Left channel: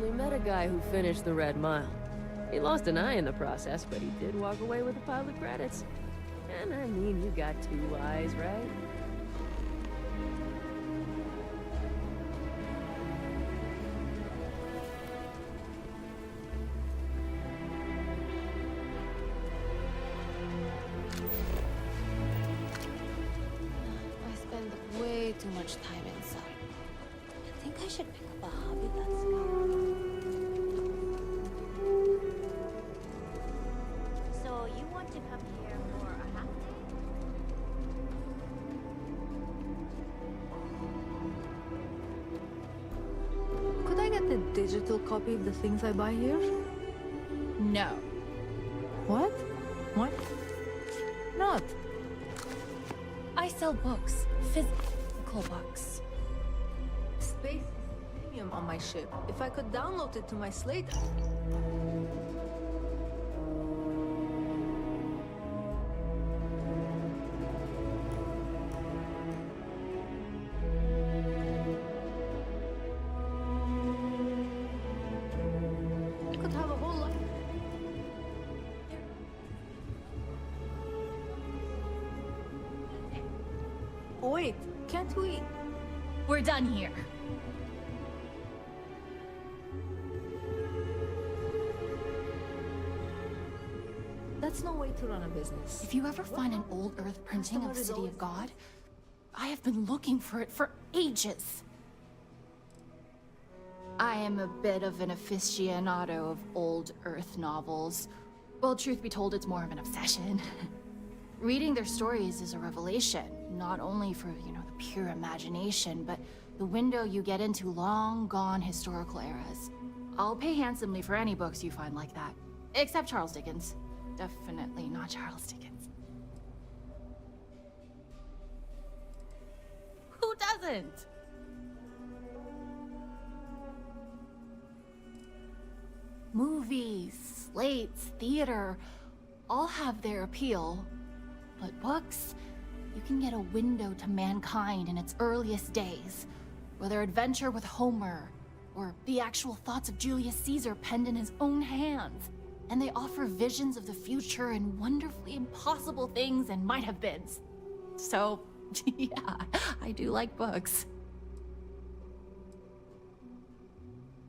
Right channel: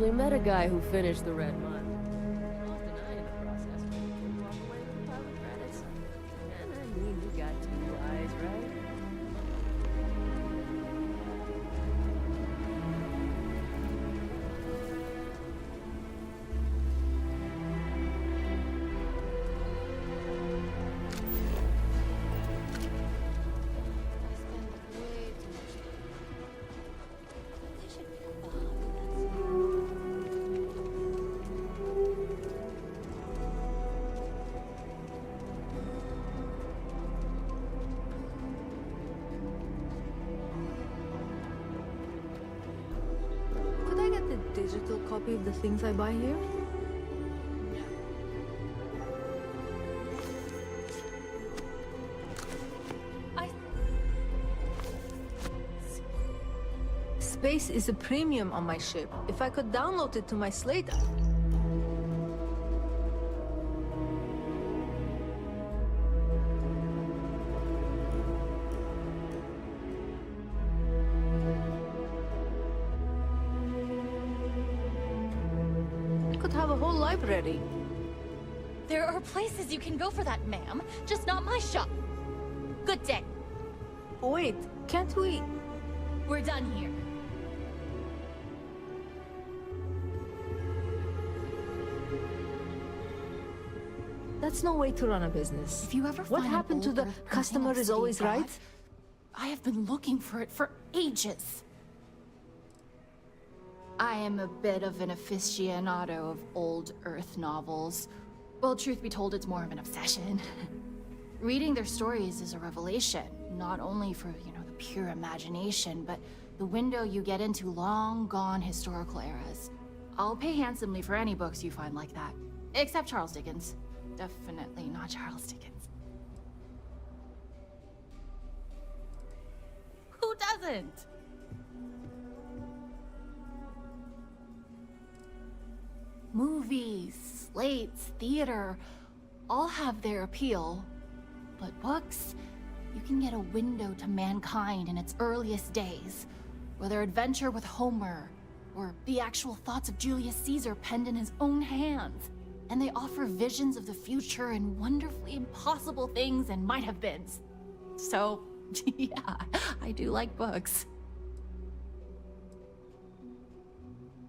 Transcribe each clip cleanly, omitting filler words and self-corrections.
actually met a guy who finished the Red Mile. He lost an eye in the process, but he did walk away with a pile of credits. And I mean, you got 2 eyes, right? I spend way too much time inside. I think I should pick up a hobby that's fun. So you want to come here for a holiday? Could I get the digital copy of the things I buy here? No. What? What? Not. I sell books. Physical books. Space is a premium on my ship. If I could download it to my slate... I could have a whole library. There are places you can go for that, ma'am. Just not my shop. Good day. Wait, can't we... We're done here. That's no way to run a business. If you ever What find happened an to old the Earth customer painting of is City always of God, right? I have been looking for it for ages. I am a bit of an aficionado of old Earth novels. Well, truth be told, it's more of an obsession. Reading their stories is a revelation, not only for, the pure imagination, but the window you get into long-gone historical eras. I'll pay handsomely for any books you find like that. Except Charles Dickens. Definitely not Charles Dickens. Who doesn't? Movies, slates, theater, all have their appeal. But books, you can get a window to mankind in its earliest days. Whether adventure with Homer, or the actual thoughts of Julius Caesar penned in his own hands. And they offer visions of the future and wonderfully impossible things and might-have-beens. So, yeah, I do like books.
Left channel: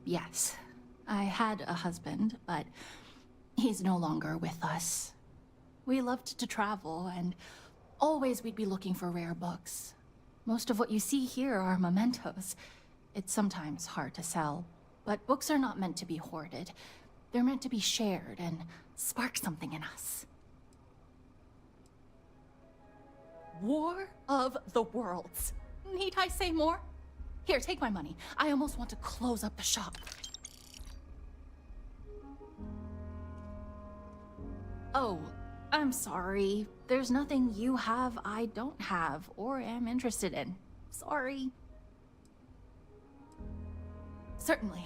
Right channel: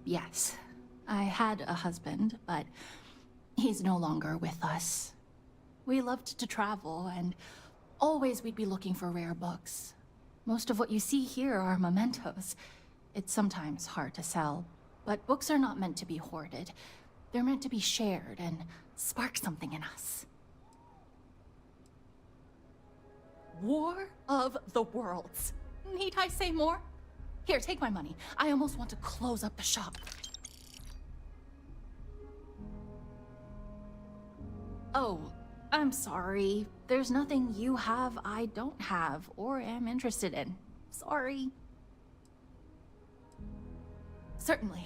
Yes, I had a husband, but he's no longer with us. We loved to travel, and always we'd be looking for rare books. Most of what you see here are mementos. It's sometimes hard to sell, but books are not meant to be hoarded. They're meant to be shared and spark something in us. War of the Worlds. Need I say more? Here, take my money. I almost want to close up the shop. Oh, I'm sorry. There's nothing you have I don't have or am interested in. Sorry. Certainly.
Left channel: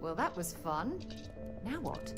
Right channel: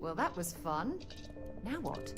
Well, that was fun. Now what?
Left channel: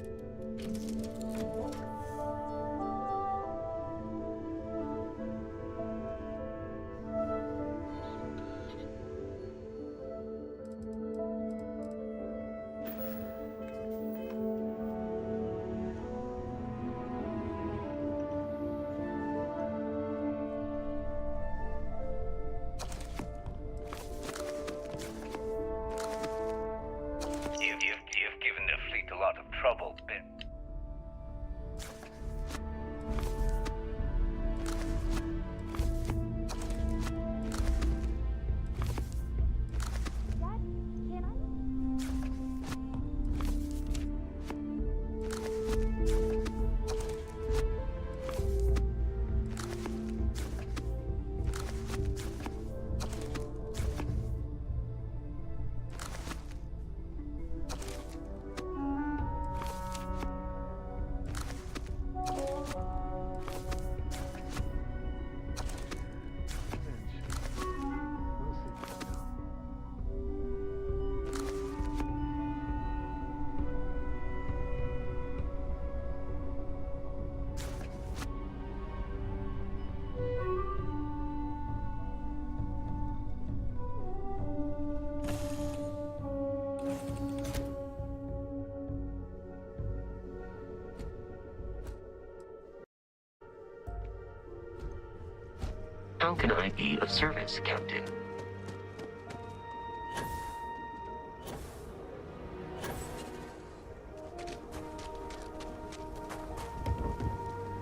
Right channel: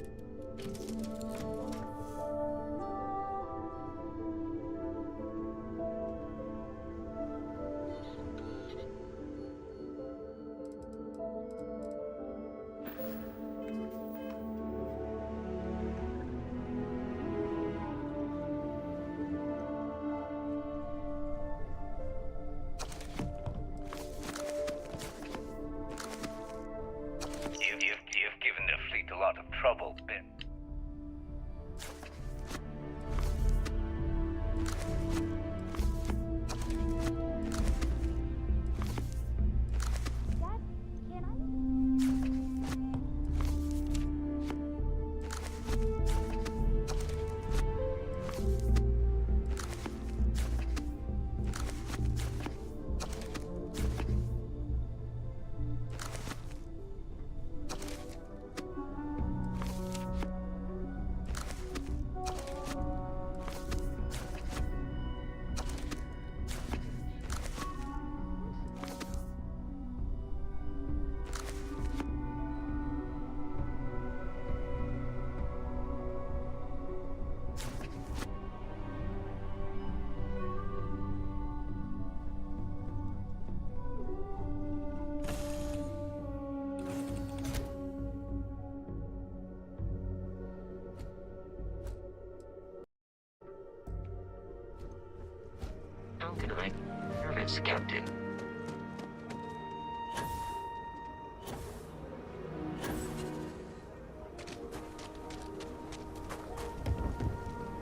How can I be of service, Captain?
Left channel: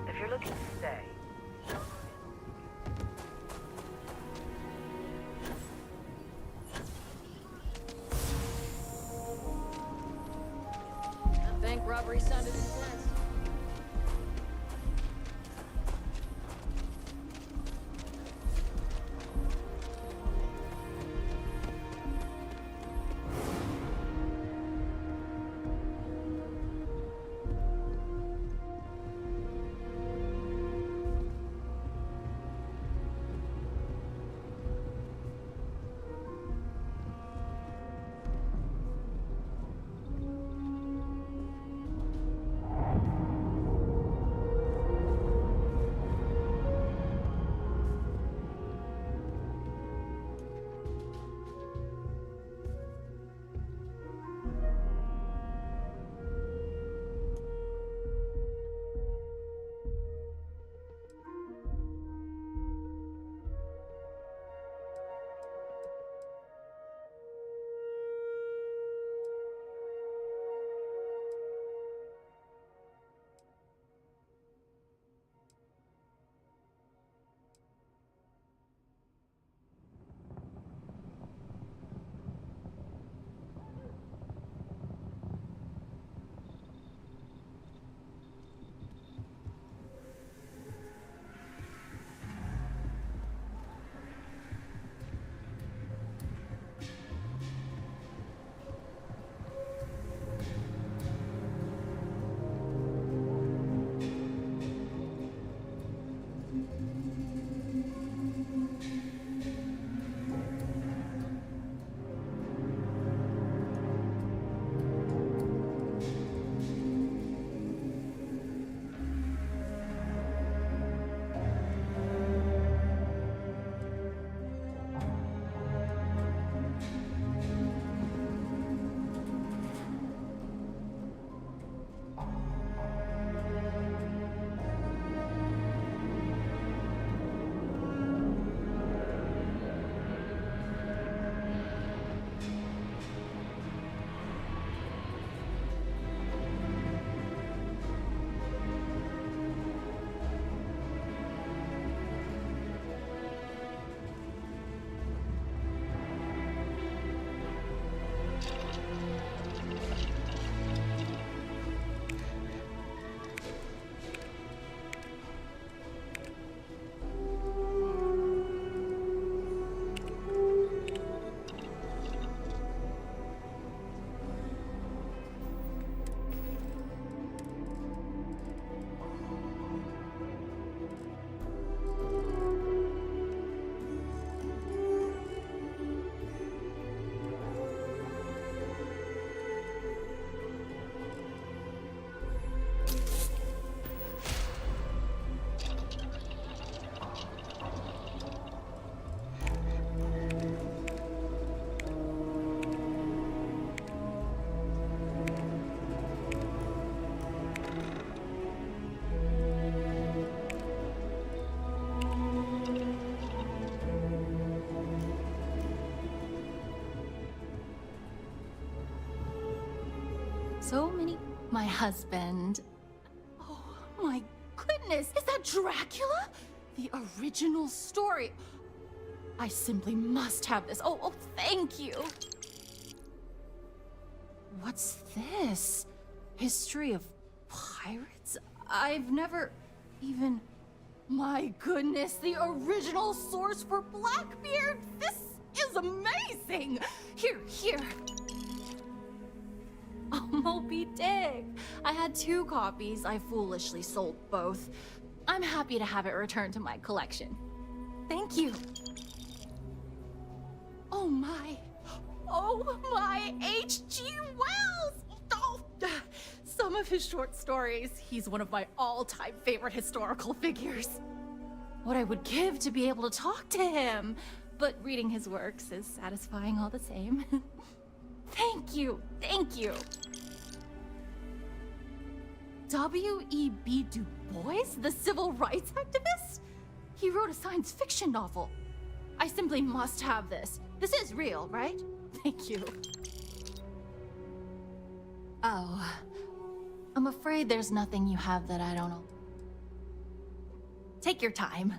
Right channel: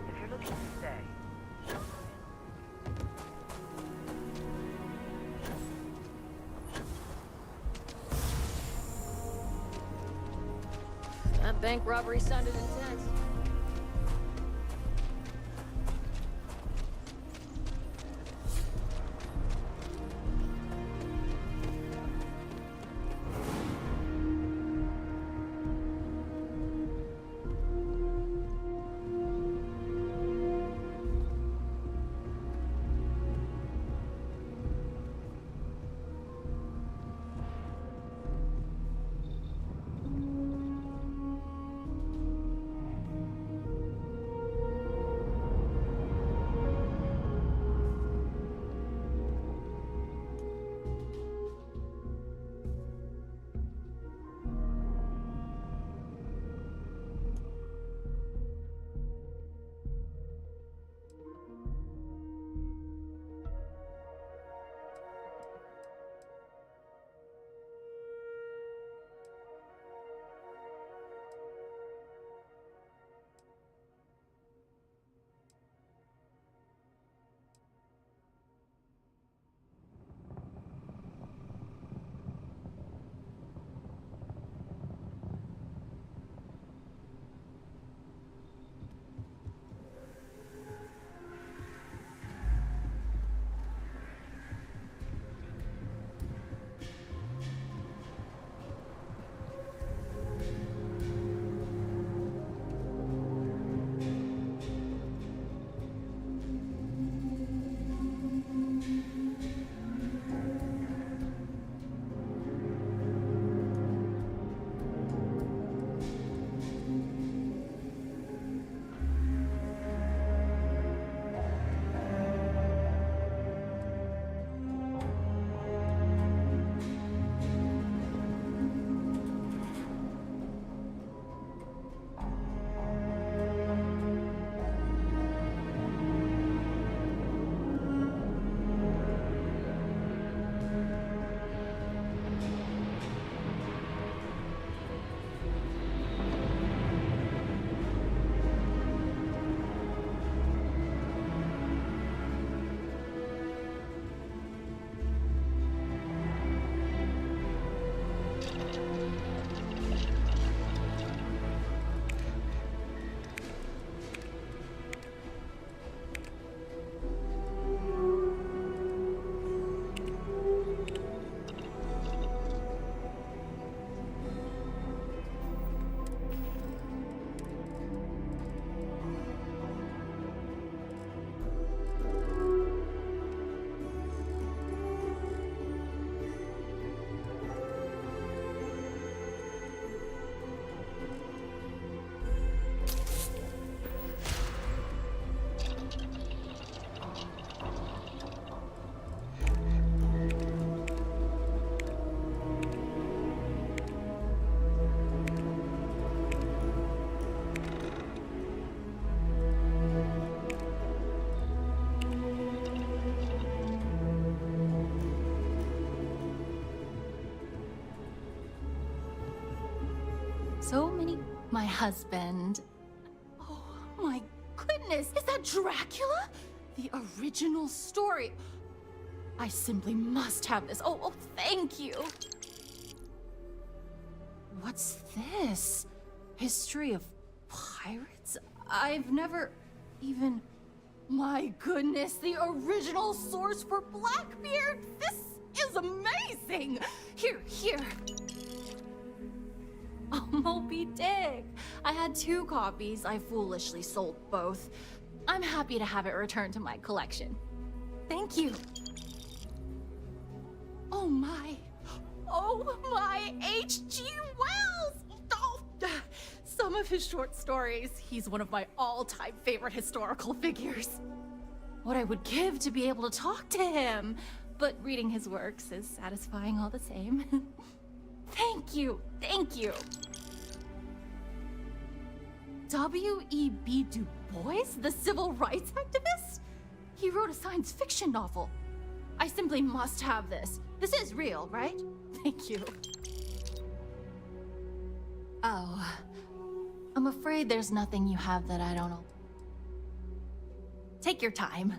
If you're looking to stay, That bank robbery sounded intense. So many... My husband. Oh my goodness, is that Dracula? The original story. I simply must have this. Oh, thank you. What's this? History of pirates? I've never even... My goodness, the original source for Blackbeard! This is amazing! Here. Oh, Moby Dick! I had 2 copies. I foolishly sold both. I'm happy to have it returned to my collection. Thank you. Oh my H.G. Wells! Oh, some of his short stories. He's one of my all-time favorite historical figures. What I would give to be able to talk to him. But reading his works is satisfying all the same. Thank you. W.E.B. Du Bois, the civil rights activist? He wrote a science fiction novel. I simply must have this. This is real, right? Thank you. Oh. I'm afraid there's nothing you have that I don't know. Take your time.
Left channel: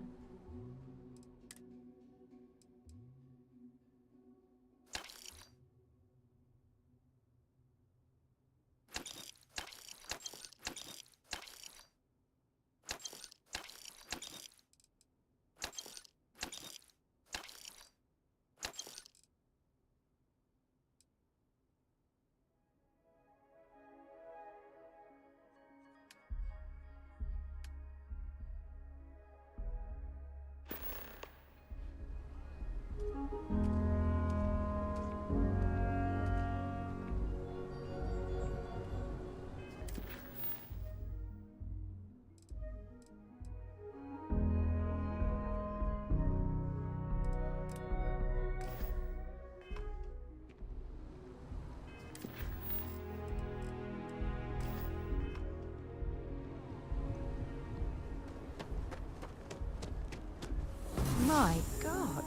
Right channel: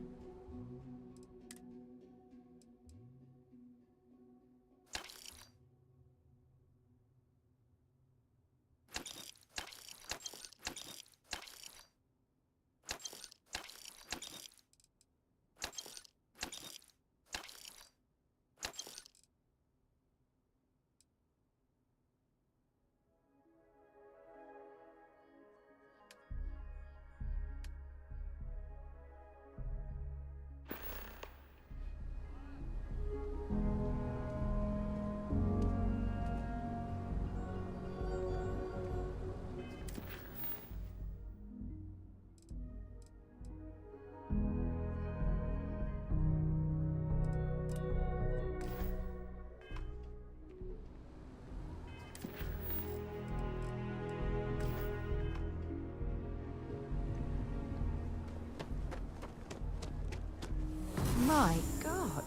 My God.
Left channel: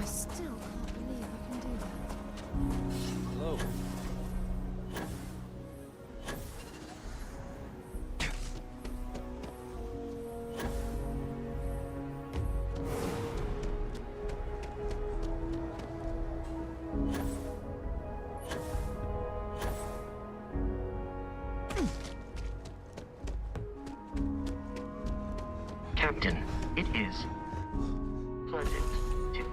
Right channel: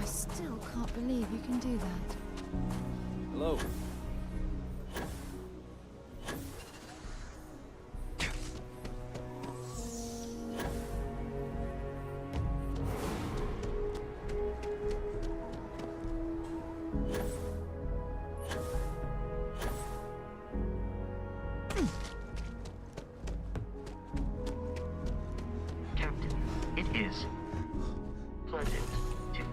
I still can't believe you can do that. Hello. Captain, it is pleasant to...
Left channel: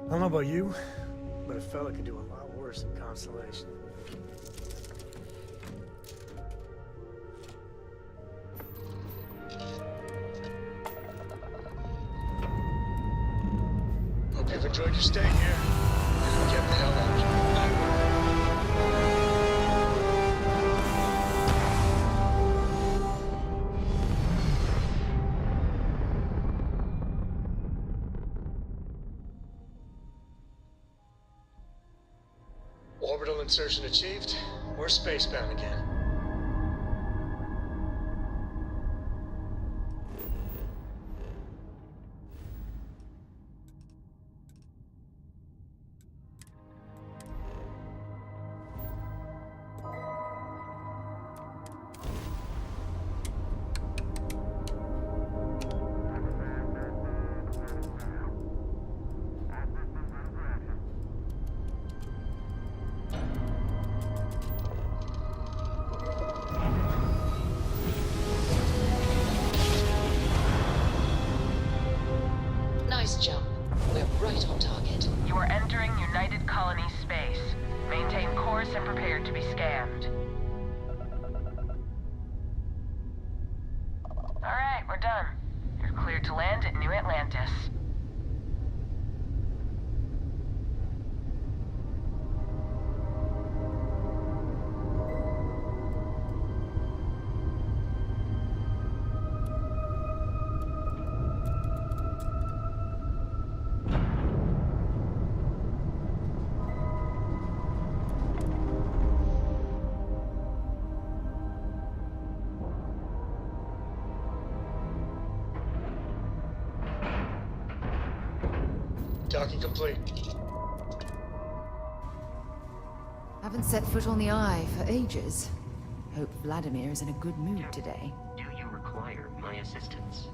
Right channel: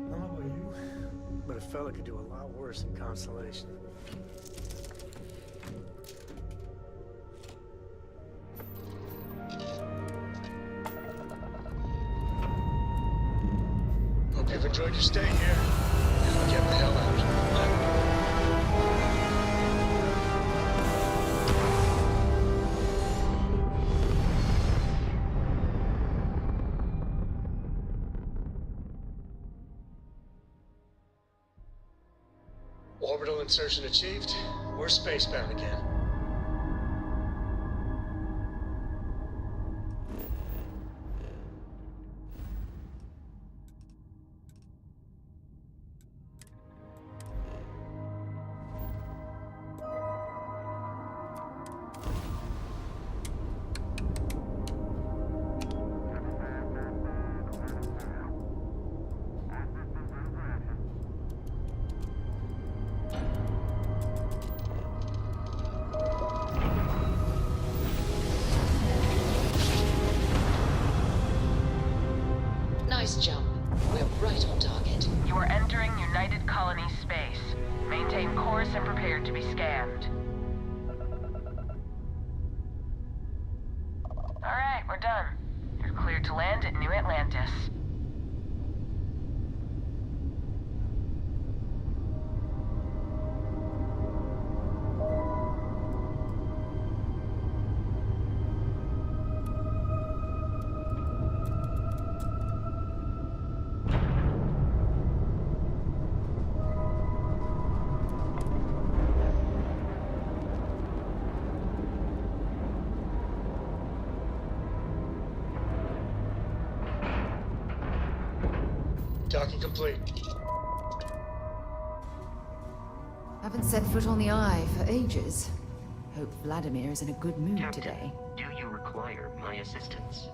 I don't know about you, but a fella could do a lot worse than Constellation. Hope you've enjoyed your stay here. Now get the hell out. Orbital insertion achieved. We're spacebound again. Nice jump. We're right on target. You are entering United Colony space. Maintain course and prepare to be scanned. Alright, we're done. You're cleared to land at New Atlantis. Docking complete. Haven't set foot on the Eye for ages. Hope Vladimir is in a good mood Captain, today. do you require my assistance?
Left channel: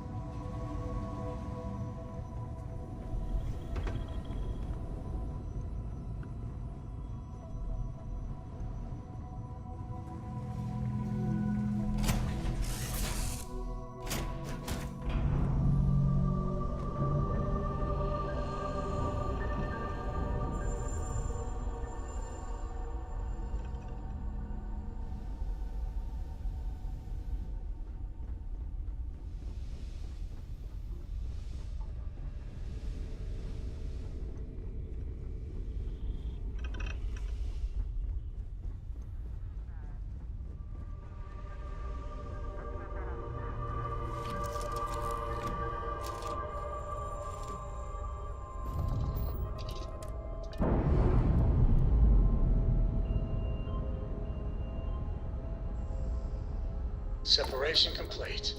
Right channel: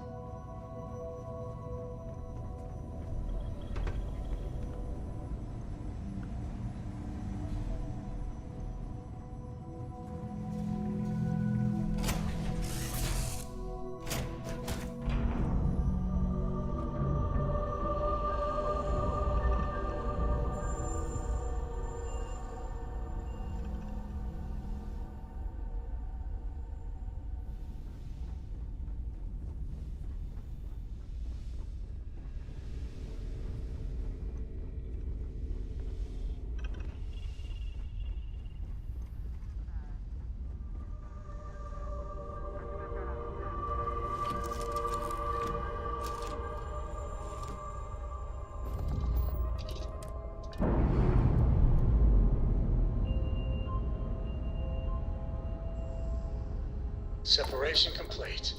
Separation complete.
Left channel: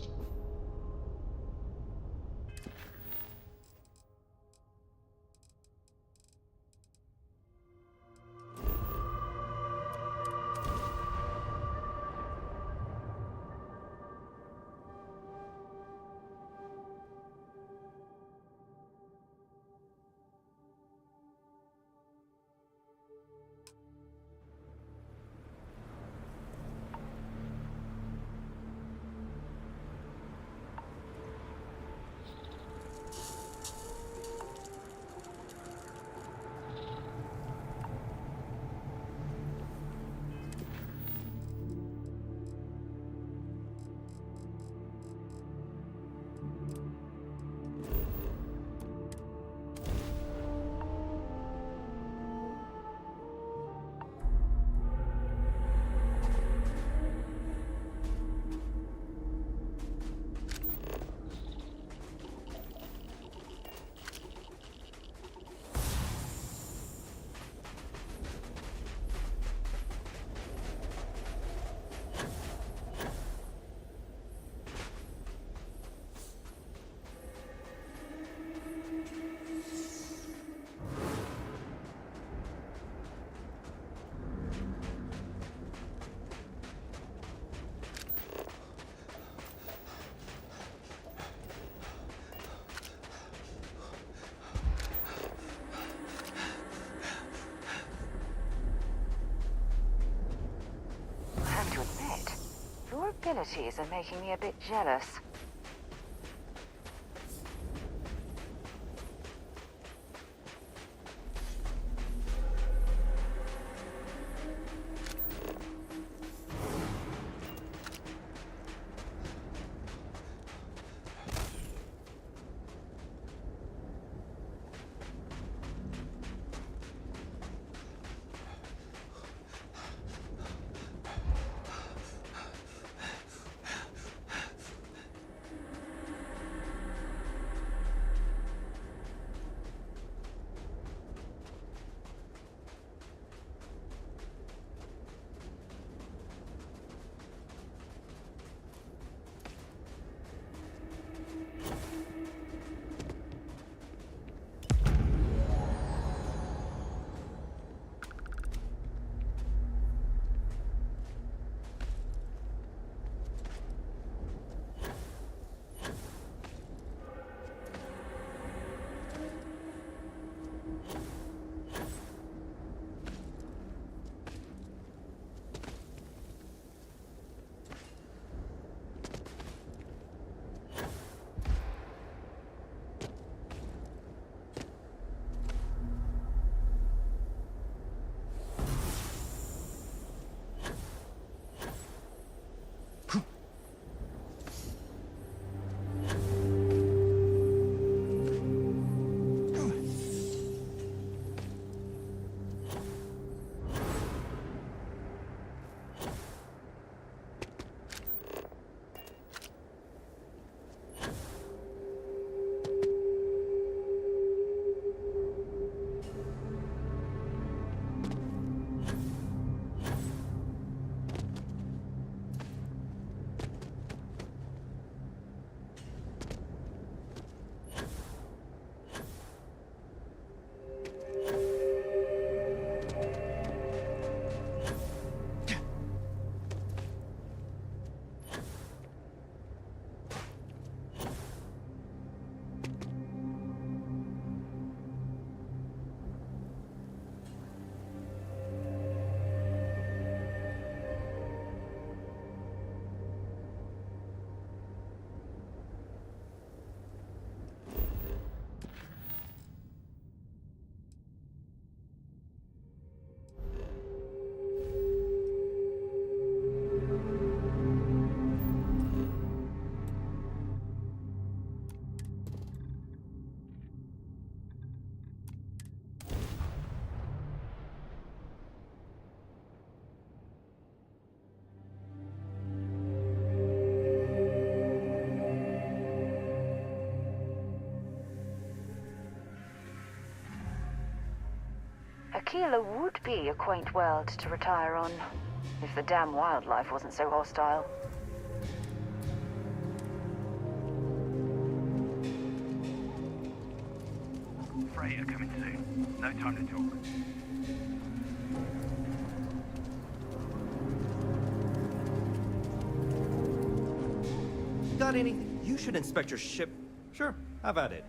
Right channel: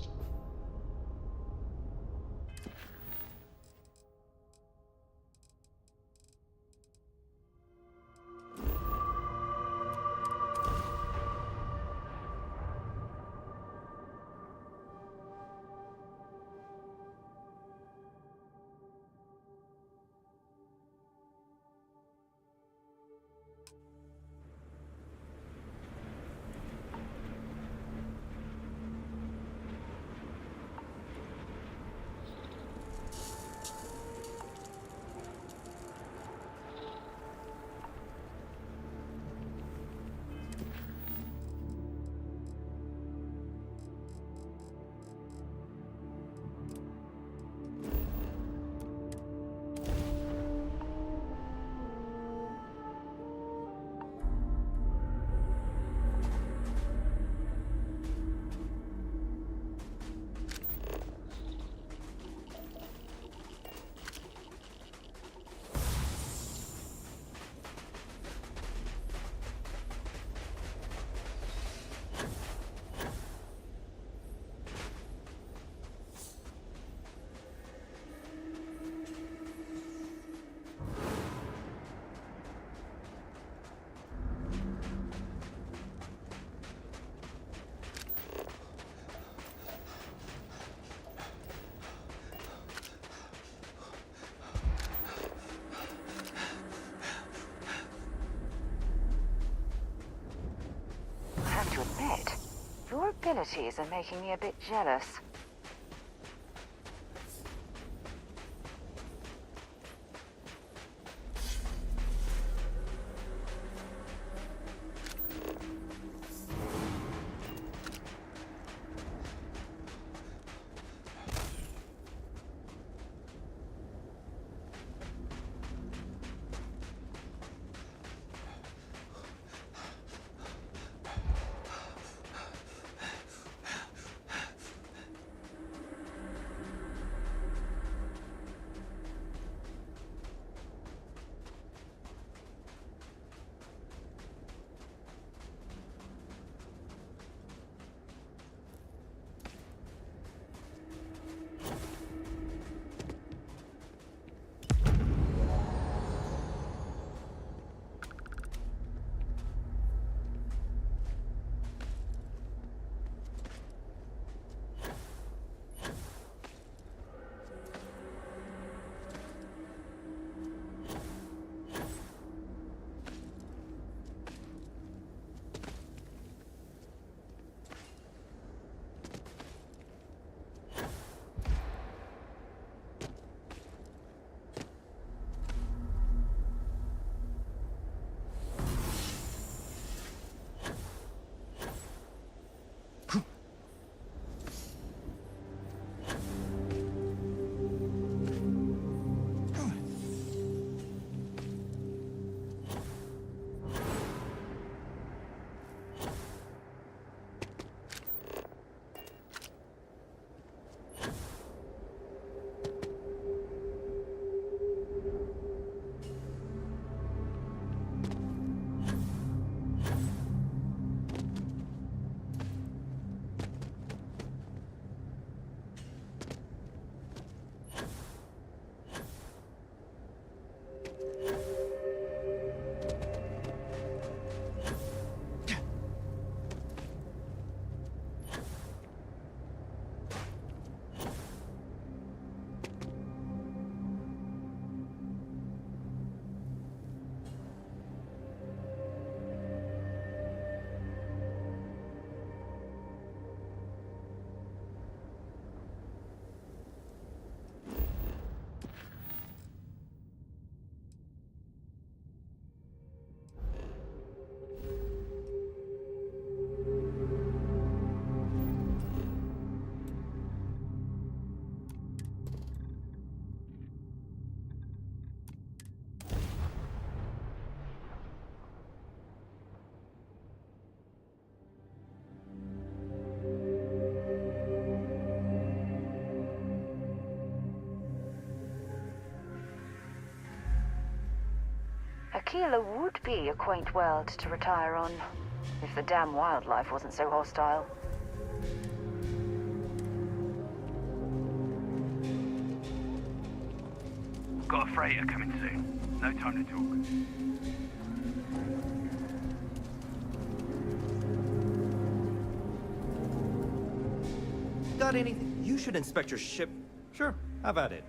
I have to admit, your abilities are making me a bit jealous. Tequila would be a quaint world to retire on, if the damn wildlife wasn't so hostile. Got a freighter coming soon. No time to talk. Got anything? You should inspect your ship. Sure, have at it.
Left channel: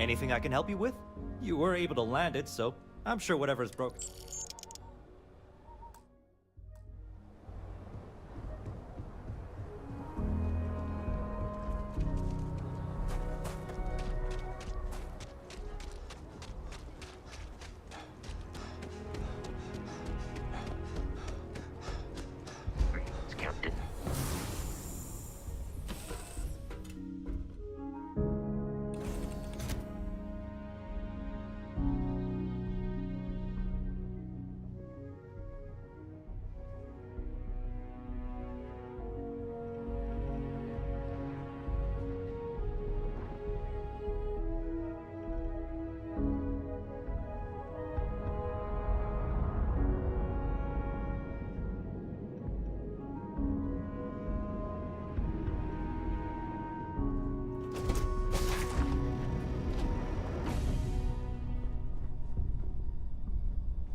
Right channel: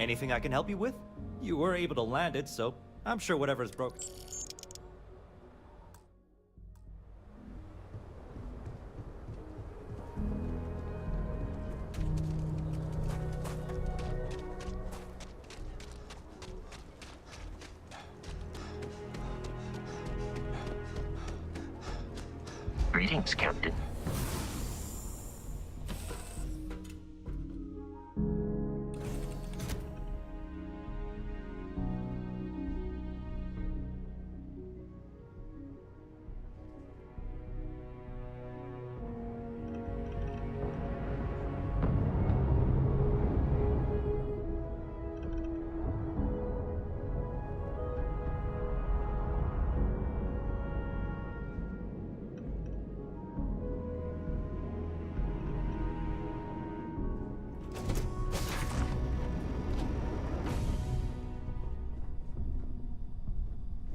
Anything I can help you with? You were able to land it, so I'm sure whatever's broken. Greetings, Captain.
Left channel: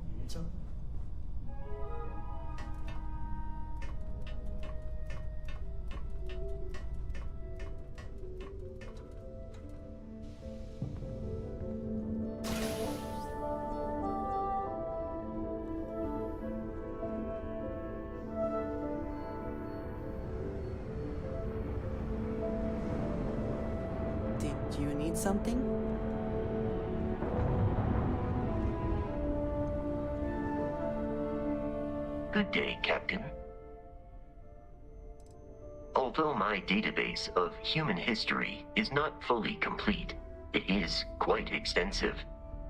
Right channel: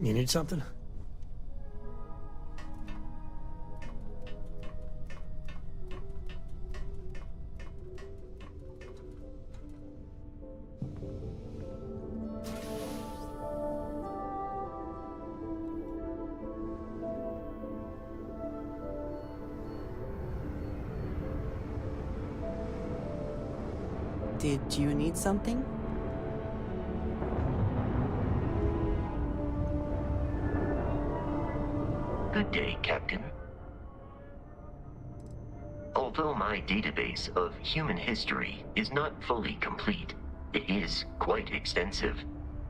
You need something? Did you need something? Good day, Captain. Although my database of human history is not fully complete, it is quite extensive.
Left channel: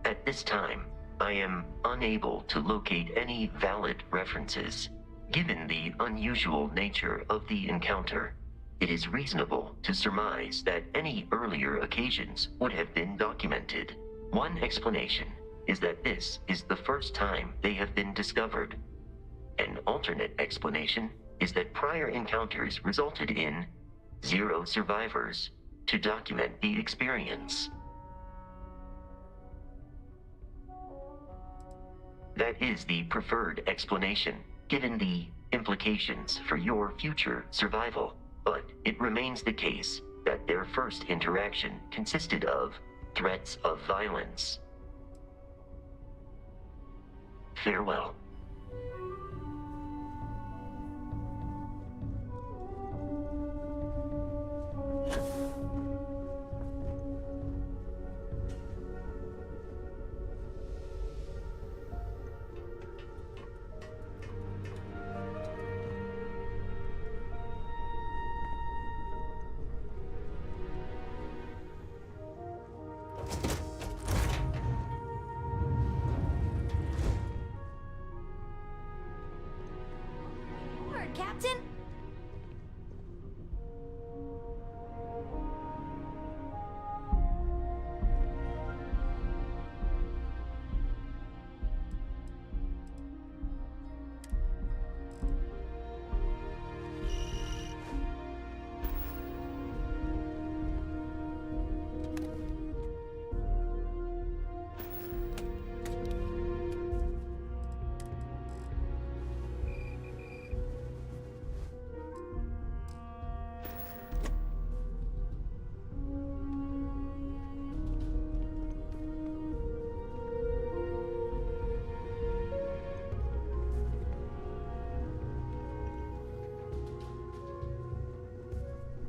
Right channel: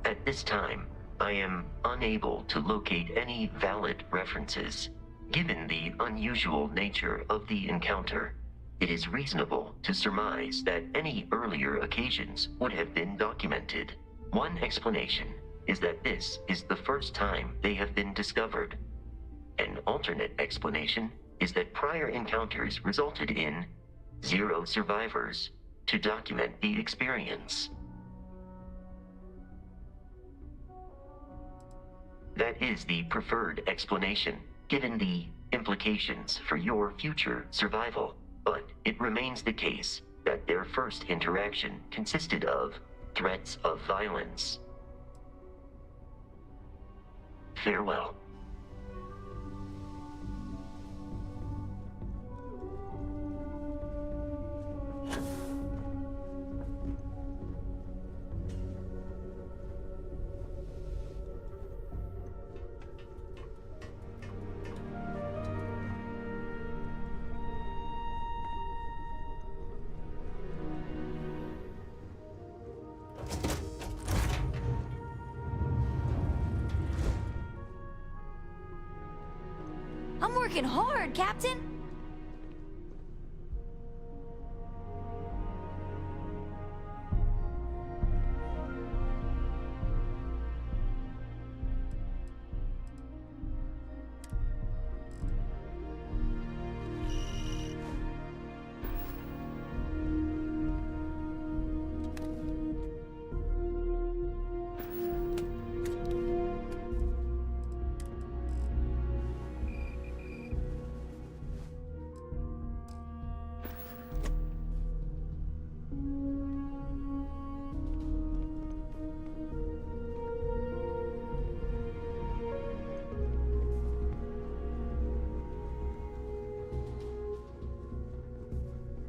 At this time, I am unable to locate any valid references. Given the unusual nature of the encounter, it is reasonable to surmise that any earlier occasions would have been documented. One explanation is that this is the first time they have been discovered. An alternate explanation is that prior encounters resulted in 0 survivors to document the experience. That is the preferred explanation, given the implications for your future survival, but it remains the case that their first interaction consisted of threats of violence. Farewell. I'm working hard, Captain!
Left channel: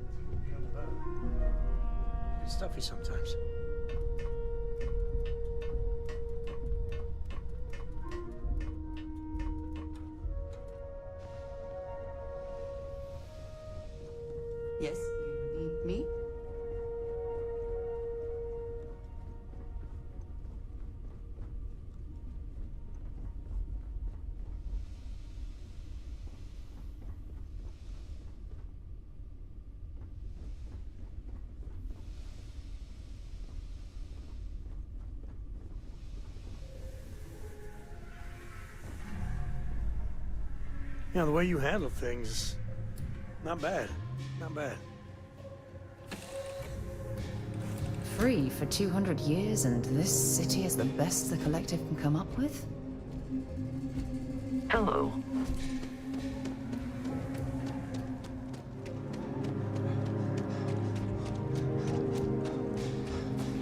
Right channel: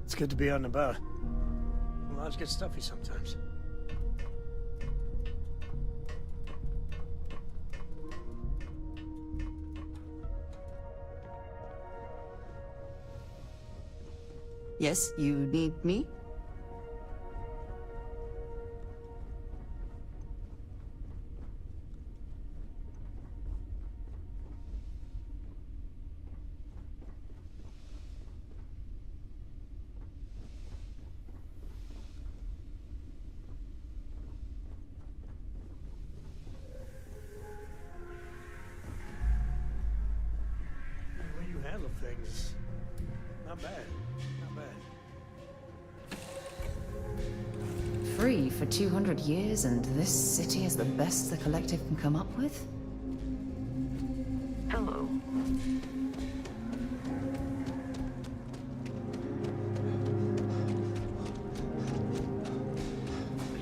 It's good to be out and about. Lives get stuffy sometimes. Yes, you need me? You know, the way you handle things, not bad. Not bad. Free for 200 years, and this city is the best the Collective can come up with? Hello.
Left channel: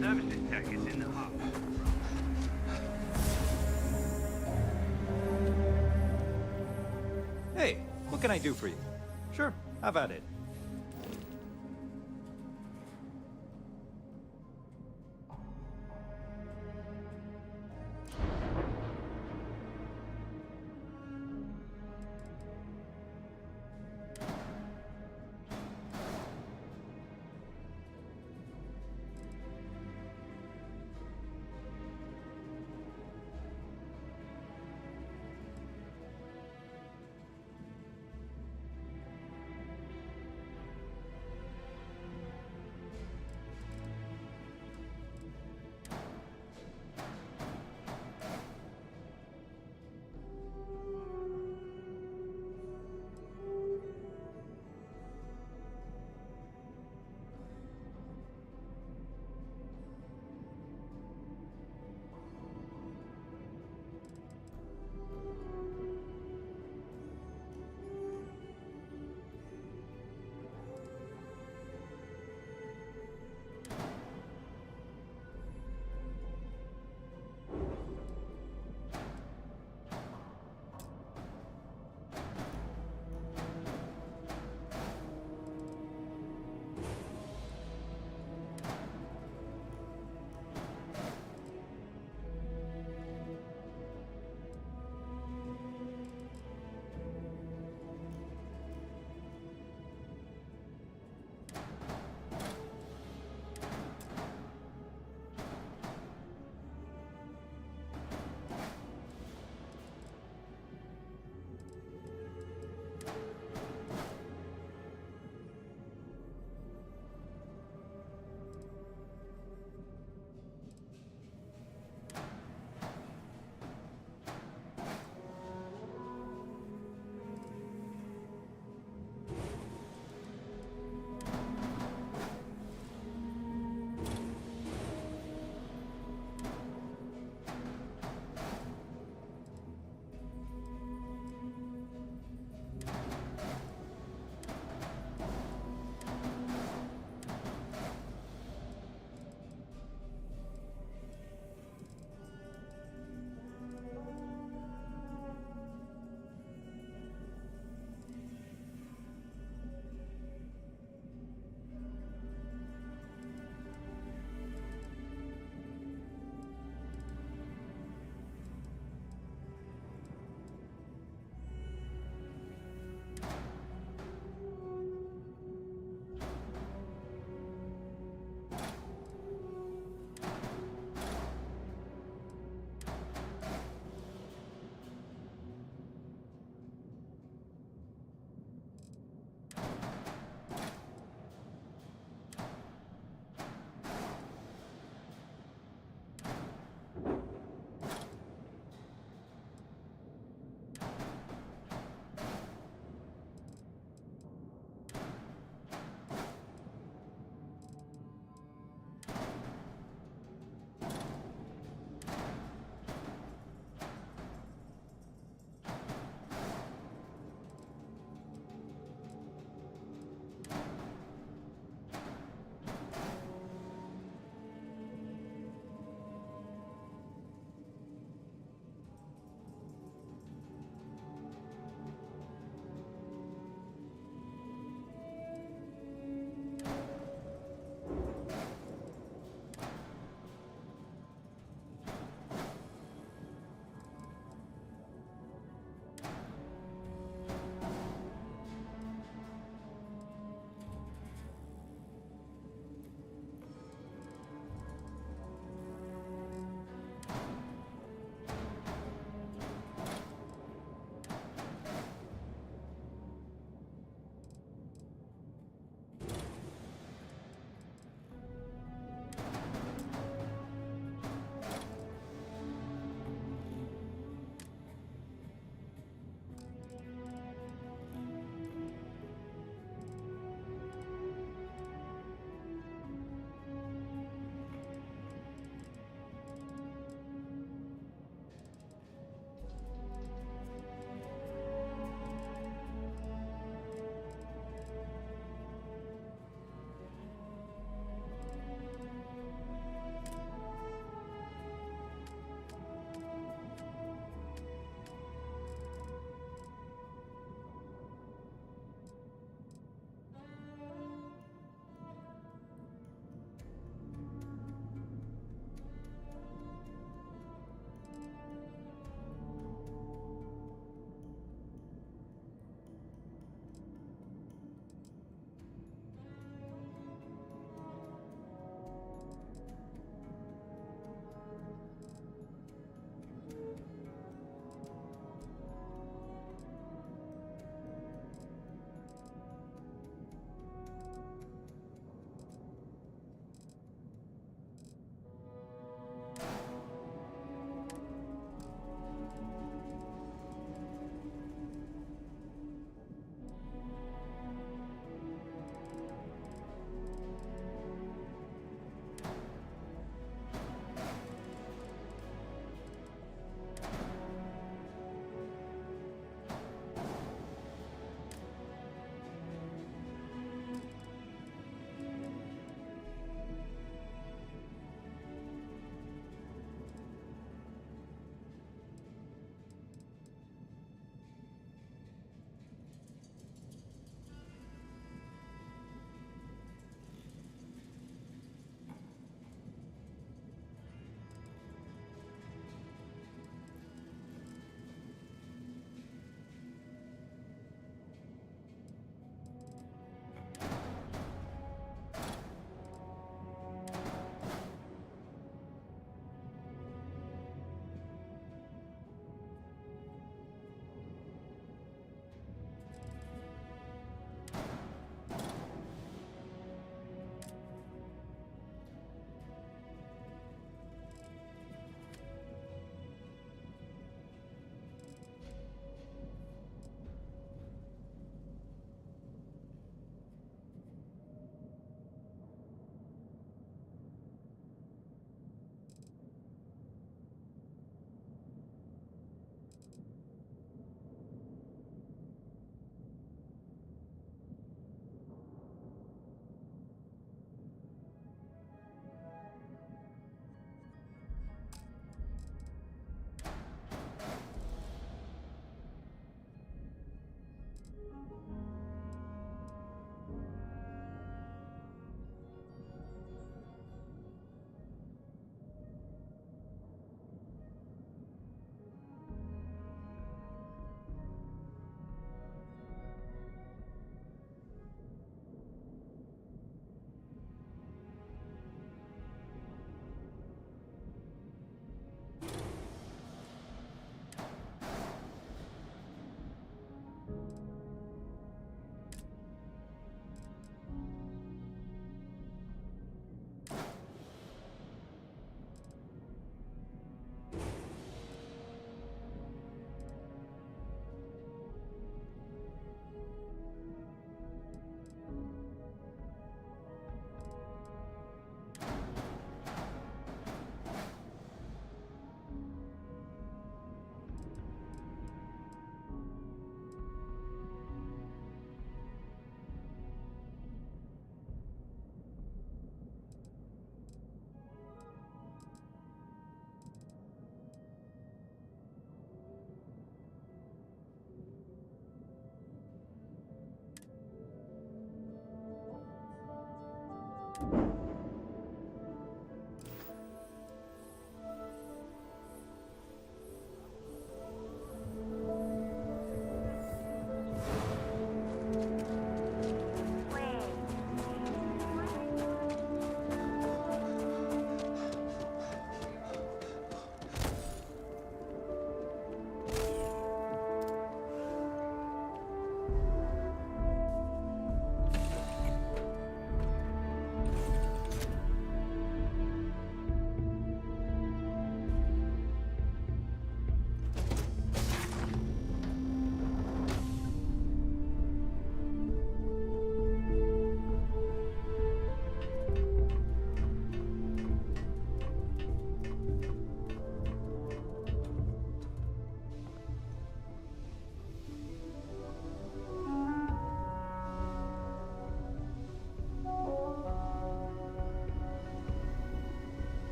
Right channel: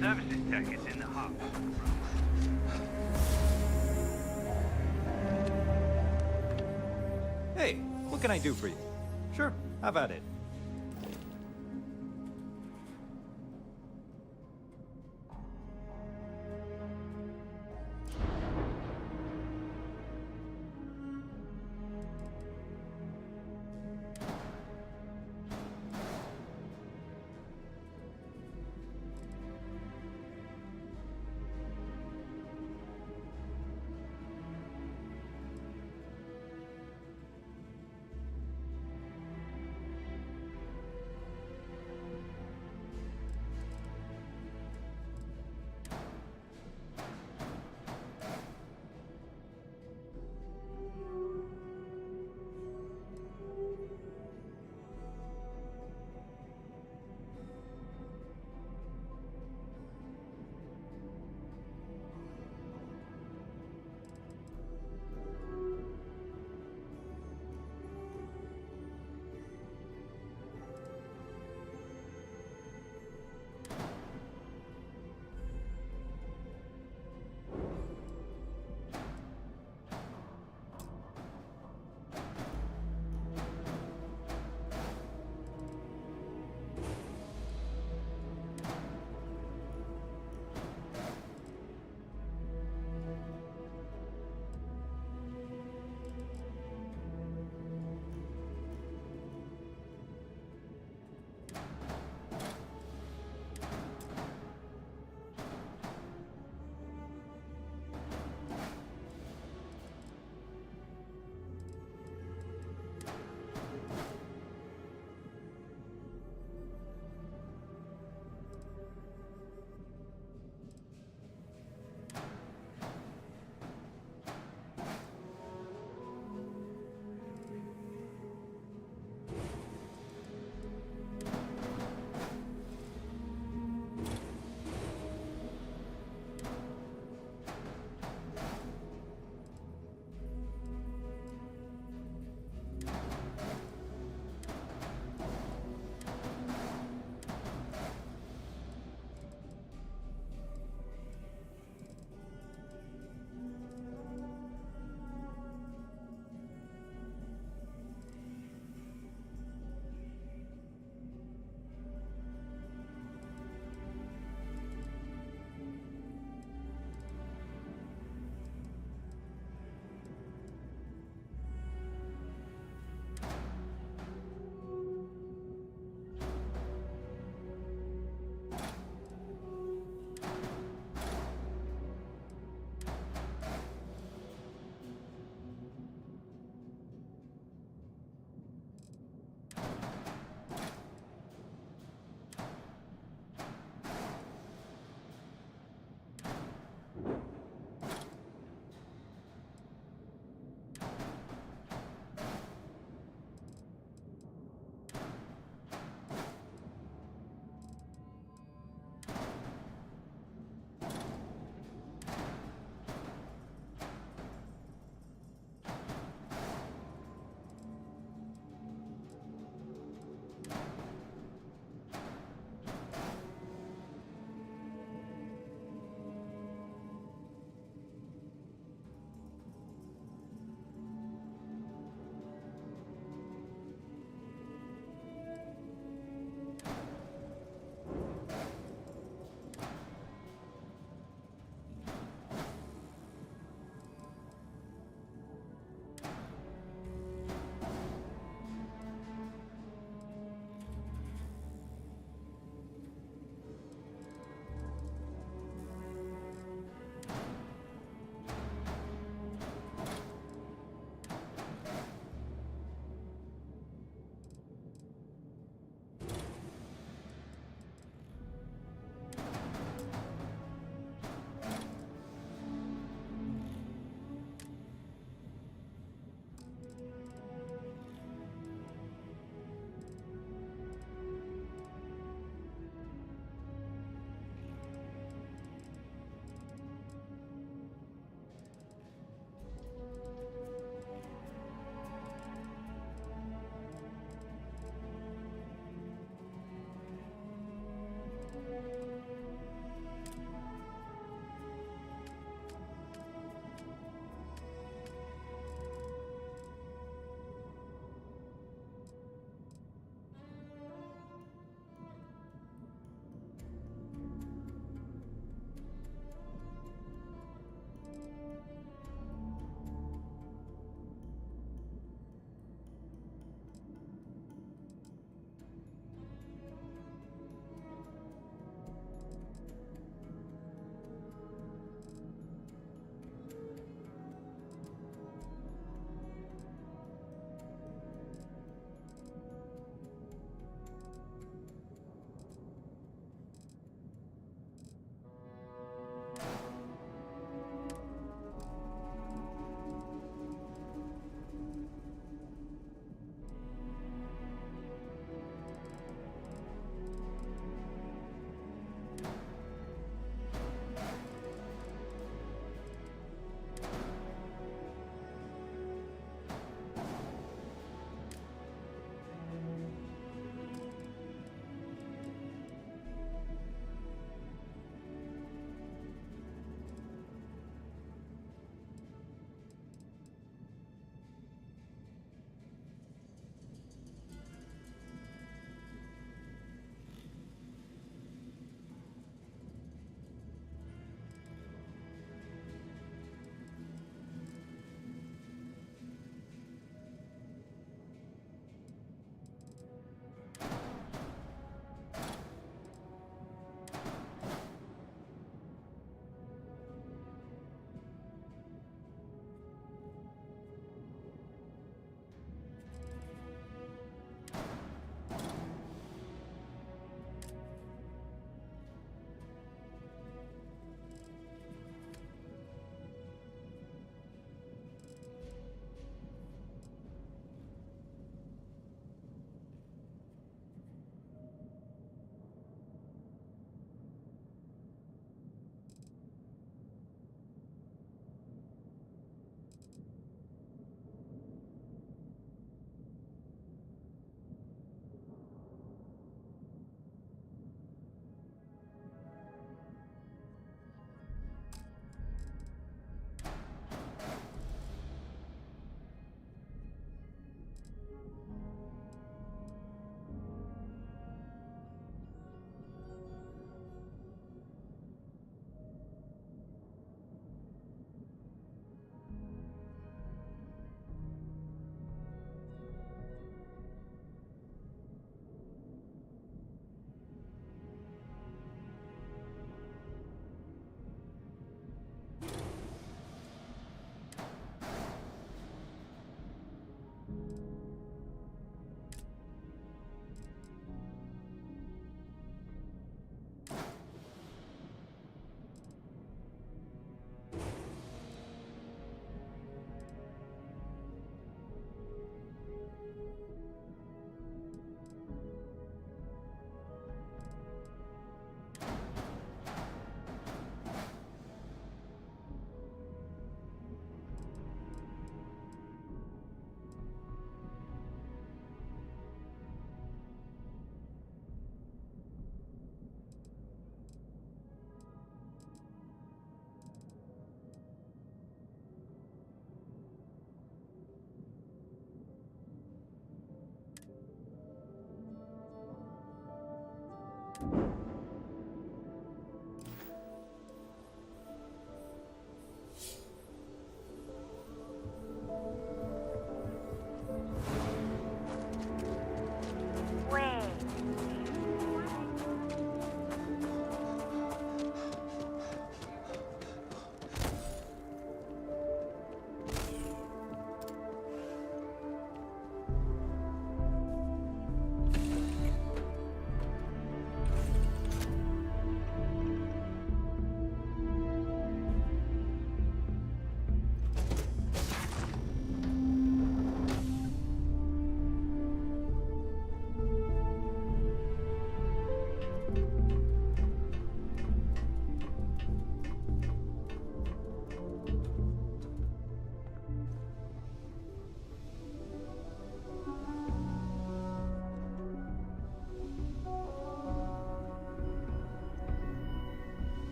Services tech is in the hub. Hey, what can I do for you? Sure, have at it.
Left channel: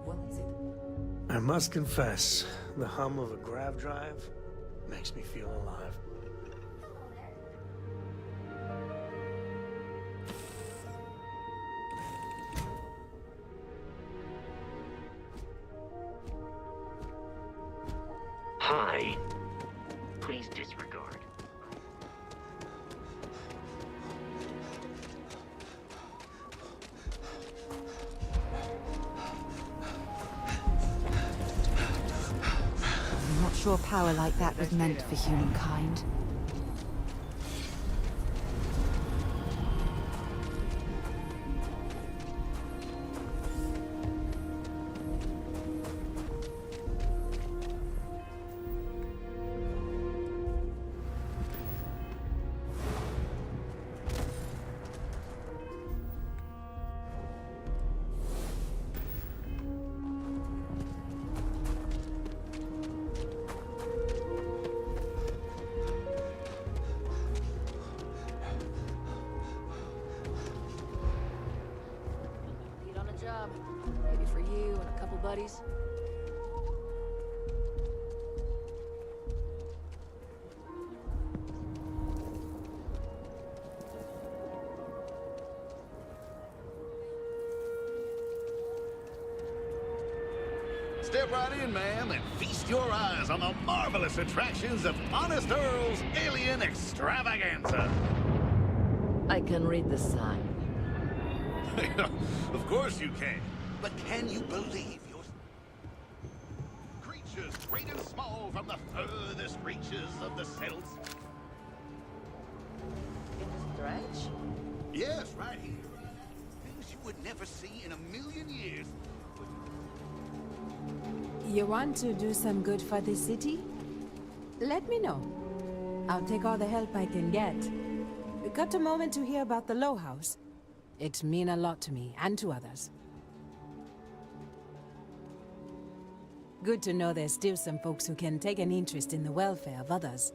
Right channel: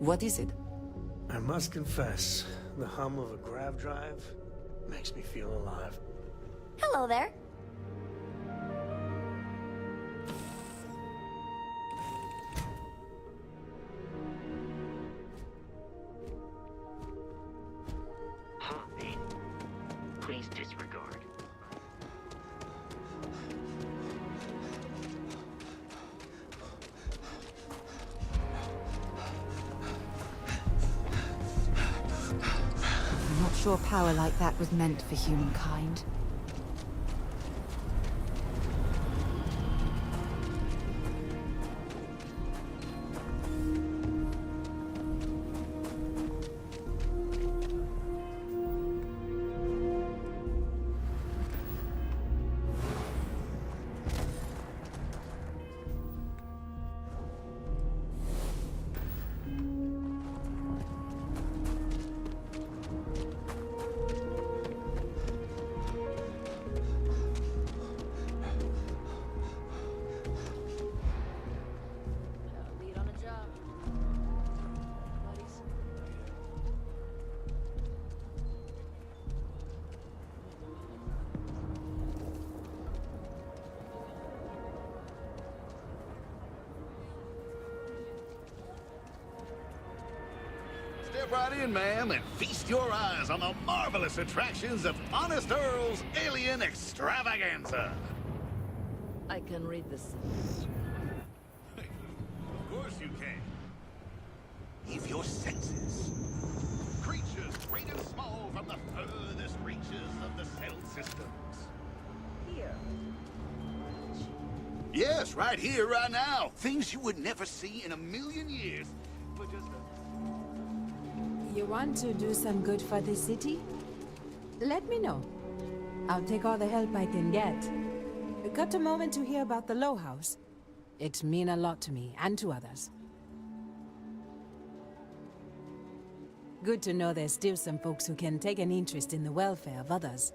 What is it? I must confess, the hum of a grav drive makes me feel alive. Hello there. Hi. Please disregard. I'm not sure power like that was meant for humankind. Step right in, ma'am, and feast your eyes on the marvelous attractions of Honest Earl's Alien Extravaganza. I can read the signs. Of course you can. But can you believe your senses? Creatures great and small from the furthest reaches of the cell systems. Here, in the stretch? Yes, right here, right now. Things you would never see in a million years. You want to do some good for the city? Let me know. I'll take all the help I can get. Got a moment to hear about the Low House? It means a lot to me, and to others. Good to know there's still some folks who can take an interest in the welfare of others.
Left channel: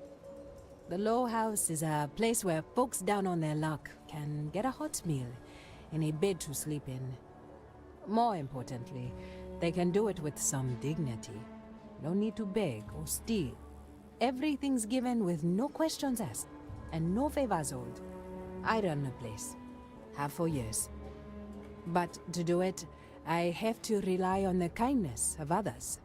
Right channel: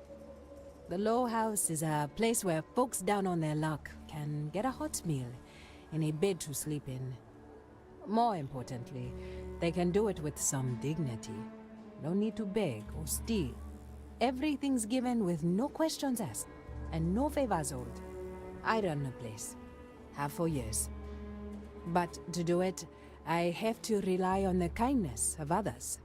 The Low House is a place where folks down on their luck can get a hot meal and a bed to sleep in. More importantly, they can do it with some dignity. No need to beg or steal. Everything's given with no questions asked, and no favors owed. I run the place. Have for years. But to do it, I have to rely on the kindness of others.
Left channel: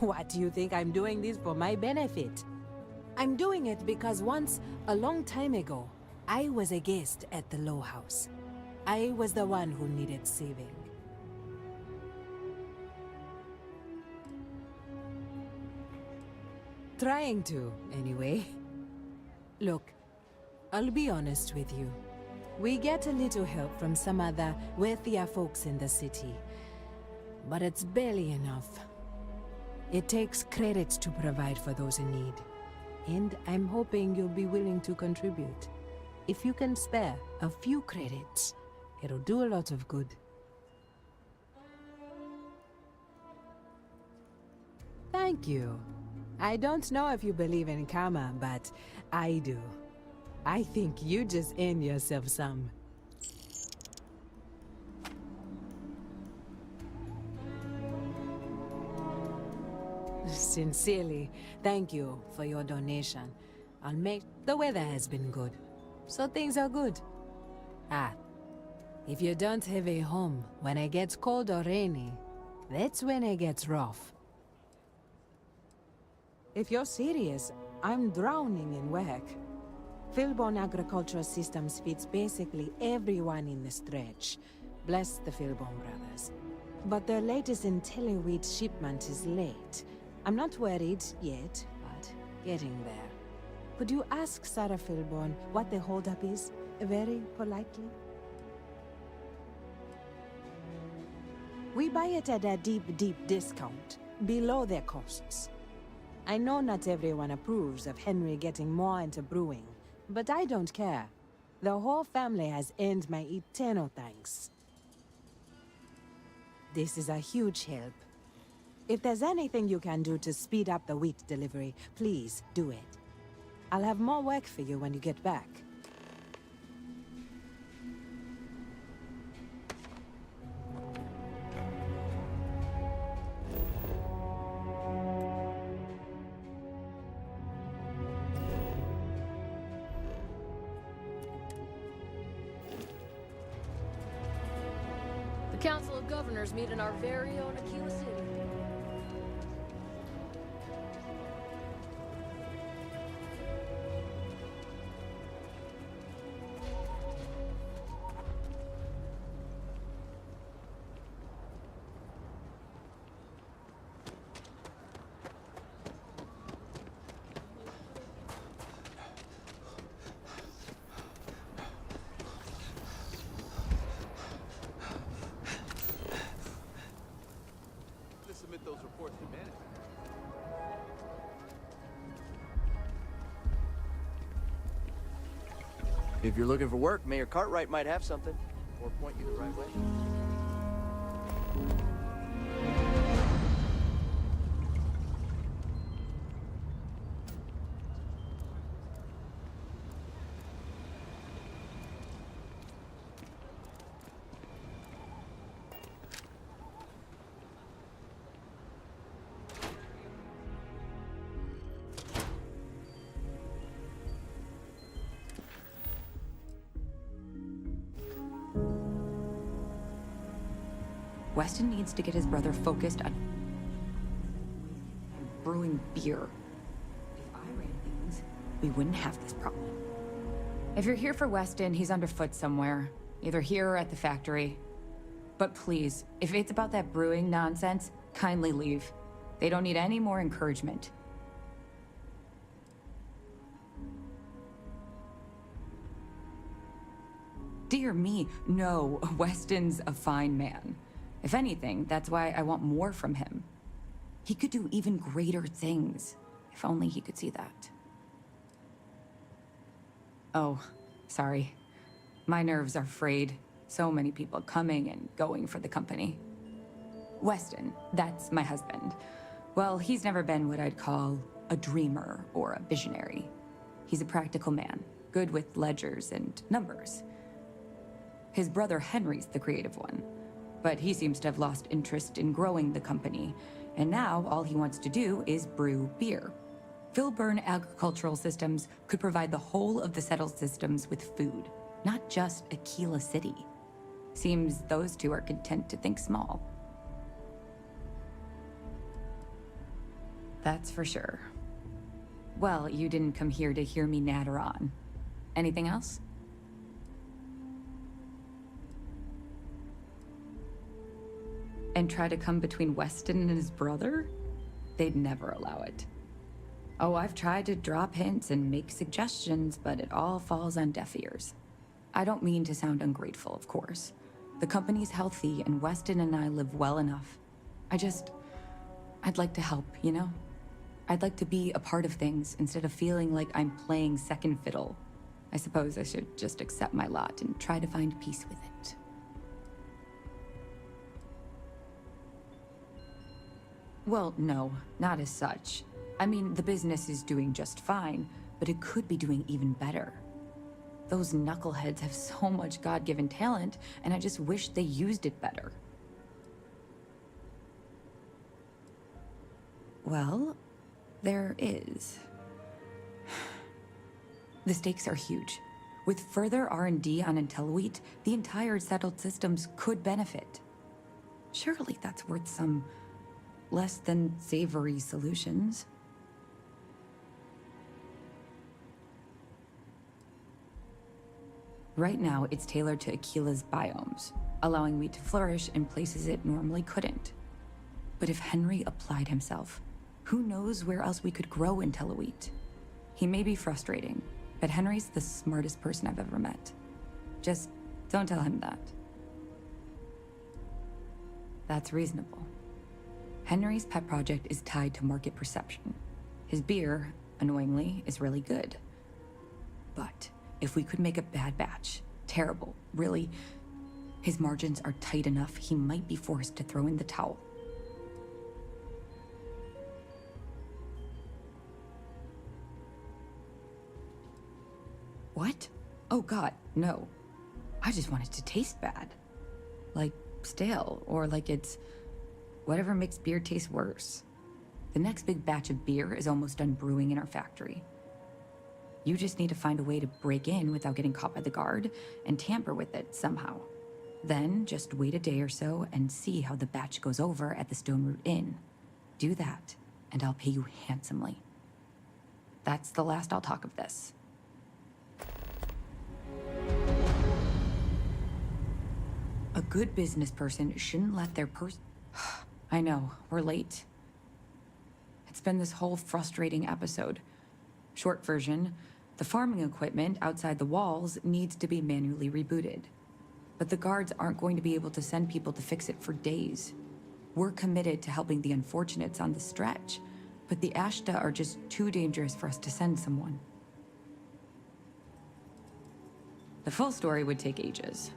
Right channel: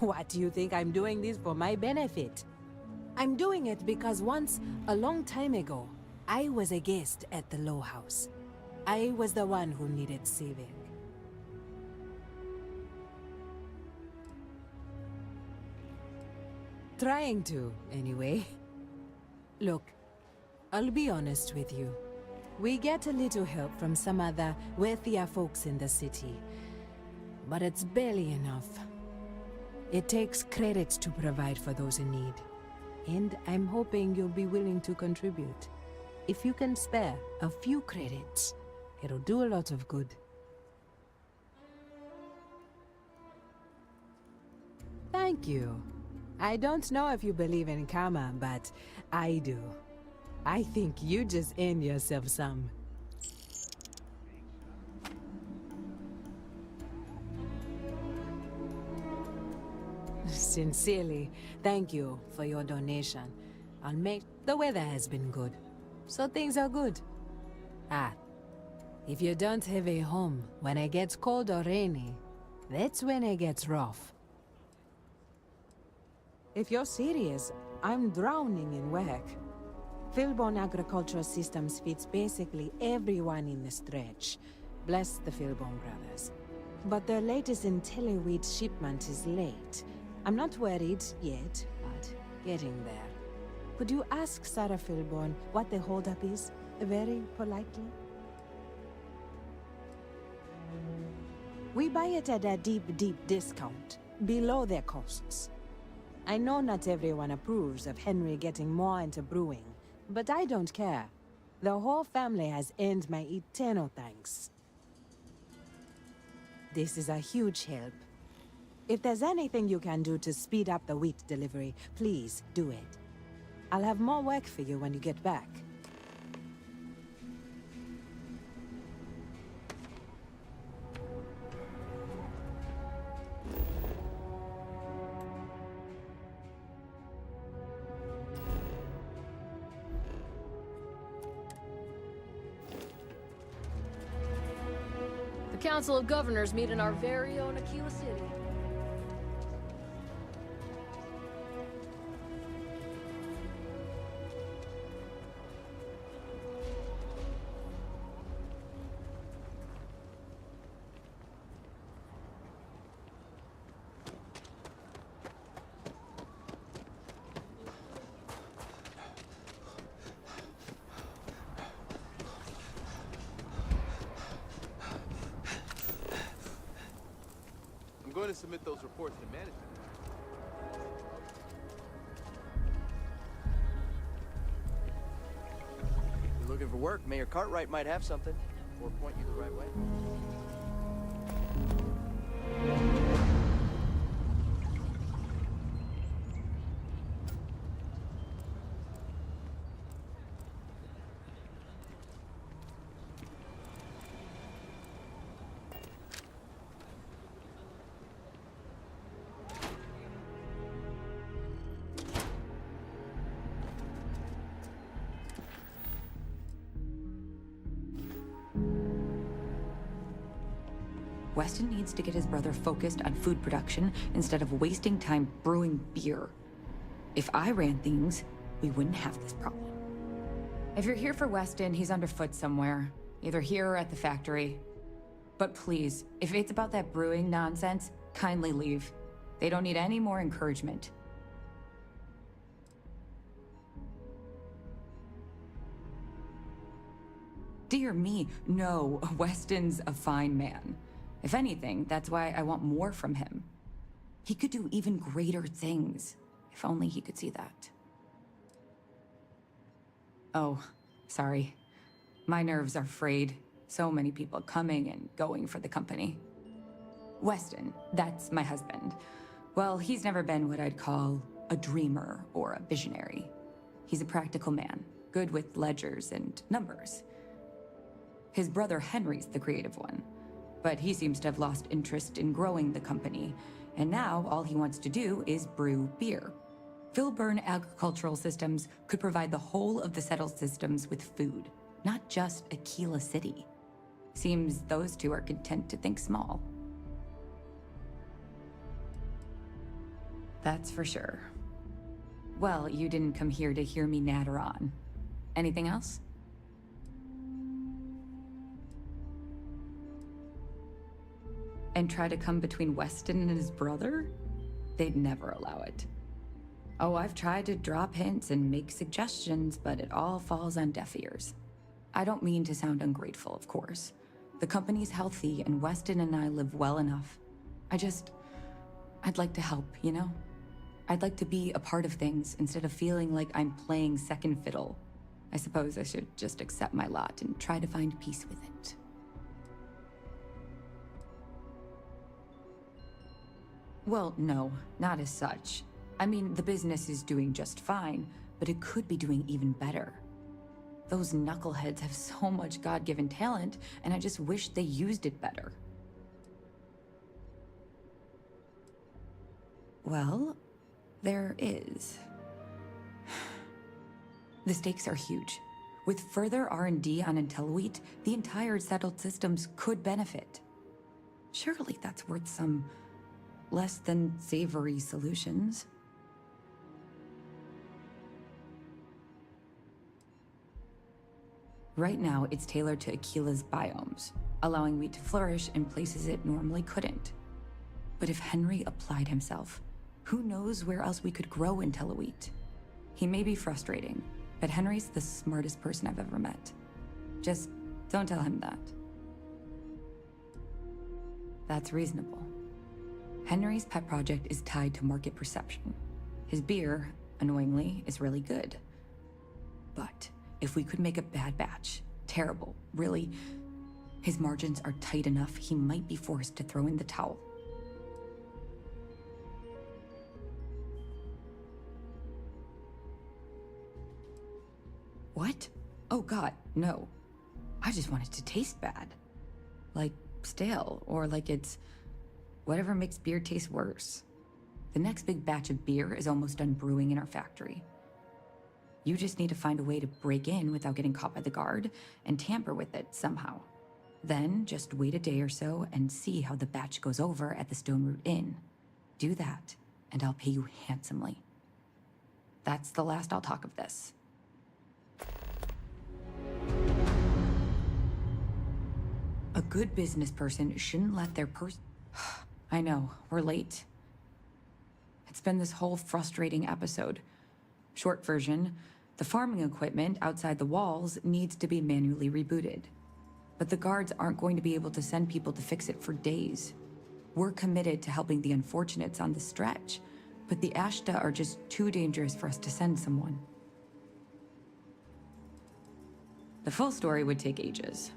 What do you think I'm doing this for my benefit? I'm doing it because once, a long time ago, I was a guest at the Low House. I was the one who needed saving. Trying to, anyway. Look, I'll be honest with you. We get a little help from some other wealthier folks in the city, but it's barely enough. It takes credits to provide for those in need, and I'm hoping you'll be willing to contribute. If you can spare a few credits, it'll do a lot of good. Thank you. I don't know if you believe in karma, but I do. I think you just earned yourself some. Sincerely, thank you for your donation. The weather has been good, so things are good. If you don't have a home when it gets cold or rainy, that's when it gets rough. If you're serious, I'm drowning in work. Philborn Agricultural Systems feeds basically everyone in the stretch. Bless the Philborn brothers. But their latest IntelliWheat shipment is late. I'm not worried yet, but getting there. Could you ask Sarah Philborn what the holdup is, very politely? We buy it at a deep, deep discount, below their costs. I know not everyone approves of Henry getting more into brewing, but I don't care. The whole family has earned my eternal thanks. This is a huge help. If there's anything you can do to speed up the wheat delivery, please do it. I'll have more work for you when you get back. The Council of Governors meet in our very own Aquila City. I'm going to submit those reports to management. If you're looking for work, Mayor Cartwright might have something, or point you the right way. Weston needs to get his brother focused on food production instead of wasting time brewing beer. If I ran things, we wouldn't have this problem. If you're here for Weston, he's underfoot somewhere. Either here or at the factory. But please, if it's about that brewing nonsense, kindly leave. They don't need any more encouragement. Dear me, no, Weston's a fine man. If anything, that's why I want more from him. He could do even greater things, if only he could see that. Oh, sorry. My nerves are frayed. So many people coming and going for the company. Weston, that's my husband. Well, he's never been what I'd call a dreamer or a visionary. He's a practical man, good with ledgers and numbers. His brother Henry's the creative one. But he seems to have lost interest in growing the company, and now all he wants to do is brew beer. Philburn Agricultural Systems could provide the whole of the settled systems with food, not just Aquila City. Seems those two are content to think small. That's for sure. Well, you didn't come here to hear me natter on. Anything else? and try to come between Weston and his brother? They'd never allow it. Oh, I've tried to drop hints and make suggestions, but it all falls on deaf ears. I don't mean to sound ungrateful, of course. The company's healthy, and Weston and I live well enough. I'd like to help, you know? I'd like to be a part of things instead of feeling like I'm playing second fiddle. I suppose I should just accept my lot and try to find peace with it. Well, no, not as such. I mean, the business is doing just fine, but it could be doing even better. Those knuckleheads have so much God-given talent, and I just wish they used it better. Well, there is. The stakes are huge. With further R&D on IntelliWheat, the entire settled systems could benefit. Surely that's worth some less than savory solutions. Right now, it's tailored to Aquila's biomes, allowing wheat to flourish in places it normally couldn't. But if Henry applied himself, who knows where else we could grow IntelliWheat? He may be frustrating, but Henry's the smartest person I've ever met. Just don't tell him that. That's reasonable. Henry's pet project is tied to market perception. His beer, annoyingly, is really good. But if we could make a bad batch, terrible, really, his margins are tight enough he might be forced to throw in the towel. What? Oh god, no. I just want it to taste bad. Like stale, or like it's whatever makes beer taste worse. The next big batch of beer is almost done brewing in our factory. You just need to find a way to break in without getting caught by the guard and tamper with it somehow. Then just wait a day or so and see how the batch goes over at the Stone Root Inn. Do that, and I'll pay you handsomely. That's the last I'll talk of this. A good business person shouldn't let their I know, we're late. It's been this whole frustrating episode. Short version, the farming equipment outside the walls needs to be manually rebooted. But the guards aren't going to be able to send people to fix it for days. We're committed to helping the unfortunates on the stretch, but the Ashta are just too dangerous for us to send someone. The full story would take ages.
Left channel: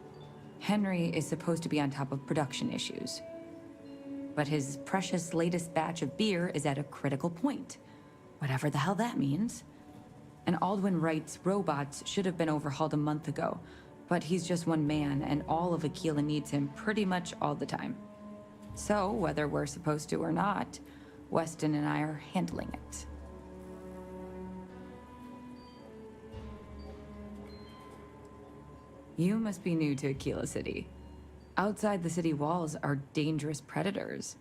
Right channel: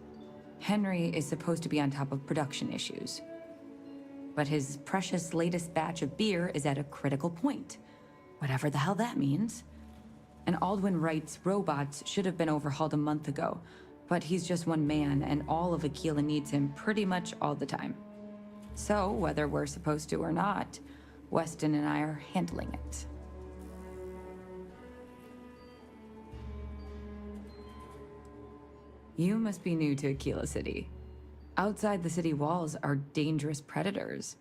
Henry is supposed to be on top of production issues. But his precious latest batch of beer is at a critical point. Whatever the hell that means. And Aldwin Wright's robots should have been overhauled a month ago, but he's just one man and all of Aquila needs him pretty much all the time. So, whether we're supposed to or not, Weston and I are handling it. You must be new to Aquila City. Outside the city walls are dangerous predators.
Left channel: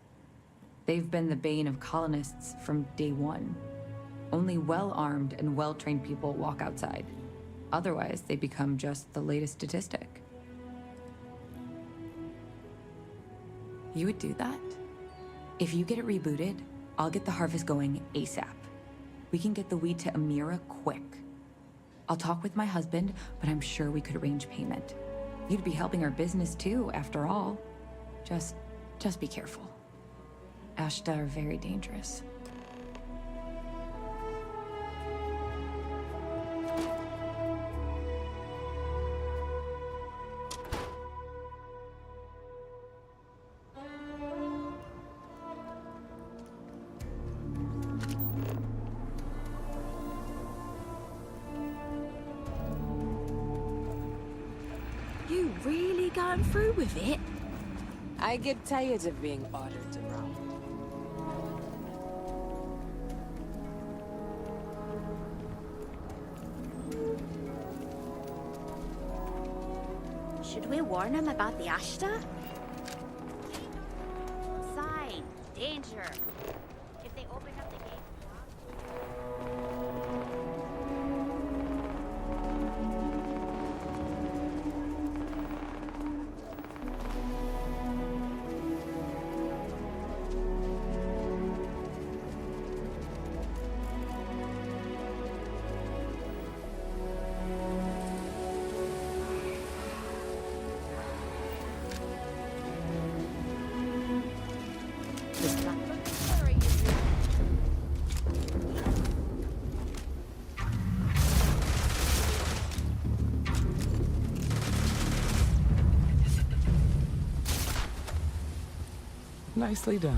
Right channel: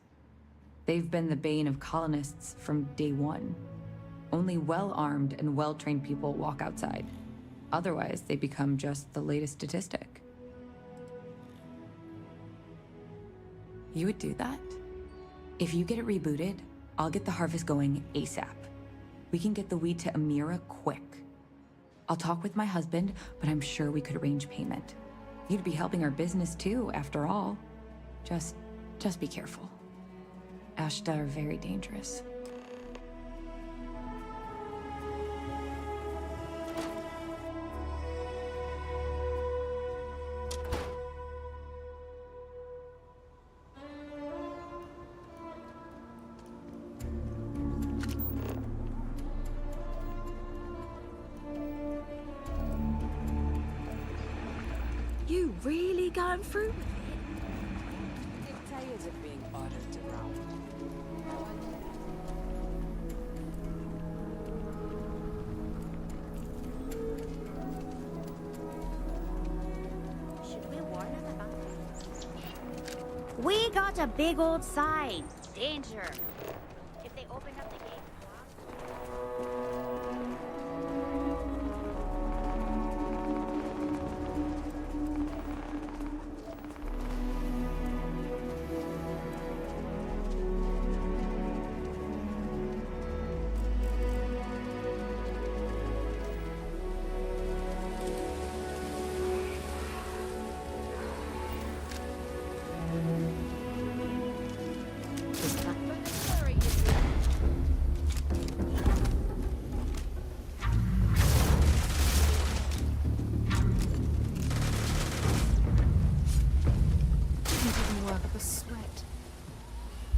They've been the bane of colonists from day one. Only well-armed and well-trained people walk outside. Otherwise, they become just the latest statistic. You would do that? If you get it rebooted, I'll get the harvest going ASAP. We can get the wheat to Amira quick. I'll talk with my husband, but I'm sure we could arrange payment. You'd be helping our business too, after all. Just be careful. Ashta are very dangerous. You really going through with it? I get tired of being ordered around. Should we warn them about the Ashta? We got a big old sign. Danger. If they open up the gate... Nicely done.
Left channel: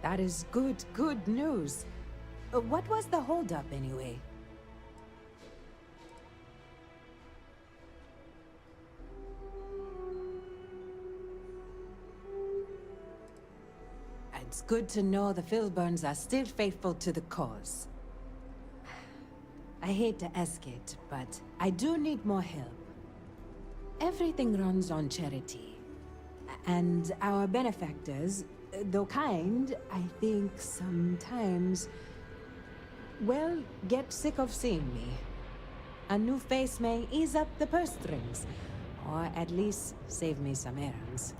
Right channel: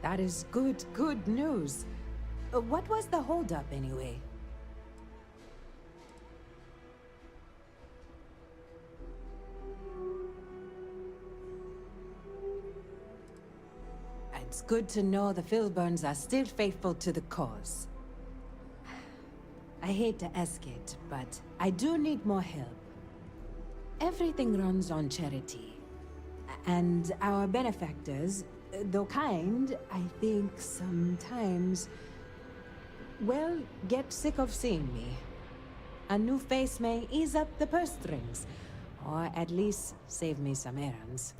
That is good news. What was the holdup anyway? It's good to know the Filburns are still faithful to the cause. I hate to ask it, but I do need more help. Everything runs on charity. And our benefactors, though kind, I think sometimes, well, get sick of seeing me. A new face may ease up the purse strings, or at least save me some errands.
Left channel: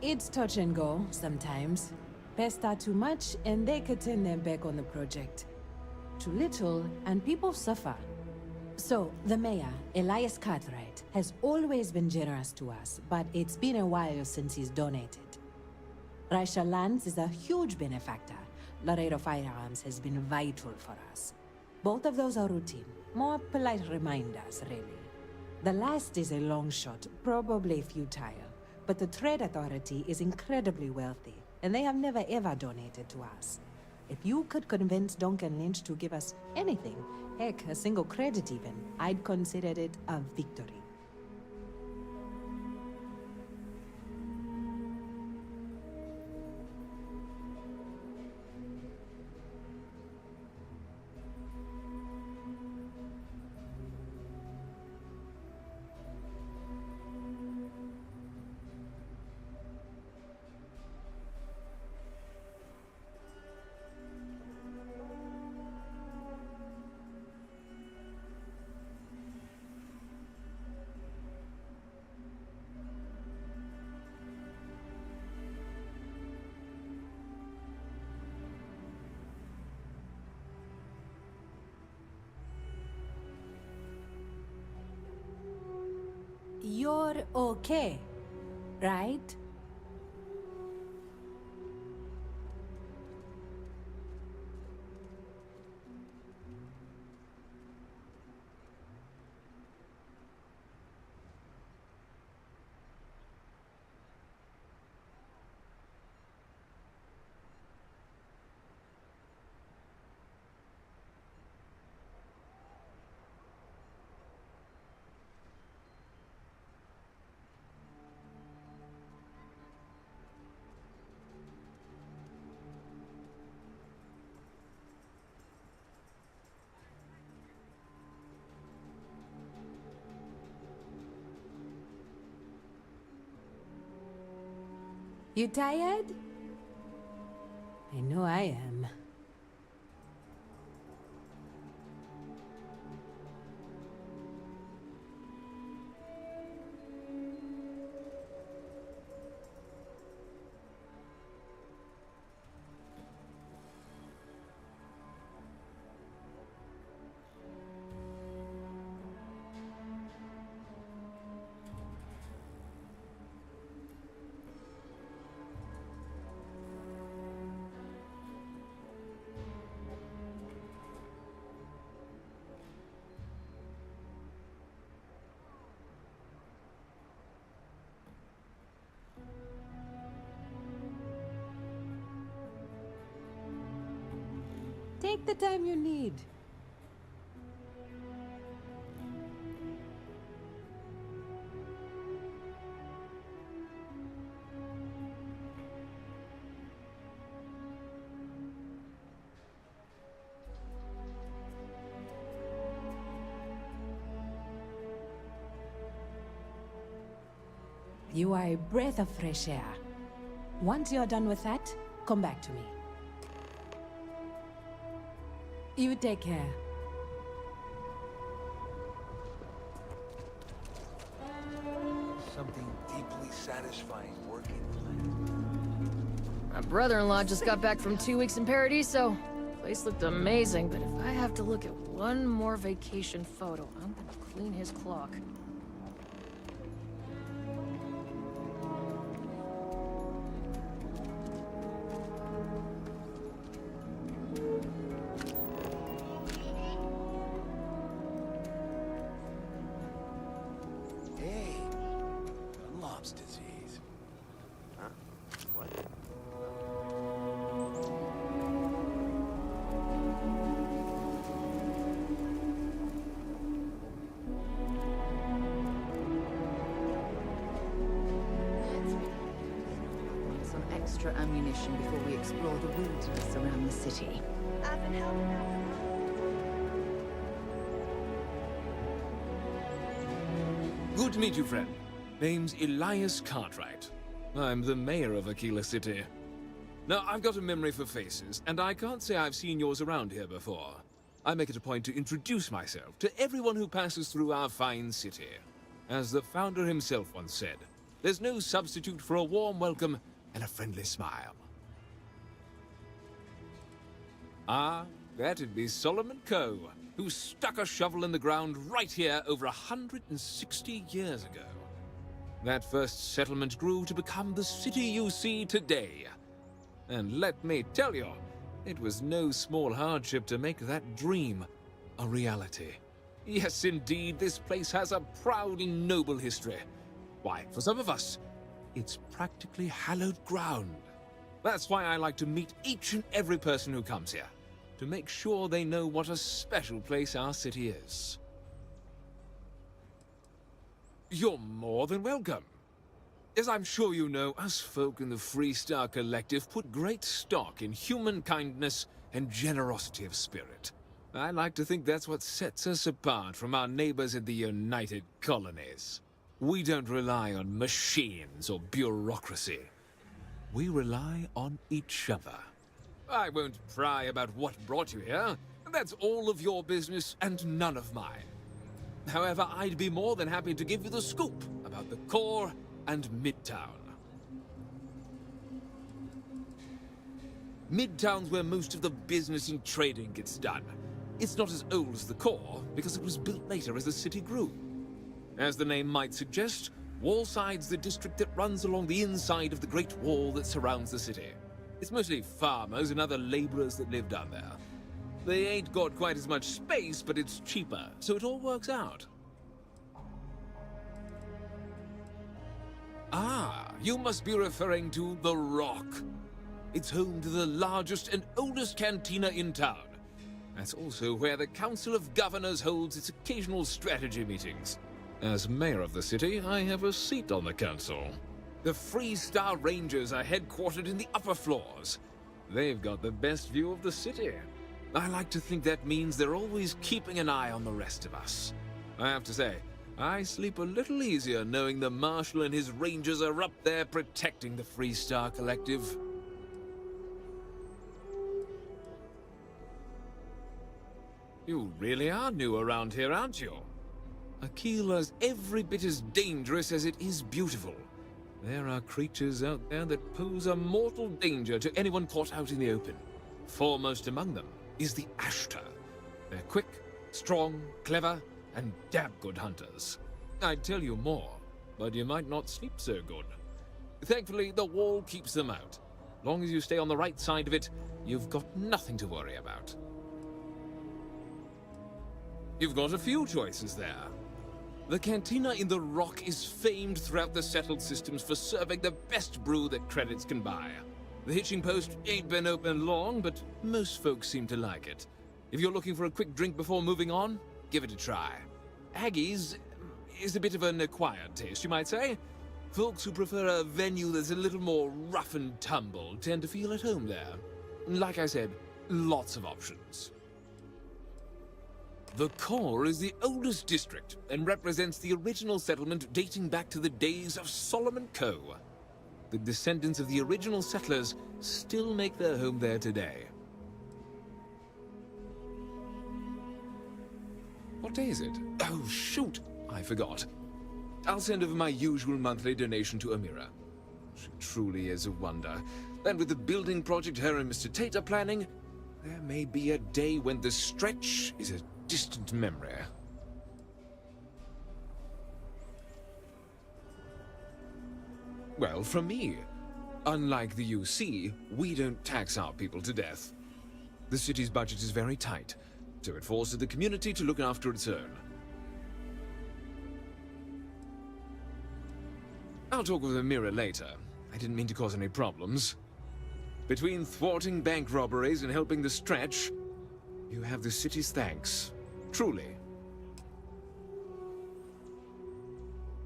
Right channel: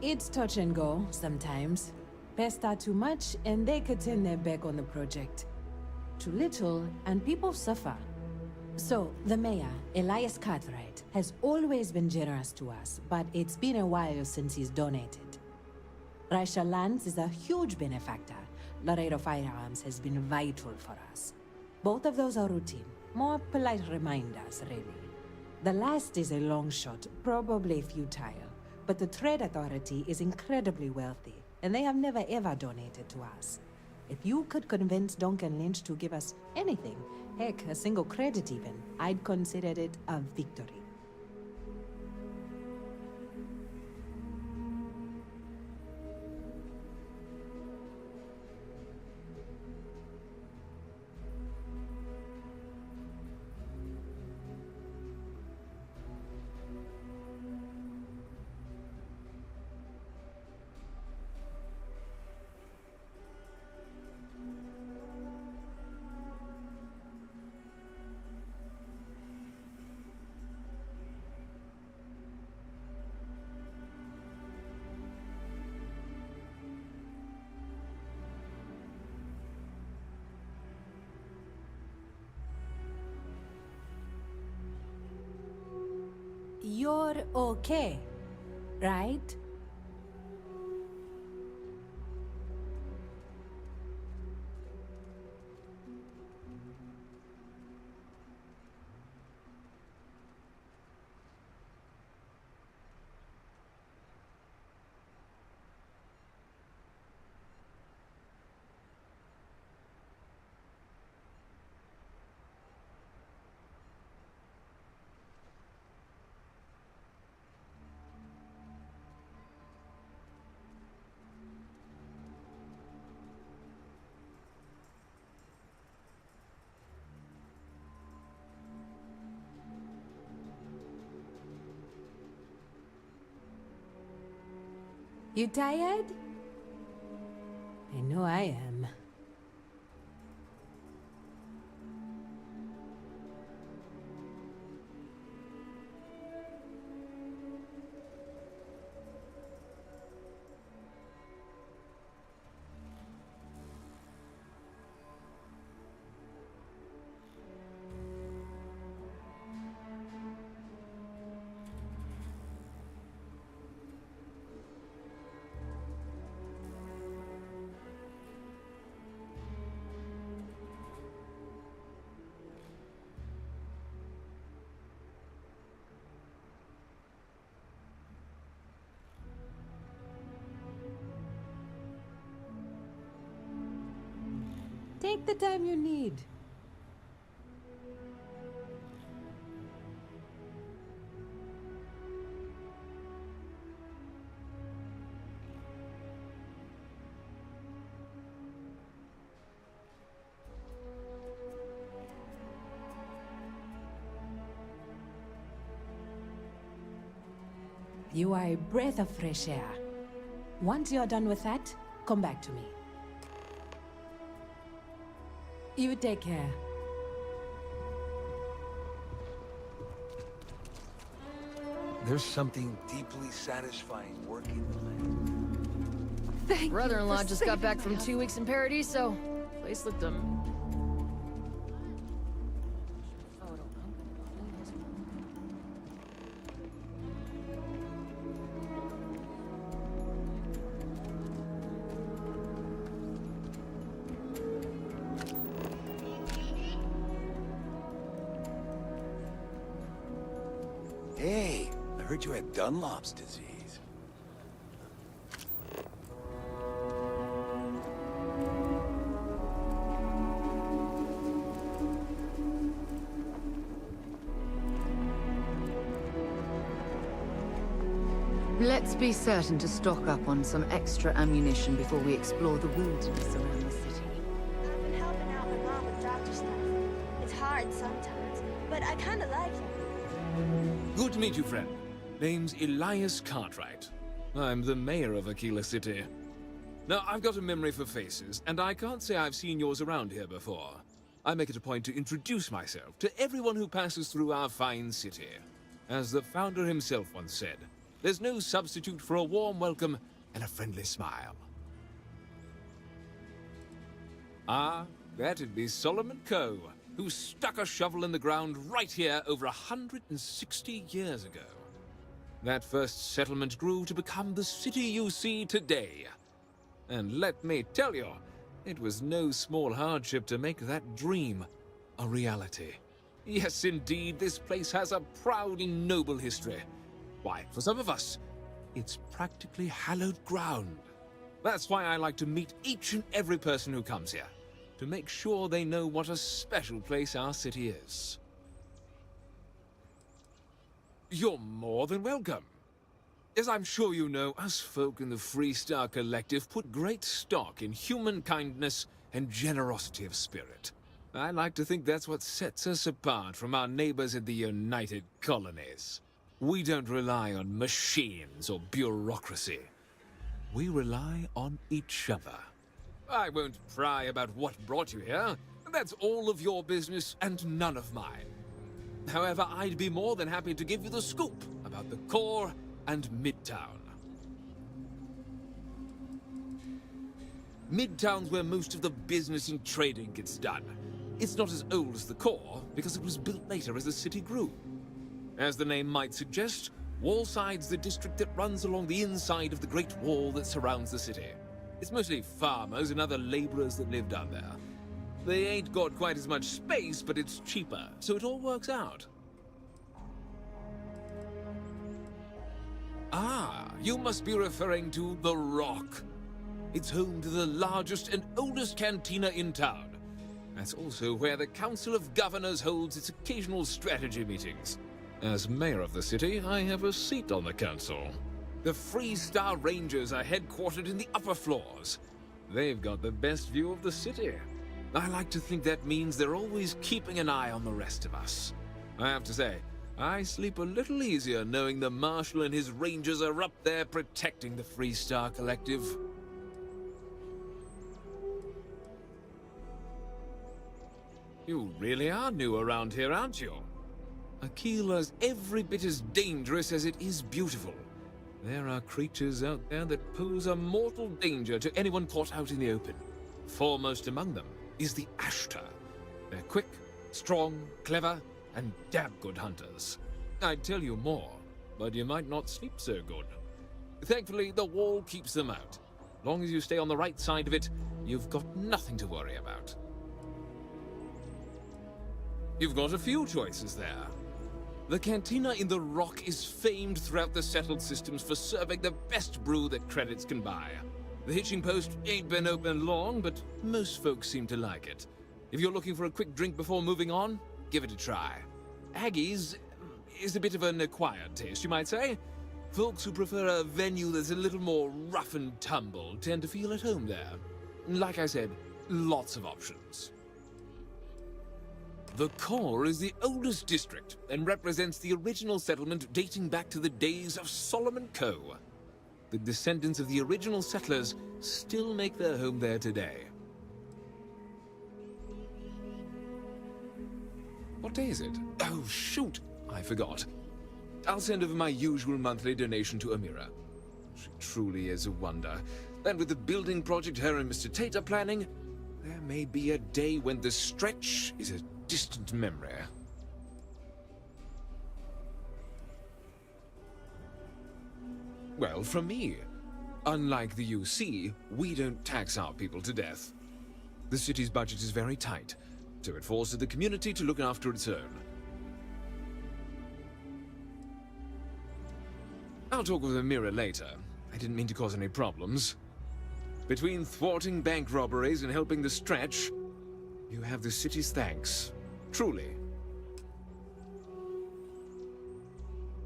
It's touch and go, sometimes. Pester too much, and they could turn their back on the project. Too little, and people suffer. So, the mayor, Elias Cartwright, has always been generous to us, but it's been a while since he's donated. Raisha Lands is a huge benefactor. Laredo Firearms has been vital for us. Both of those are routine, more polite reminders, really. The last is a long shot, probably futile. But the Trade Authority is incredibly wealthy, and they have never ever donated to us. If you could convince Duncan Lynch to give us anything, heck, a single credit even, I'd consider it a victory. You're okay, right? You tired? I know I am. Take the time you need. You are a breath of fresh air. Once you're done with that, come back to me. You take care. There's something deeply satisfying working the land. My brother-in-law just got back from 2 weeks in Paradiso. Place looked amazing, but if I have to look at one more vacation photo, I'm gonna clean his clock. Hey, I heard you had Dunlop's disease. Huh? What? Let's be certain to stock up on some extra ammunition before we explore the wilderness around the city. I've been helping out my mom with doctor stuff. It's hard sometimes, but I kind of like it. Good to meet you, friend. Name's Elias Cartwright. I'm the mayor of Aquila City. Now, I've got a memory for faces, and I can't say I've seen yours around here before. I make it a point to introduce myself to everyone who passes through our fine city. As the founder himself once said, there's no substitute for a warm welcome and a friendly smile. Ah, that'd be Solomon Coe, who stuck a shovel in the ground right here over 160 years ago. That first settlement grew to become the city you see today. And let me tell you, it was no small hardship to make that dream a reality. Yes, indeed, this place has a proud and noble history. Why, for some of us, it's practically hallowed ground. That's why I like to meet each and every person who comes here, to make sure they know what a special place our city is. You're more than welcome. As I'm sure you know, us folk in the Freestar Collective put great stock in human kindness and generosity of spirit. I like to think that's what sets us apart from our neighbors in the United Colonies. We don't rely on machines or bureaucracy. We rely on each other. I won't pry about what brought you here. That's all of your business and none of mine. However, I'd be more than happy to give you the scoop about the core and Midtown. Midtown's where most of the business and trading gets done. It's not as old as the core, because it was built later as the city grew. As the name might suggest, Wallside's the district that runs along the inside of the Great Wall that surrounds the city. It's mostly farmers and other laborers that live down there. They ain't got quite as much space, but it's cheaper, so it all works out. Ah, you must be referring to The Rock. It's home to the largest and oldest cantina in town. That's also where the Council of Governors holds its occasional strategy meetings. As mayor of the city, I have a seat on the council. The Freestar Rangers are headquartered in the upper floors. They've got the best view of the city. I like to think that means they're always keeping an eye on the rest of us. I have to say, I sleep a little easier knowing the Marshal and his rangers are up there protecting the Freestar Collective. You really are new around here, aren't you? Aquila's every bit as dangerous as it is beautiful. There are creatures out there that pose a mortal danger to anyone caught out in the open. Foremost among them is the Ashtar. They're quick, strong, clever, and damn good hunters. I'd tell you more, but you might not sleep so good. Thankfully, the wall keeps them out. Long as you stay on the right side of it, you've got nothing to worry about. You've got a few choices there. The cantina in the rock is famed throughout the settled systems for serving the best brew that credits can buy. The hitching post ain't been open long, but most folks seem to like it. If you're looking for a quick drink before moving on, give it a try. Aggie's is a bit of an acquired taste, you might say. Folks who prefer a venue that's a little more rough and tumble tend to feel at home there. Like I said, lots of options. The core is the oldest district and represents the original settlement dating back to the days of Solomon Coe. The descendants of the original settlers still make their home there today. What day is it? Oh, shoot! I forgot. I'll send over my usual monthly donation to Amira. She truly is a wonder. And with the building project her and Mr. Tate are planning, there may be a day when the stretch is a distant memory. Well, from me. Unlike the UC, we don't tax our people to death. The city's budget is very tight, so it forces the community to look after its own. I'll talk with Amira later. I didn't mean to cause any problems. Between thwarting bank robberies and helping the stretch, you have the city's thanks. Truly.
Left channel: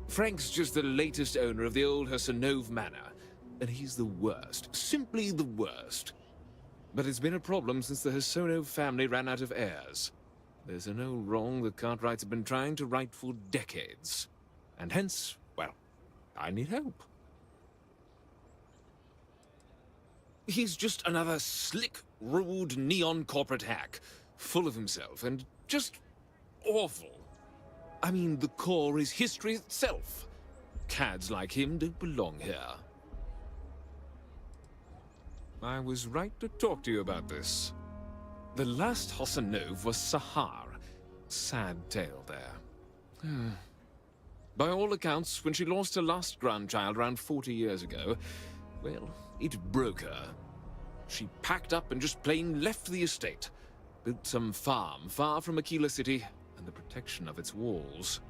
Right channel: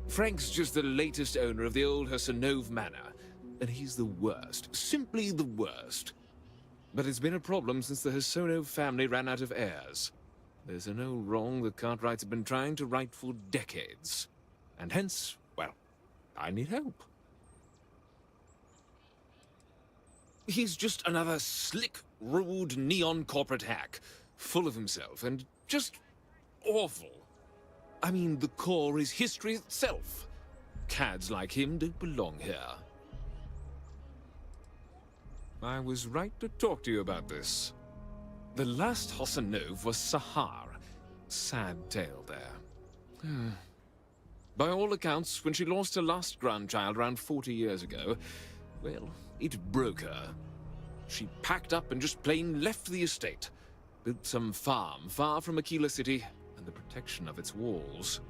Frank's just the latest owner of the old Chasronaut Manor, and he's the worst. Simply the worst. But it's been a problem since the Chasronaut family ran out of heirs. There's an old wrong the Cartwrights have been trying to right for decades. And hence, well, I need help. He's just another slick, rude, neon corporate hack, full of himself and just awful. I mean, the core is history itself. Cads like him don't belong here. I was right to talk to you about this. The last Chasronaut was Sahar. Sad tale there. By all accounts, when she lost her last grandchild around 40 years ago, well, it broke her. She packed up and just plain left the estate. Built some farm far from Aquila City and the protection of its walls.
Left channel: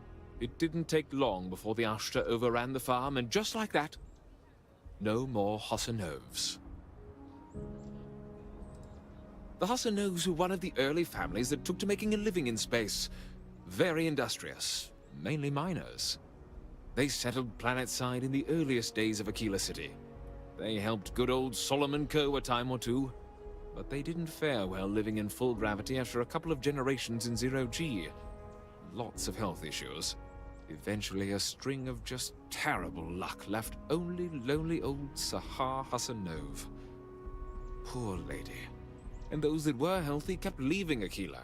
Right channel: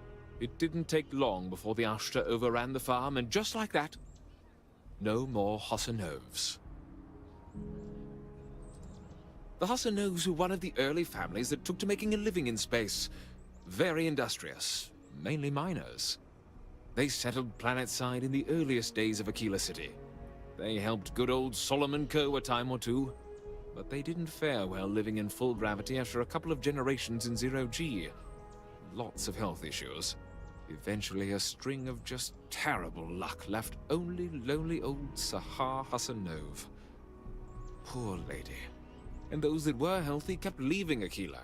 It didn't take long before the Ashtar overran the farm, and just like that, no more Chasronauts. The Chasronauts were one of the early families that took to making a living in space. Very industrious, mainly miners. They settled planetside in the earliest days of Aquila City. They helped good old Solomon Coe a time or two, but they didn't fare well living in full gravity after a couple of generations in zero-G. Lots of health issues. Eventually, a string of just terrible luck left only lonely old Sahar Chasronaut. Poor lady. And those that were healthy kept leaving Aquila.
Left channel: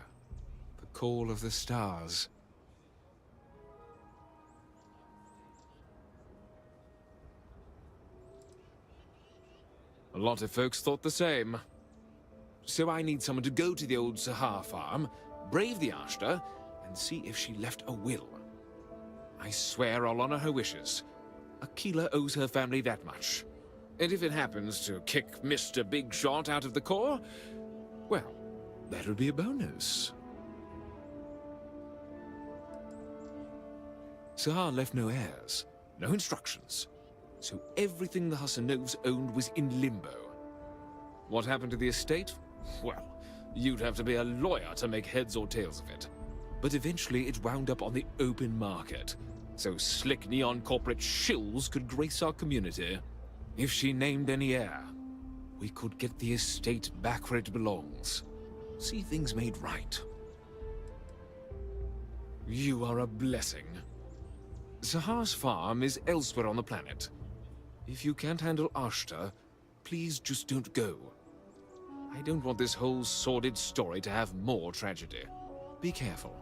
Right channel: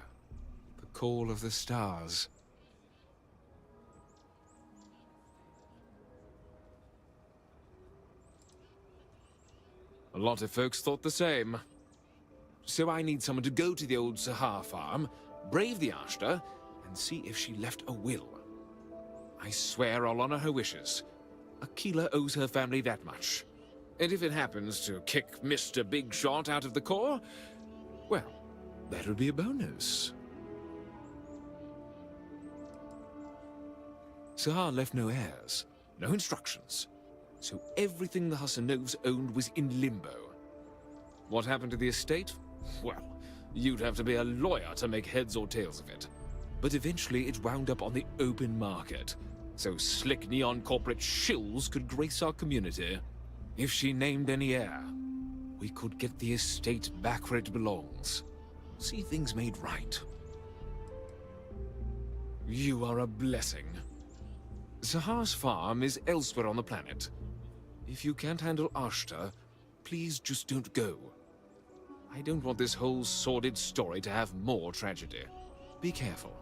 The call of the stars. A lot of folks thought the same. So I need someone to go to the old Sahar farm, brave the Ashtar, and see if she left a will. I swear I'll honor her wishes. Aquila owes her family that much. And if it happens to kick Mr. Big Shot out of the core, well, that'll be a bonus. Sahar left no heirs, no instructions, so everything the Chasronauts owned was in limbo. What happened to the estate? Well, you'd have to be a lawyer to make heads or tails of it. But eventually it wound up on the open market, so slick neon corporate shills could grace our community. If she named any heir, we could get the estate back where it belongs. See things made right. You are a blessing. Sahar's farm is elsewhere on the planet. If you can't handle Ashta, please just don't go. I don't want this whole sordid story to have more tragedy. Be careful,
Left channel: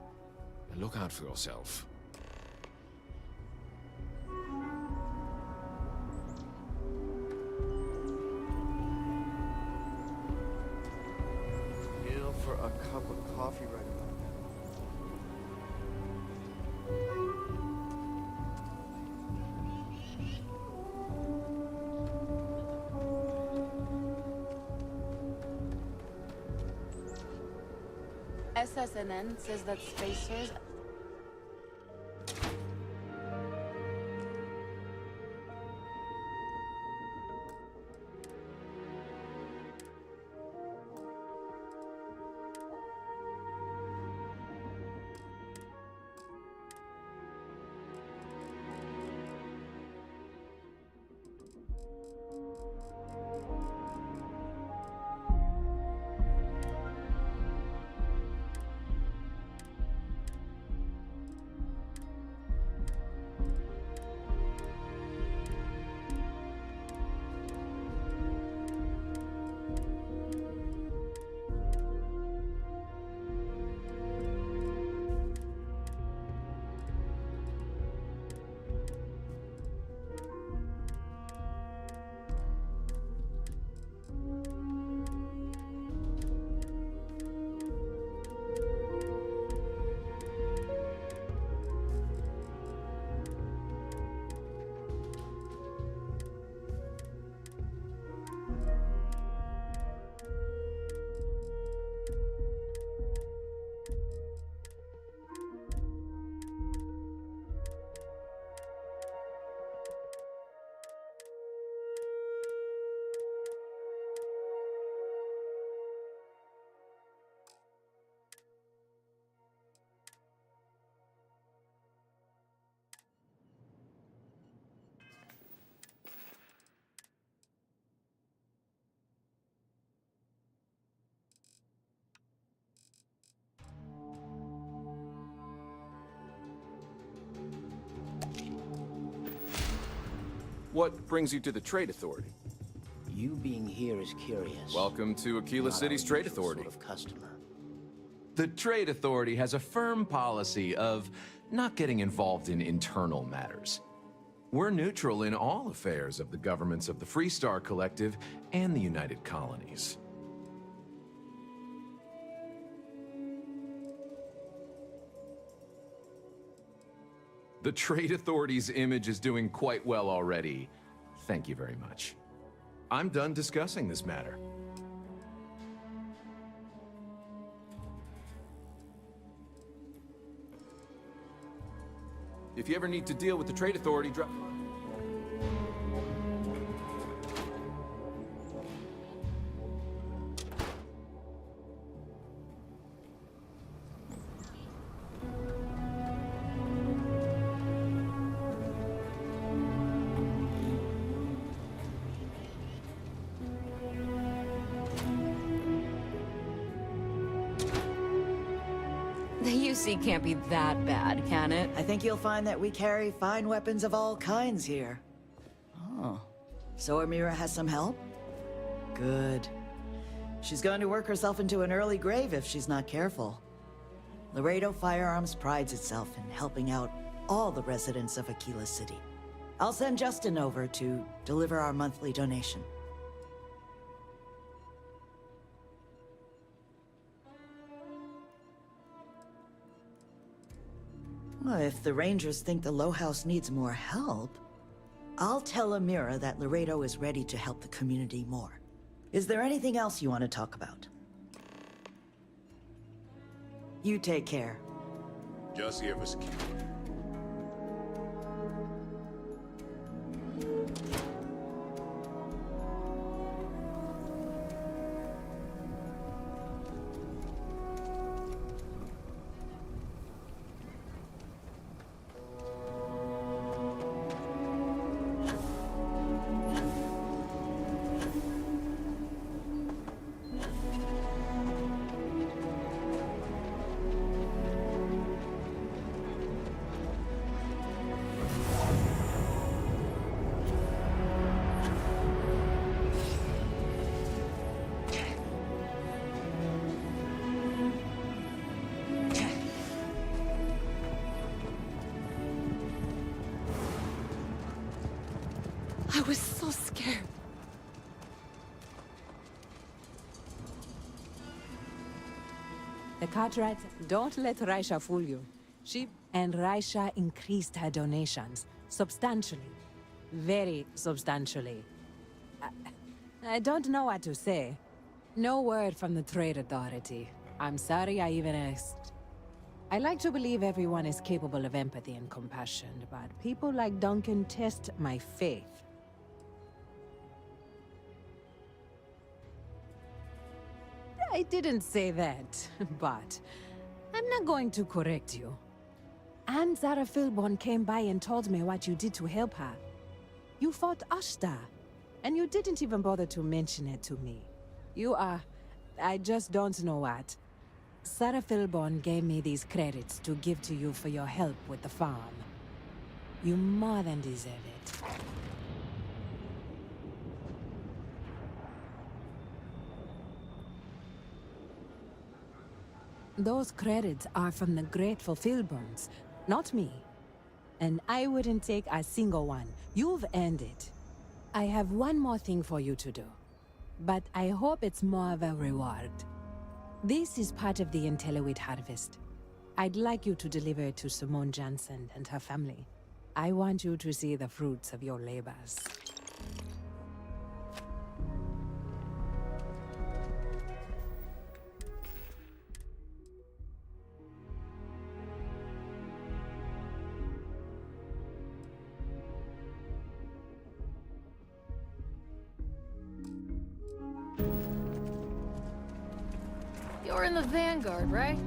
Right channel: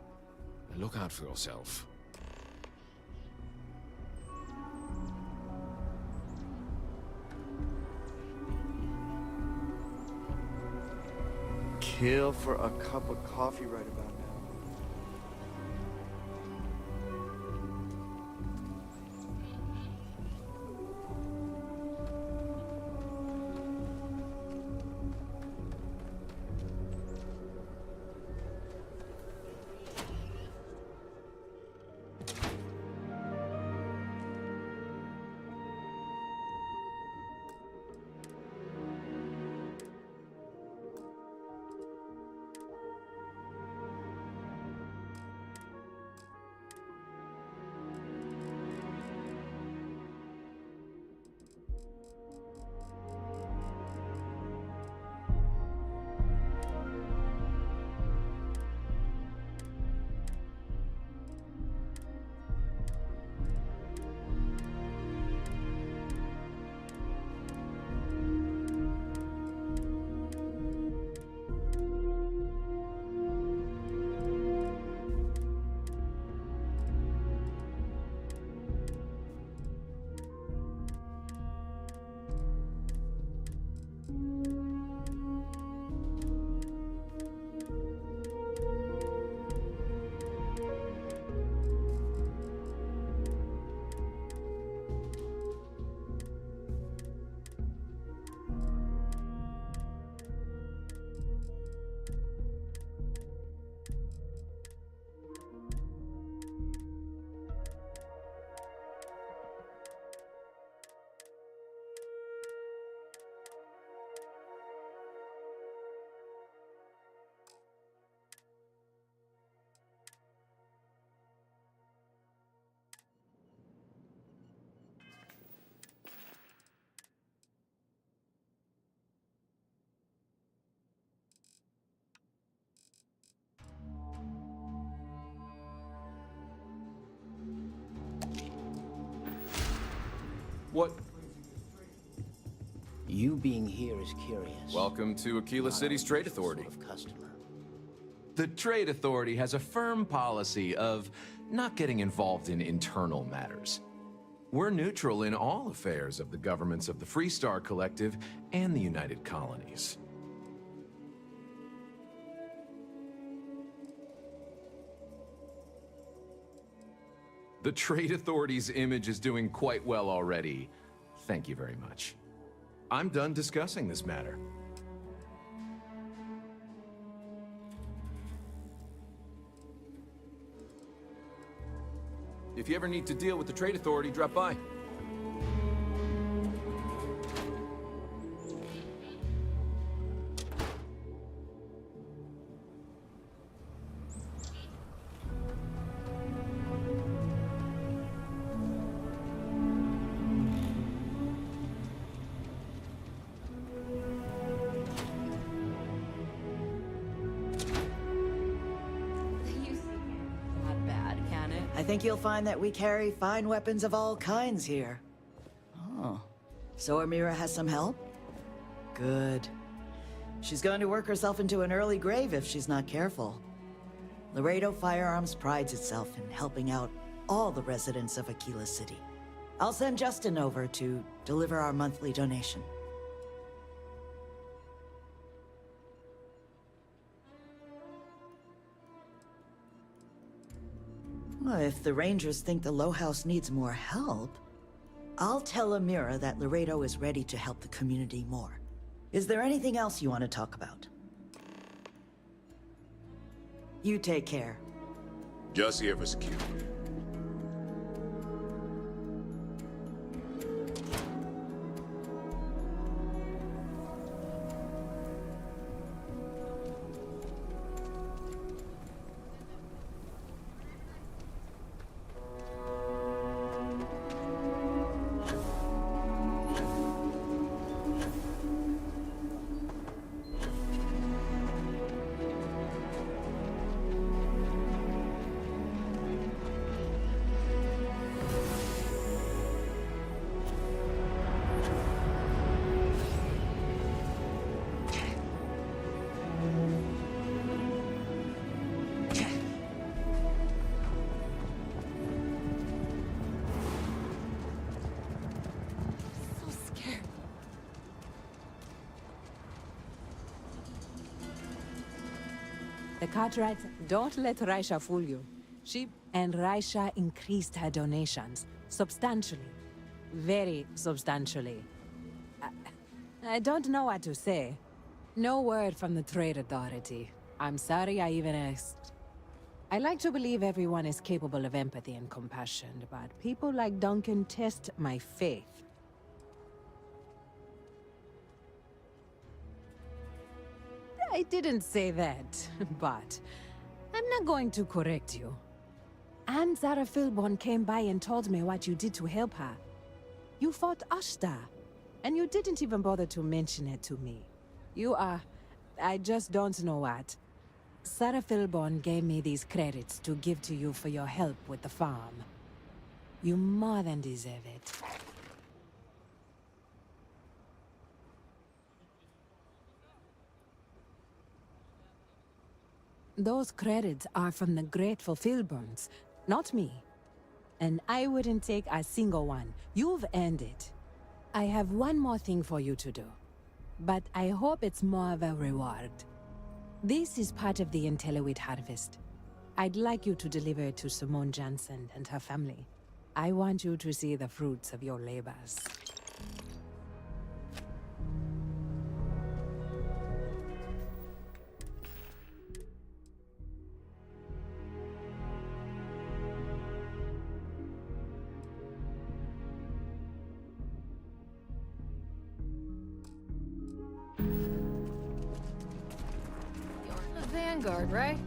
and look out for yourself. Kill for a cup of coffee right about now. SSNN says that spacers... What brings you to the Trade Authority? You being here is curious. Welcome to Aquila City's Trade Authority. Sort of customer. The Trade Authority has a firm policy of not getting involved in internal matters. We're neutral in all affairs of the governments of the Freestar Collective and the United Colonies. The Trade Authority's image is doing quite well already. Thank you very much. I'm done discussing this matter. If you ever need to deal with the Trade Authority, drop by. The UC can't be that bad, can it? I think you'll find that we carry fine weapons of all kinds here. Oh. So Amira has some help? Good. She's going to work herself into an early grave if she's not careful. Laredo Firearms prides itself in helping out all the residents of Aquila City. I'll send Justin over to deliver our monthly donation. Well, if the Rangers think the Low House needs more help, I'll tell Amira that Laredo is ready to help the community more. Is there anything else you want to talk about? You take care. Just here for security. The Cartwright, don't let Raisha fool you. And Raisha increased her donations substantially. Very substantially. I don't know what to say. No word from the Trade Authority. I'm sorry I even asked. I like to believe everyone is capable of empathy and compassion, but people like Duncan test my faith. I didn't say that, but I'm not going to correct you. And Zara Philborn came by and told me what you did to help her. You fought Ashta, and you didn't even bother to mention it to me. You are... I just don't know what. Sarah Philborn gave me these credits to give to you for your help with the farm. You more than deserve it. Those credits are from the grateful Philborns, not me. And I wouldn't take a single one. You've earned it. I have one more thing for you to do. But I hope it's more of a reward. This is part of the Intelliwit harvest. I'd like you to deliver it to Simone Jansen and her family. I want you to see the fruits of your labors. You're in the Vanguard, right?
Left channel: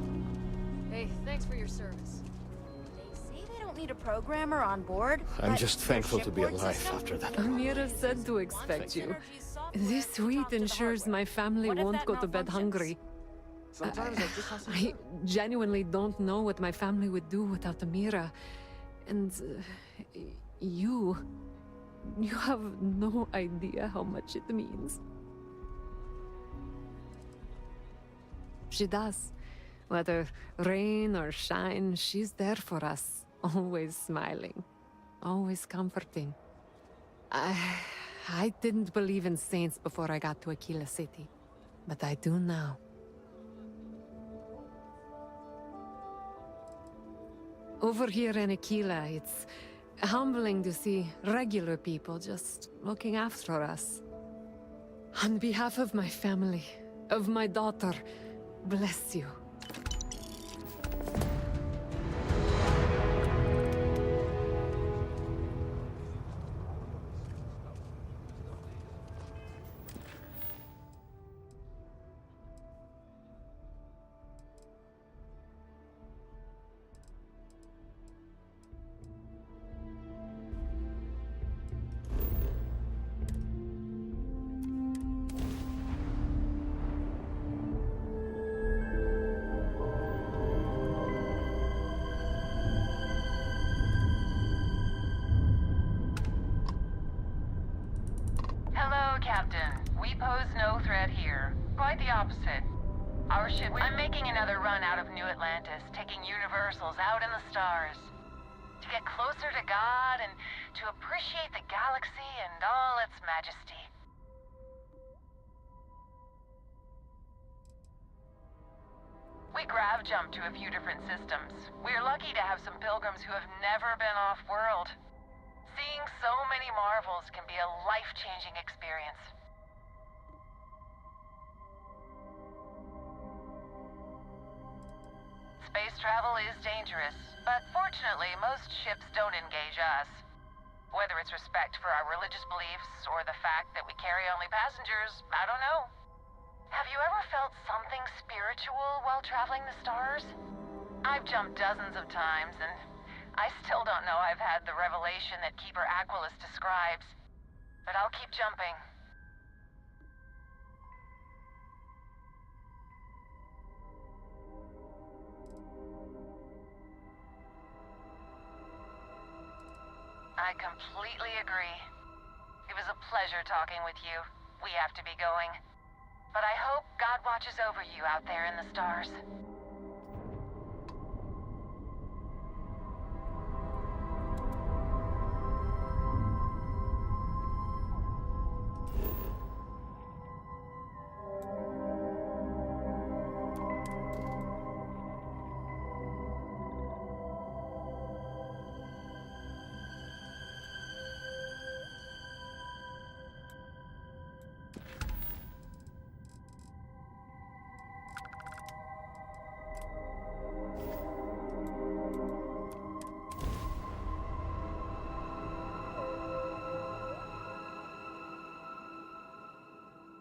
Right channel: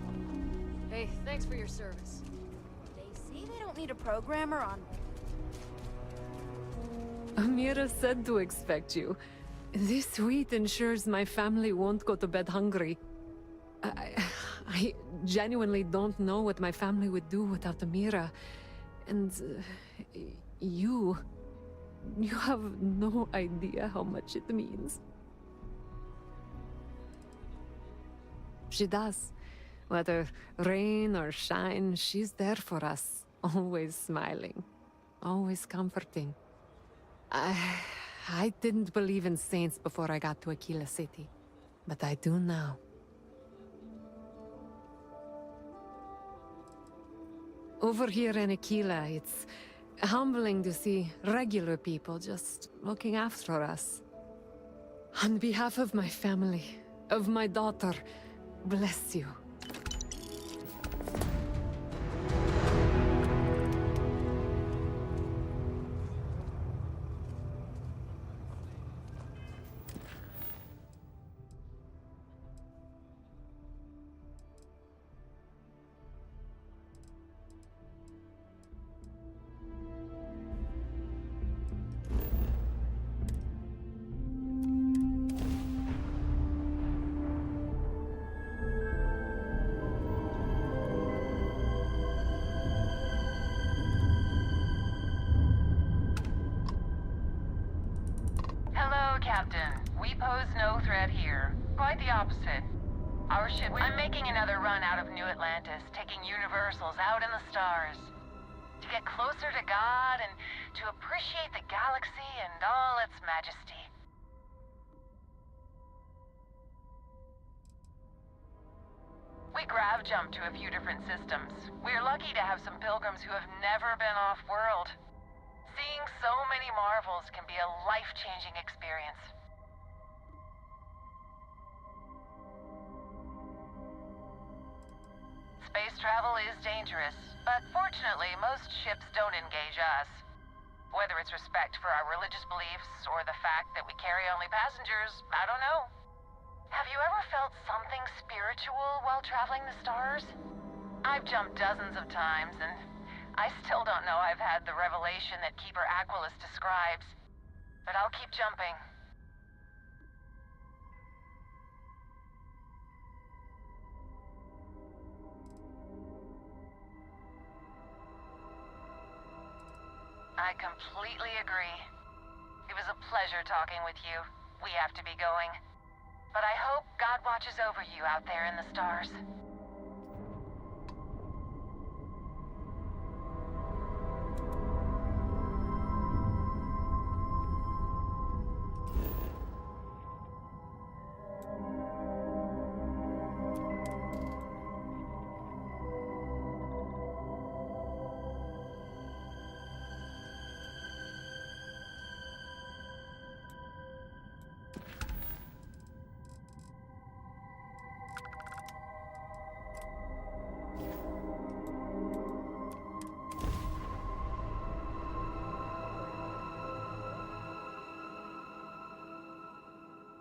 Hey, thanks for your service. They say they don't need a programmer on board. I'm just thankful to be alive after that. Amira said to expect you. This wheat ensures my family won't go to bed hungry. I genuinely don't know what my family would do without Amira. And you have no idea how much it means. She does. Whether rain or shine, she's there for us. Always smiling. Always comforting. I didn't believe in saints before I got to Aquila City. But I do now. Over here in Aquila, it's humbling to see regular people just looking after us. On behalf of my family, of my daughter, bless you. Captain. We pose no threat here. Quite the opposite. Our ship... I'm making another run out of New Atlantis, taking Universals out in the stars. To get closer to God and to appreciate the galaxy and all its majesty. We grav-jumped to a few different systems. We're lucky to have some pilgrims who have never been off-world. Seeing so many marvels can be a life-changing experience. Space travel is dangerous, but fortunately most ships don't engage us. Whether it's respect for our religious beliefs or the fact that we carry only passengers, I don't know. Have you ever felt something spiritual while traveling the stars? I've jumped dozens of times, and I still don't know I've had the revelation that Keeper Aquilus describes. But I'll keep jumping. I completely agree. It was a pleasure talking with you. We have to be going. But I hope God watches over you out there in the stars.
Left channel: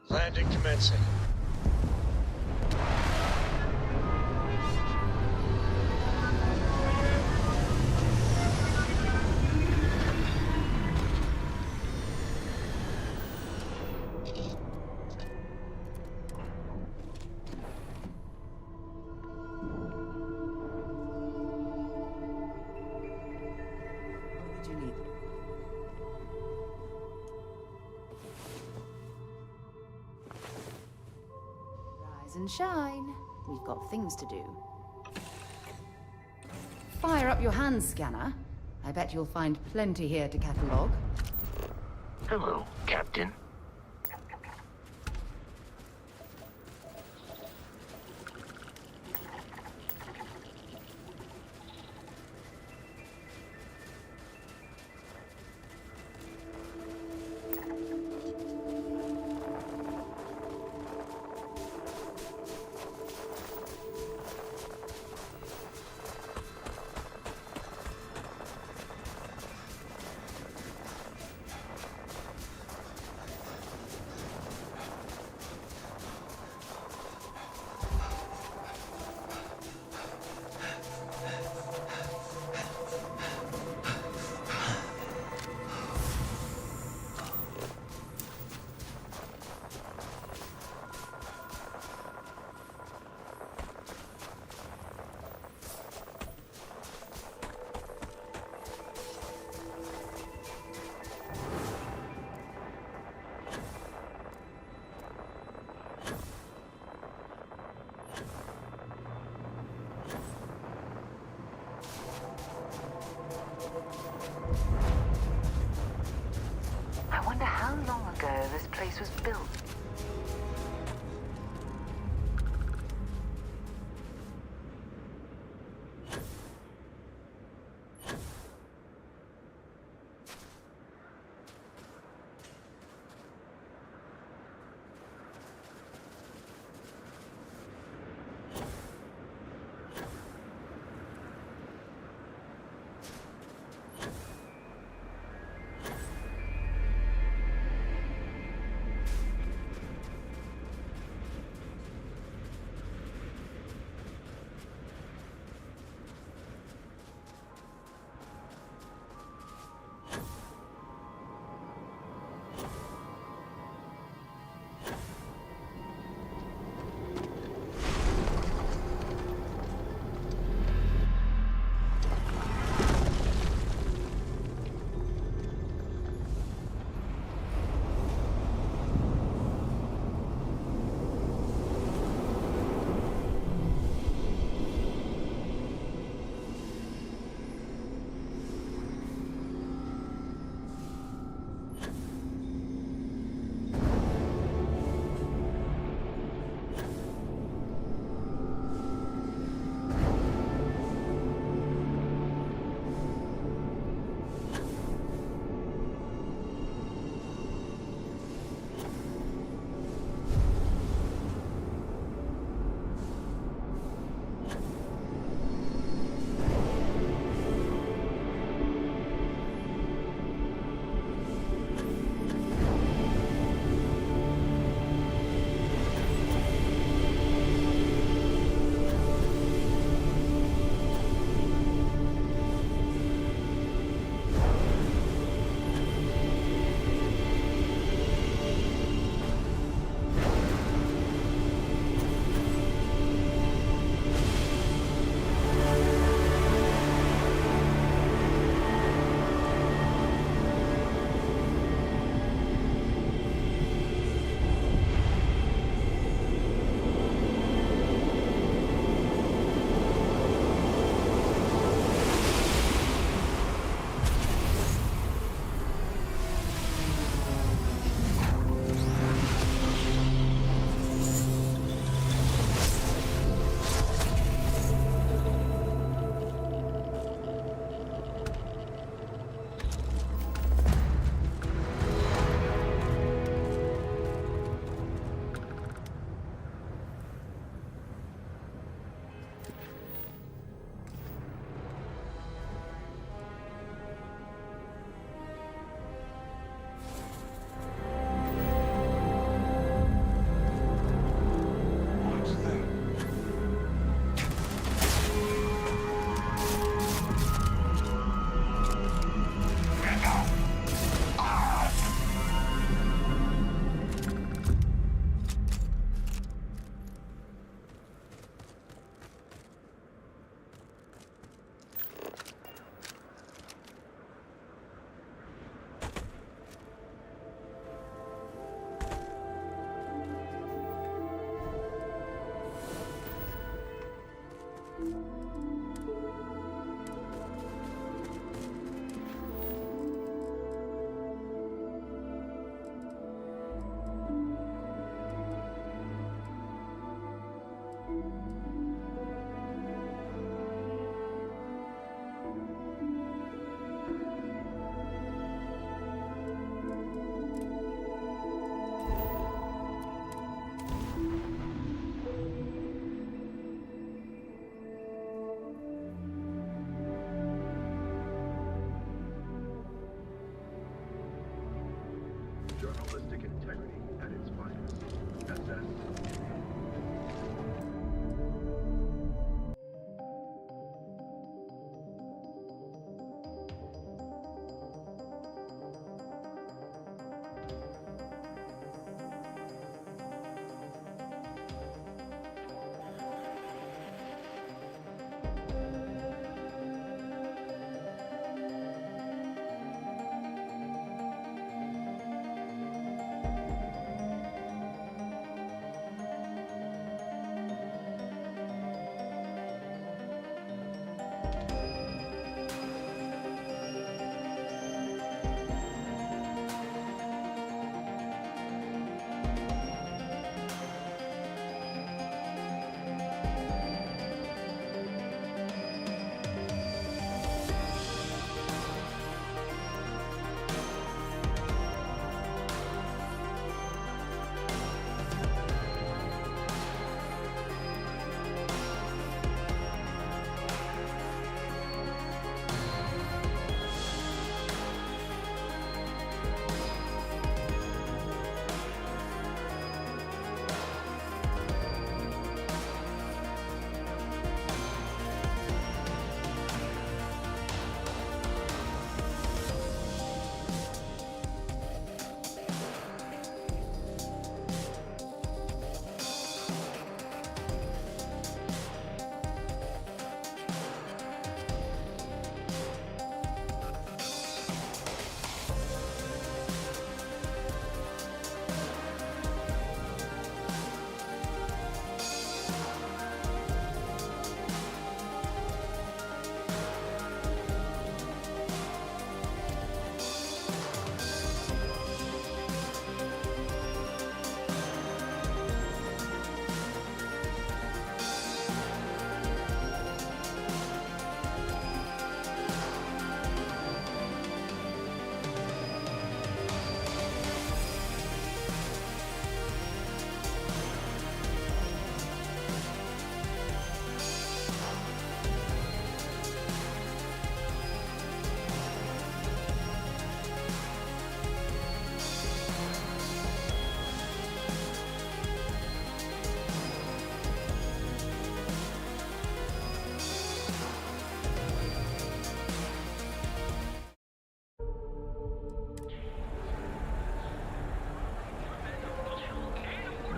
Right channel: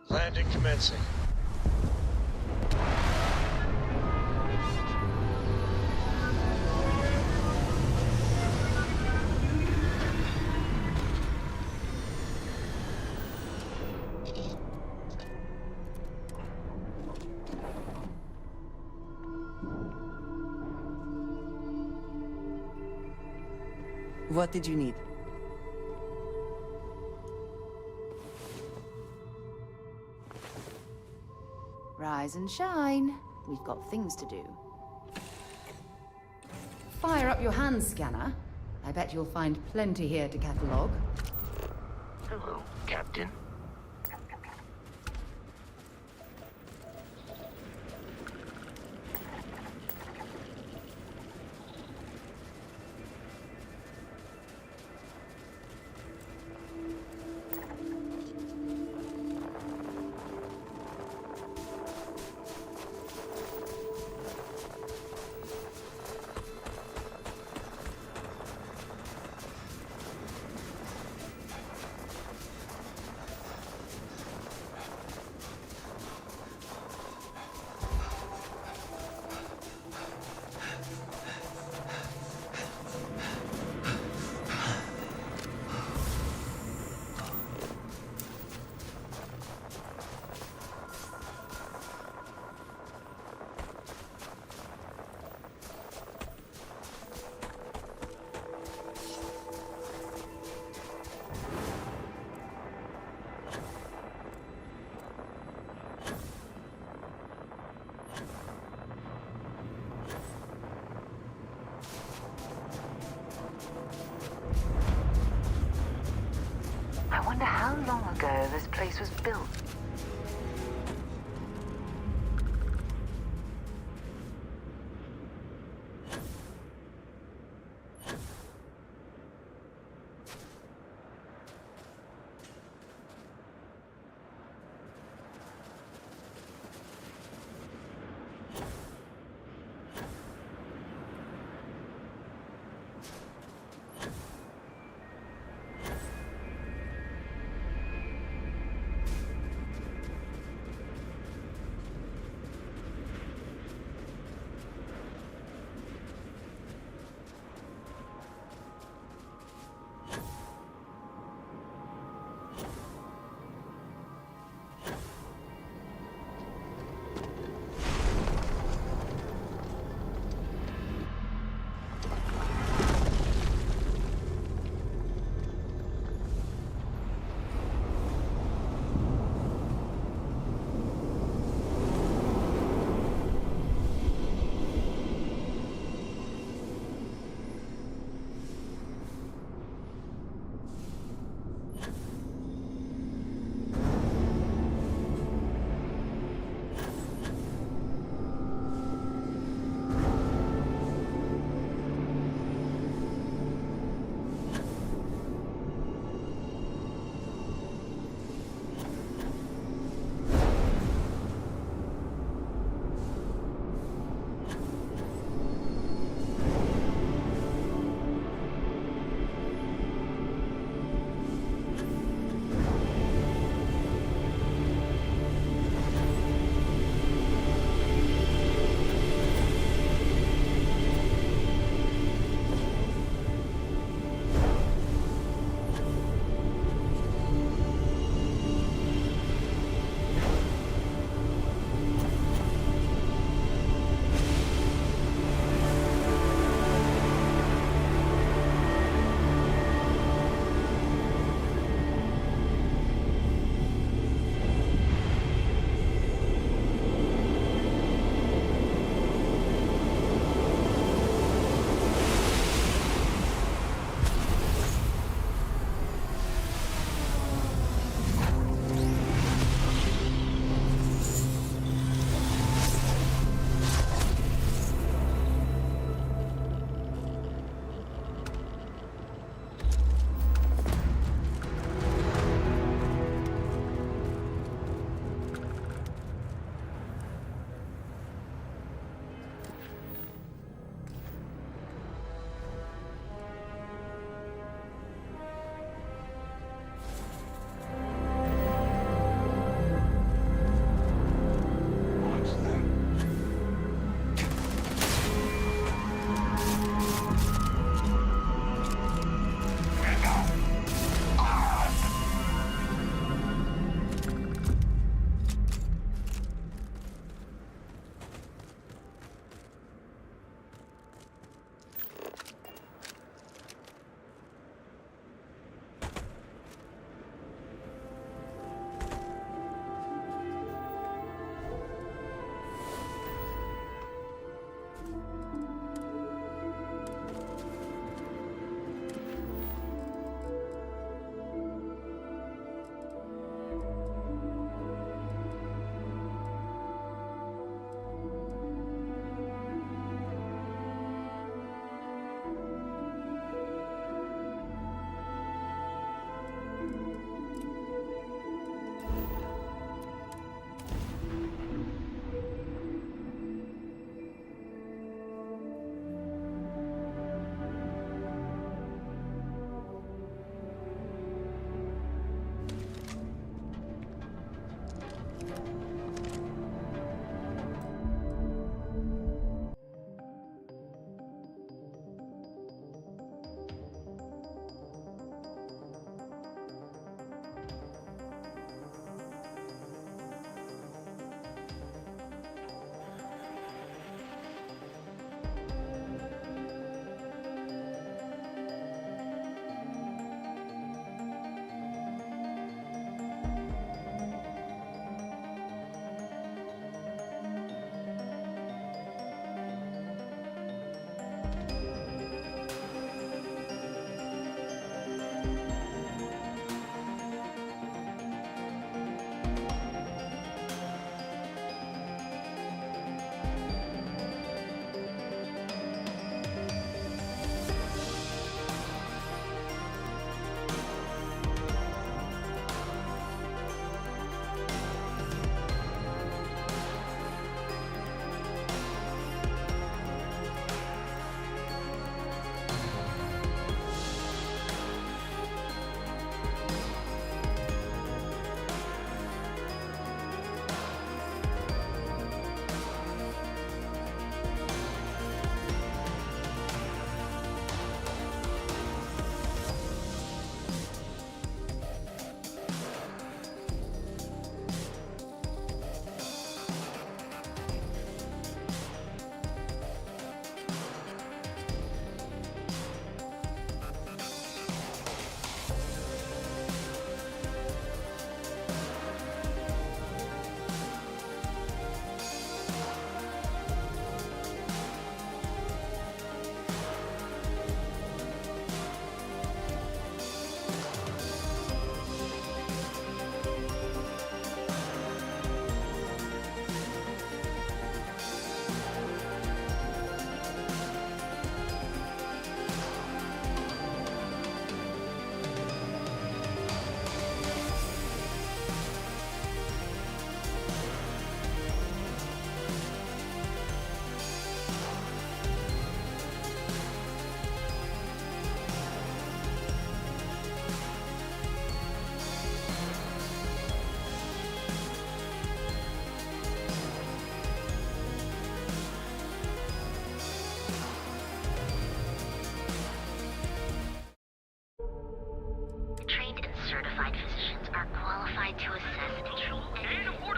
Landing commencing. What did you need? Rise and shine. We've got things to do. Fire up your hand scanner. I bet you'll find plenty here to catalogue. Hello, Captain. I wonder how long ago this place was built.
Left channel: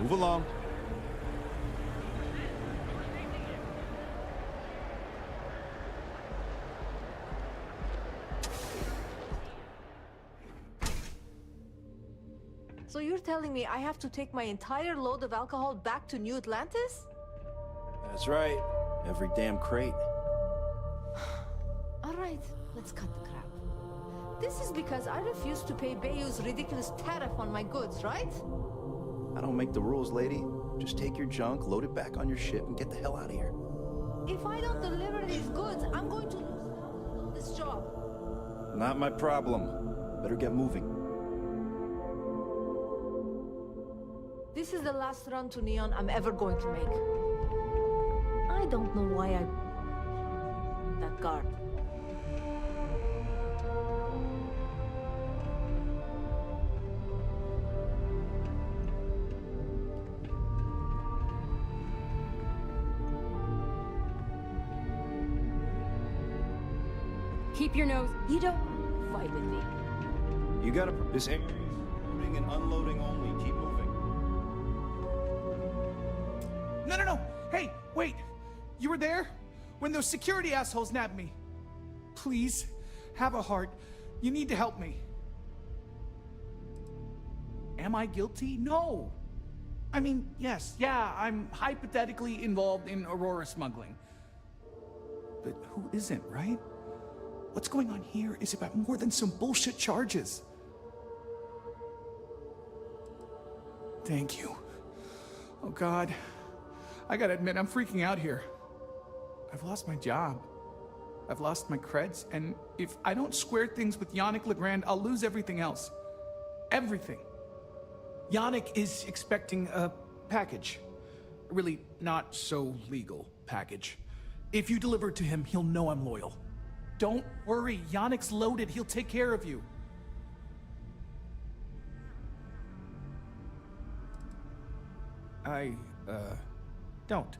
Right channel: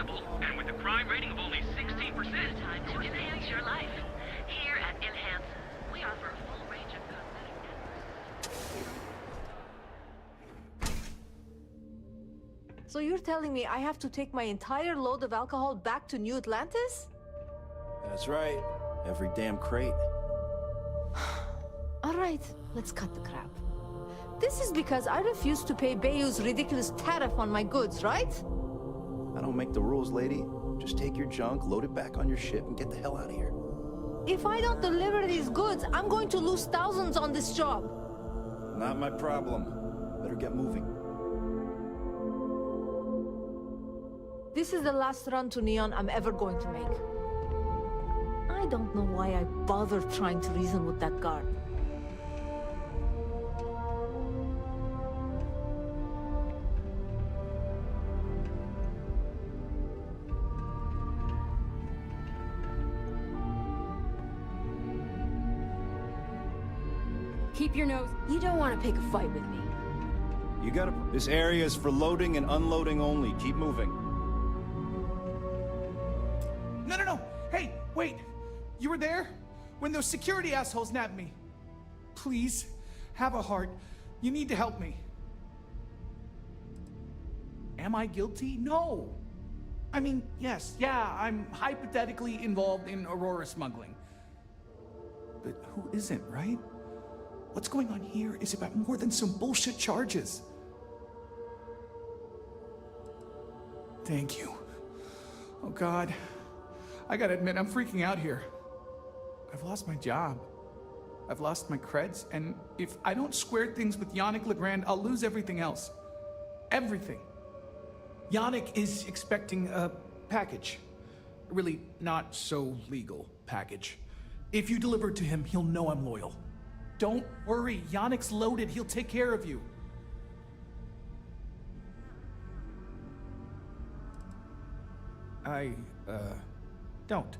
Move along. And with a crime rating of only 16%, to enhance your life. Here at Enhance, we offer a full range of... So you're telling me I have to take my entire load of alcohol back to New Atlantis? That's right. Every damn crate. All right, let's cut the crap. This is because I refused to pay Bayou's ridiculous tariff on my goods, right? I don't make the rules, lady. Just take your junk, load it back on your ship, and get the hell out of here. If I don't deliver these goods, I'm going to lose thousands on this job. Not my problem. Better get moving. This is the last run to Neon I'm ever going to make. I don't know why I bothered trying to reason with that guard. Keep your nose. You don't want to pick a fight with me. You gotta... This area is for loading and unloading only. Keep moving. No. Hey, wait. You were there? When those security assholes nabbed me. Please, have a heart. You need to help me. Am I guilty? No. I mean, yes, yeah, I'm hypothetically involved in Aurora smuggling. But who isn't, right? What's going on here is about more than some bullshit charges. Thank you. Oh God. I gotta admit, I'm freaking out here. I've lost my job. I've lost my creds, and if I don't square things with Yannick Legrand, I'll lose everything else. Everything. Yannick is expecting a package. A really not so legal package. If you deliver it to him, he'll know I'm loyal. Don't worry, Yannick's loaded. He'll take care of you. I, don't.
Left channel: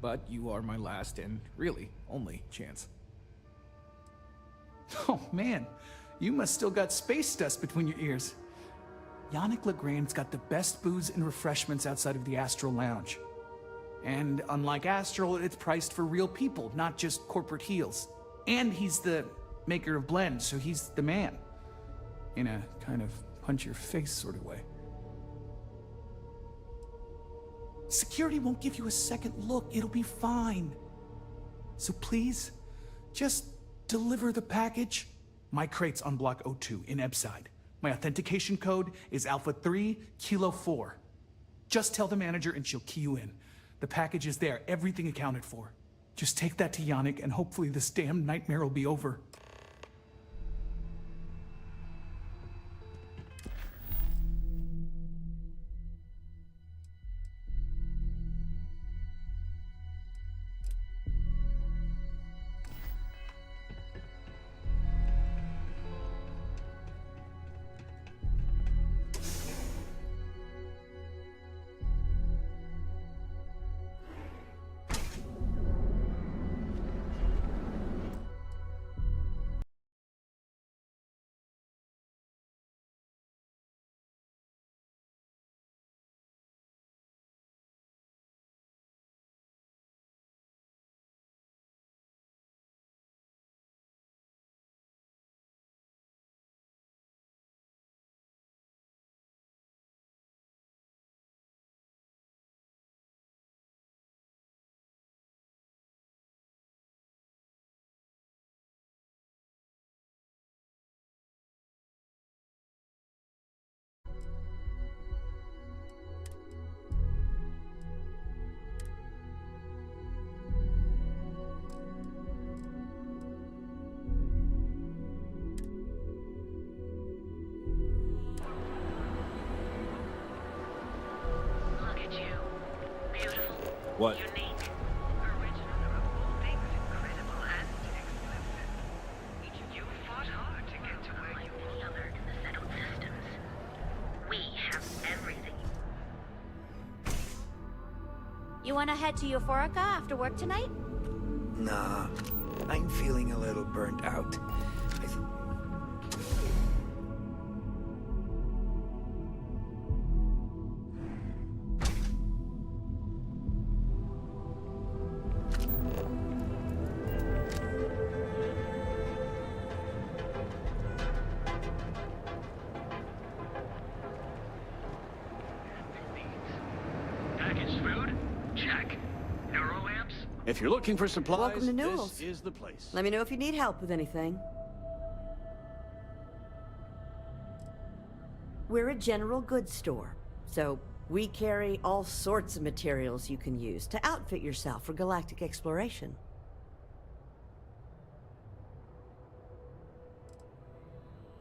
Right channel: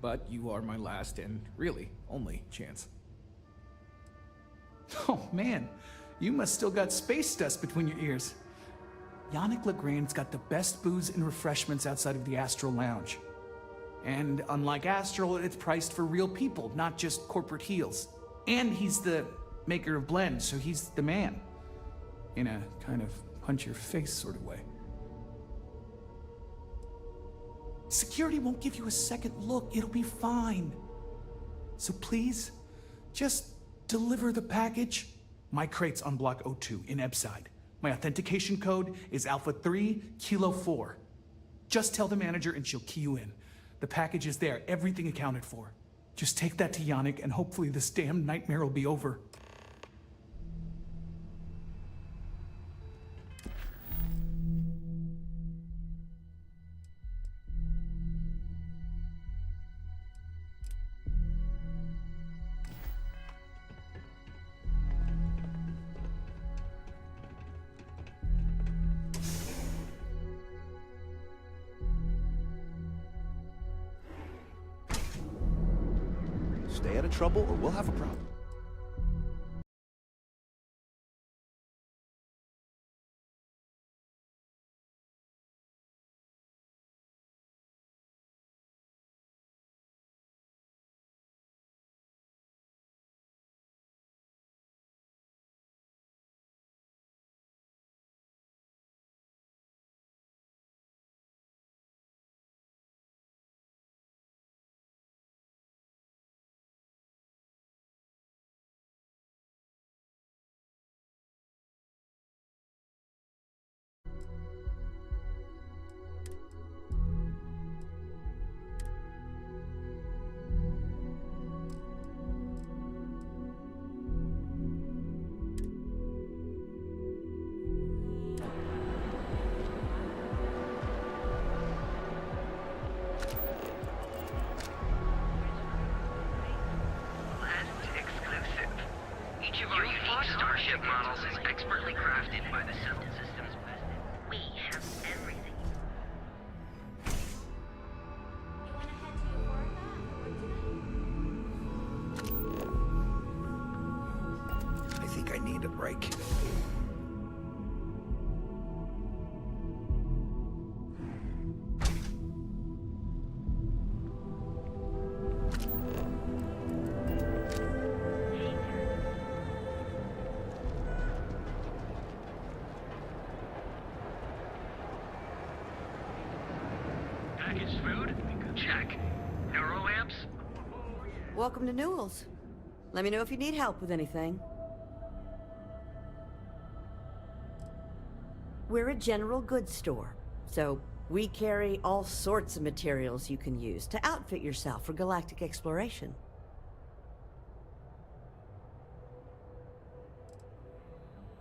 But you are my last and really only chance. Oh man, you must still got space dust between your ears. Yannick Legrand's got the best booze and refreshments outside of the Astral Lounge. And unlike Astral, it's priced for real people, not just corporate heels. And he's the maker of blends, so he's the man. In a kind of punch-your-face sort of way. Security won't give you a second look. It'll be fine. So please, just deliver the package. My crate's on Block 02 in Ebside. My authentication code is Alpha 3 Kilo 4. Just tell the manager and she'll key you in. The package is there, everything accounted for. Just take that to Yannick and hopefully this damn nightmare will be over. Stay out of trouble or we'll have a problem. What? Each of our unique Starship models is expertly crafted by the systems assembly. We have everything. You want to head to Euphorica after work tonight? Nah, I'm feeling a little burnt out. I think I need a break. If you're looking for supplies, Welcome to Newell's. this is the place. Let me know if you need help with anything. We're a general goods store, so we carry all sorts of materials you can use to outfit yourself for galactic exploration.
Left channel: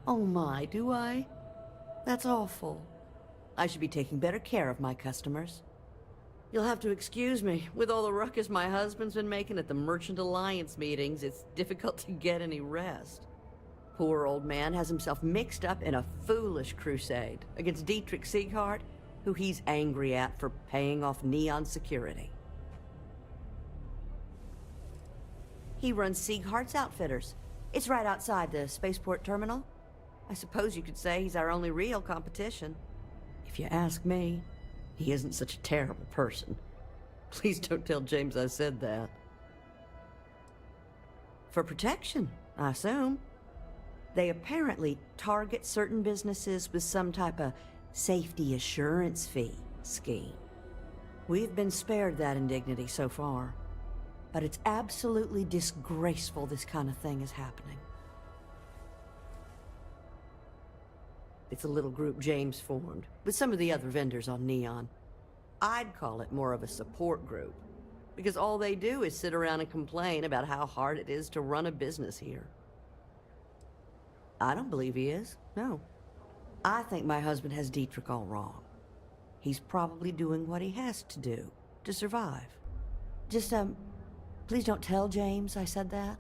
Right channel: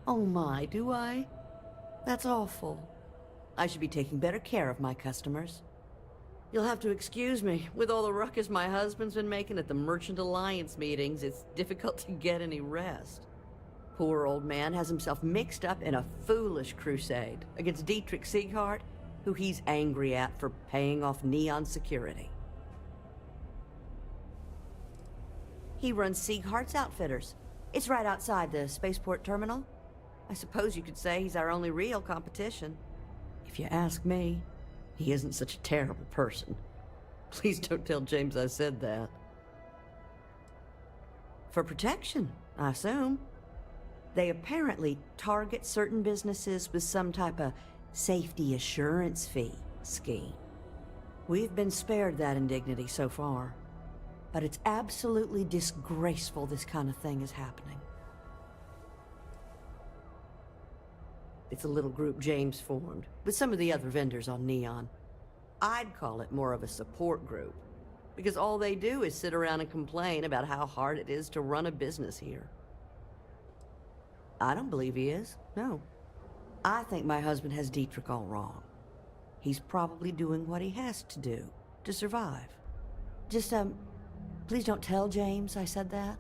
Oh my, do I? That's awful. I should be taking better care of my customers. You'll have to excuse me. With all the ruckus my husband's been making at the Merchant Alliance meetings, it's difficult to get any rest. Poor old man has himself mixed up in a foolish crusade against Dietrich Sieghart, who he's angry at for paying off Neon security. He runs Sieghart's Outfitters. It's right outside the spaceport terminal. I suppose you could say he's our only real competition. If you ask me, he isn't such a terrible person. Please don't tell James I said that. For protection, I assume. They apparently target certain businesses with some type of safety assurance fee scheme. We've been spared that indignity so far, but it's absolutely disgraceful this kind of thing is happening. It's a little group James formed, with some of the other vendors on Neon. I'd call it more of a support group, because all they do is sit around and complain about how hard it is to run a business here. I don't believe he is, no. I think my husband has Dietrich all wrong. He's probably doing what he has to do to survive. Just, please don't tell James I said that.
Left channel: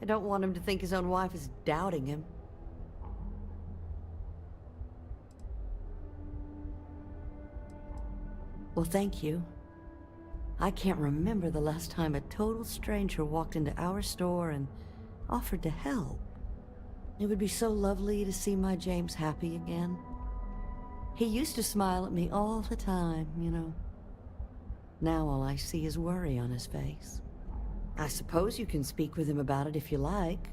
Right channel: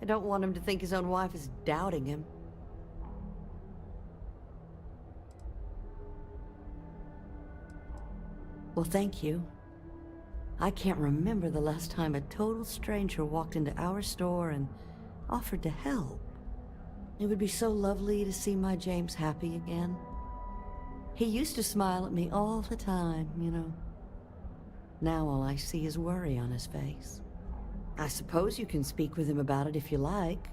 I don't want him to think his own wife is doubting him. Well, thank you. I can't remember the last time a total stranger walked into our store and offered to help. It would be so lovely to see my James happy again. He used to smile at me all the time, you know. Now all I see is worry on his face. I suppose you can speak with him about it if you like,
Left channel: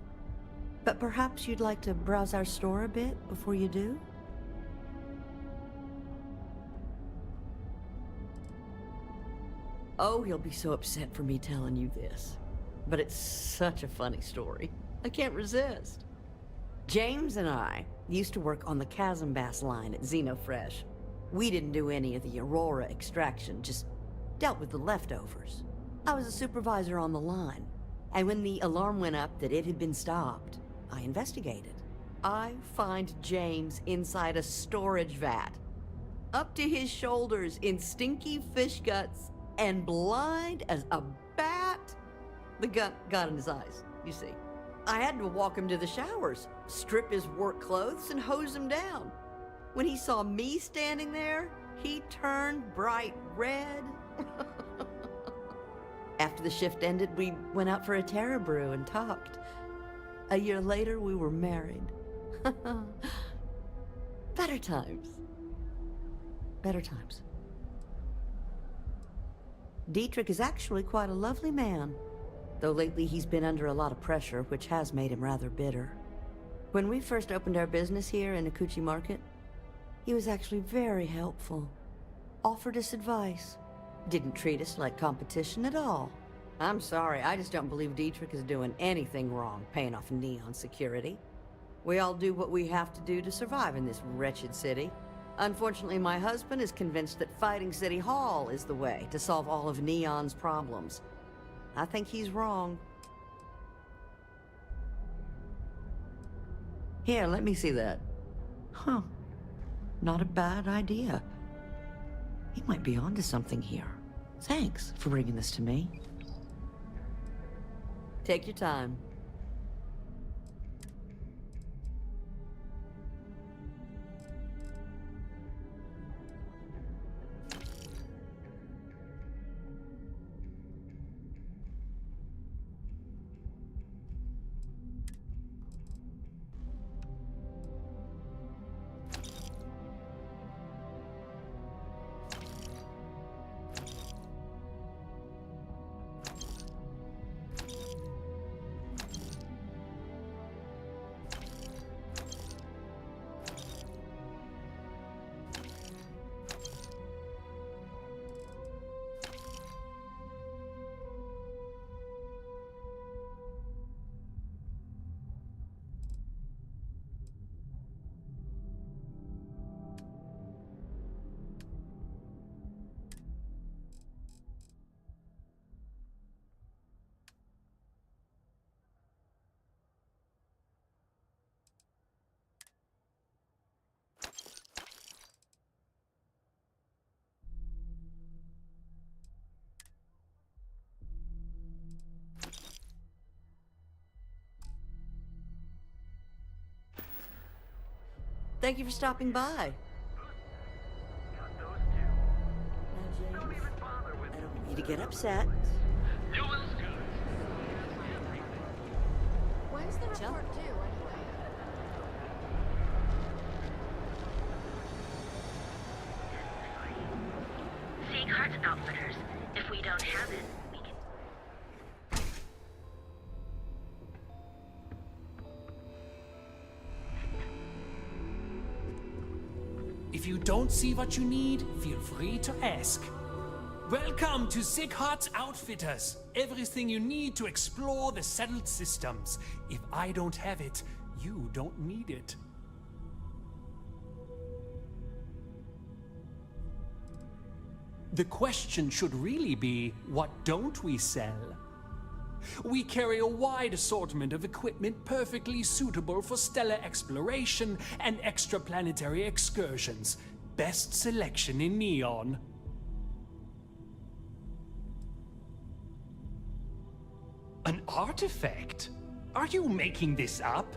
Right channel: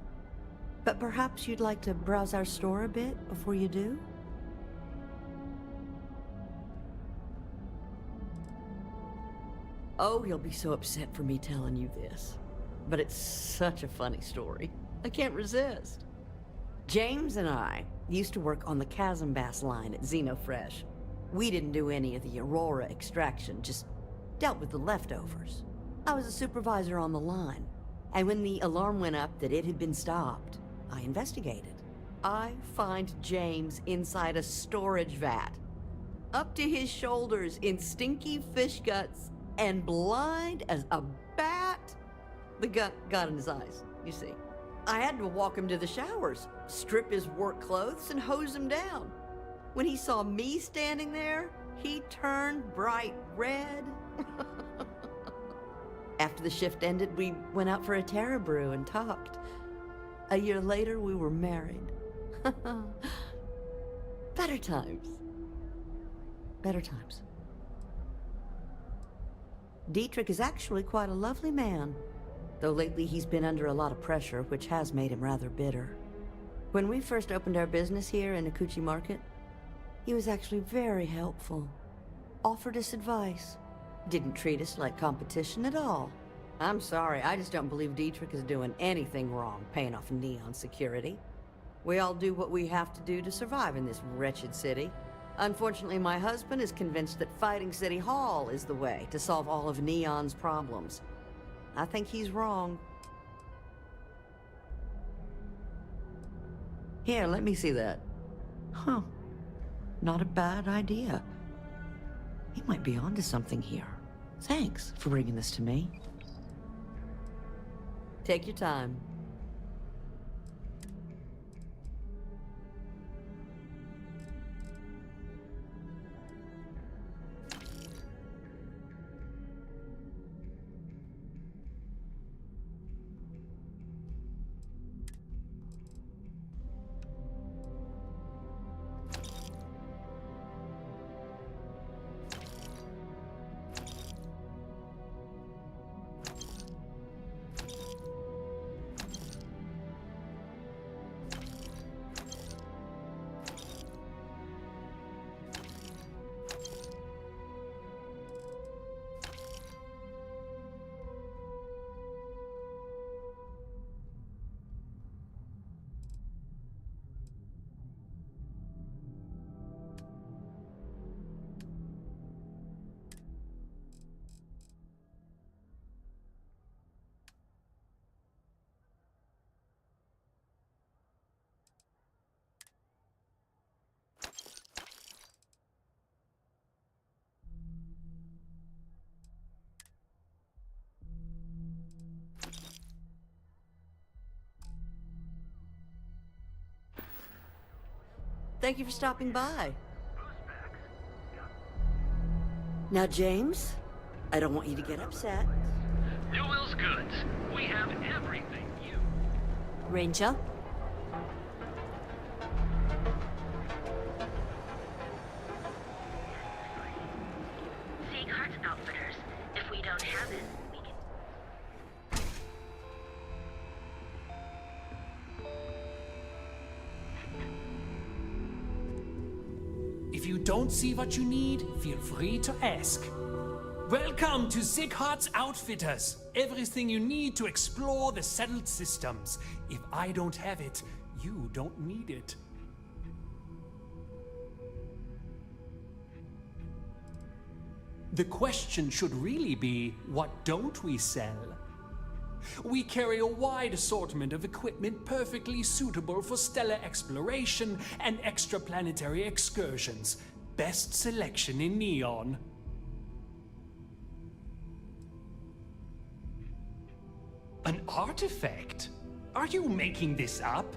but perhaps you'd like to browse our store a bit before you do? Oh, he'll be so upset for me telling you this. But it's such a funny story. I can't resist. James and I used to work on the Chasm Bass line at Xenofresh. We didn't do any of the Aurora extraction, just dealt with the leftovers. I was a supervisor on the line, and when the alarm went up that it had been stopped, I investigated. I find James inside a storage vat, up to his shoulders in stinky fish guts, and blind as a bat. The gut got in his eyes, you see. I had to walk him to the showers, strip his work clothes, and hose him down. When he saw me standing there, he turned bright red. After the shift ended, we went out for a Terra brew and talked. A year later, we were married. Better times. Better times. Dietrich is actually quite a lovely man, though lately he's been under a lot of pressure, which has made him rather bitter. When we first opened our business here in Akuchi Market, he was actually very helpful. Offered us advice. Didn't treat us like competition at all. I'm sorry, I just don't believe Dietrich is doing anything wrong paying off Neon security. We all do what we have to do to survive in this wretched city. Unfortunately, my husband is convinced that fighting City Hall is the way to solve all of Neon's problems. I think he's wrong. Here, let me see that. Huh. Not a bad idea. He might be onto something here. Thanks for bringing this to me. Take your time. Thank you for stopping by. Now, James, I don't want you to get upset. Newell's Goods. We have everything you... Ranger? Seacart's Outfitters. If we don't have it, we can... If you don't see what you need, feel free to ask. Welcome to Seacart's Outfitters. Everything you need to explore the settled systems. If I don't have it, you don't need it. The question should really be, what don't we sell? We carry a wide assortment of equipment perfectly suitable for stellar exploration and extraplanetary excursions. Best selection in Neon. An artifact? Are you making this up?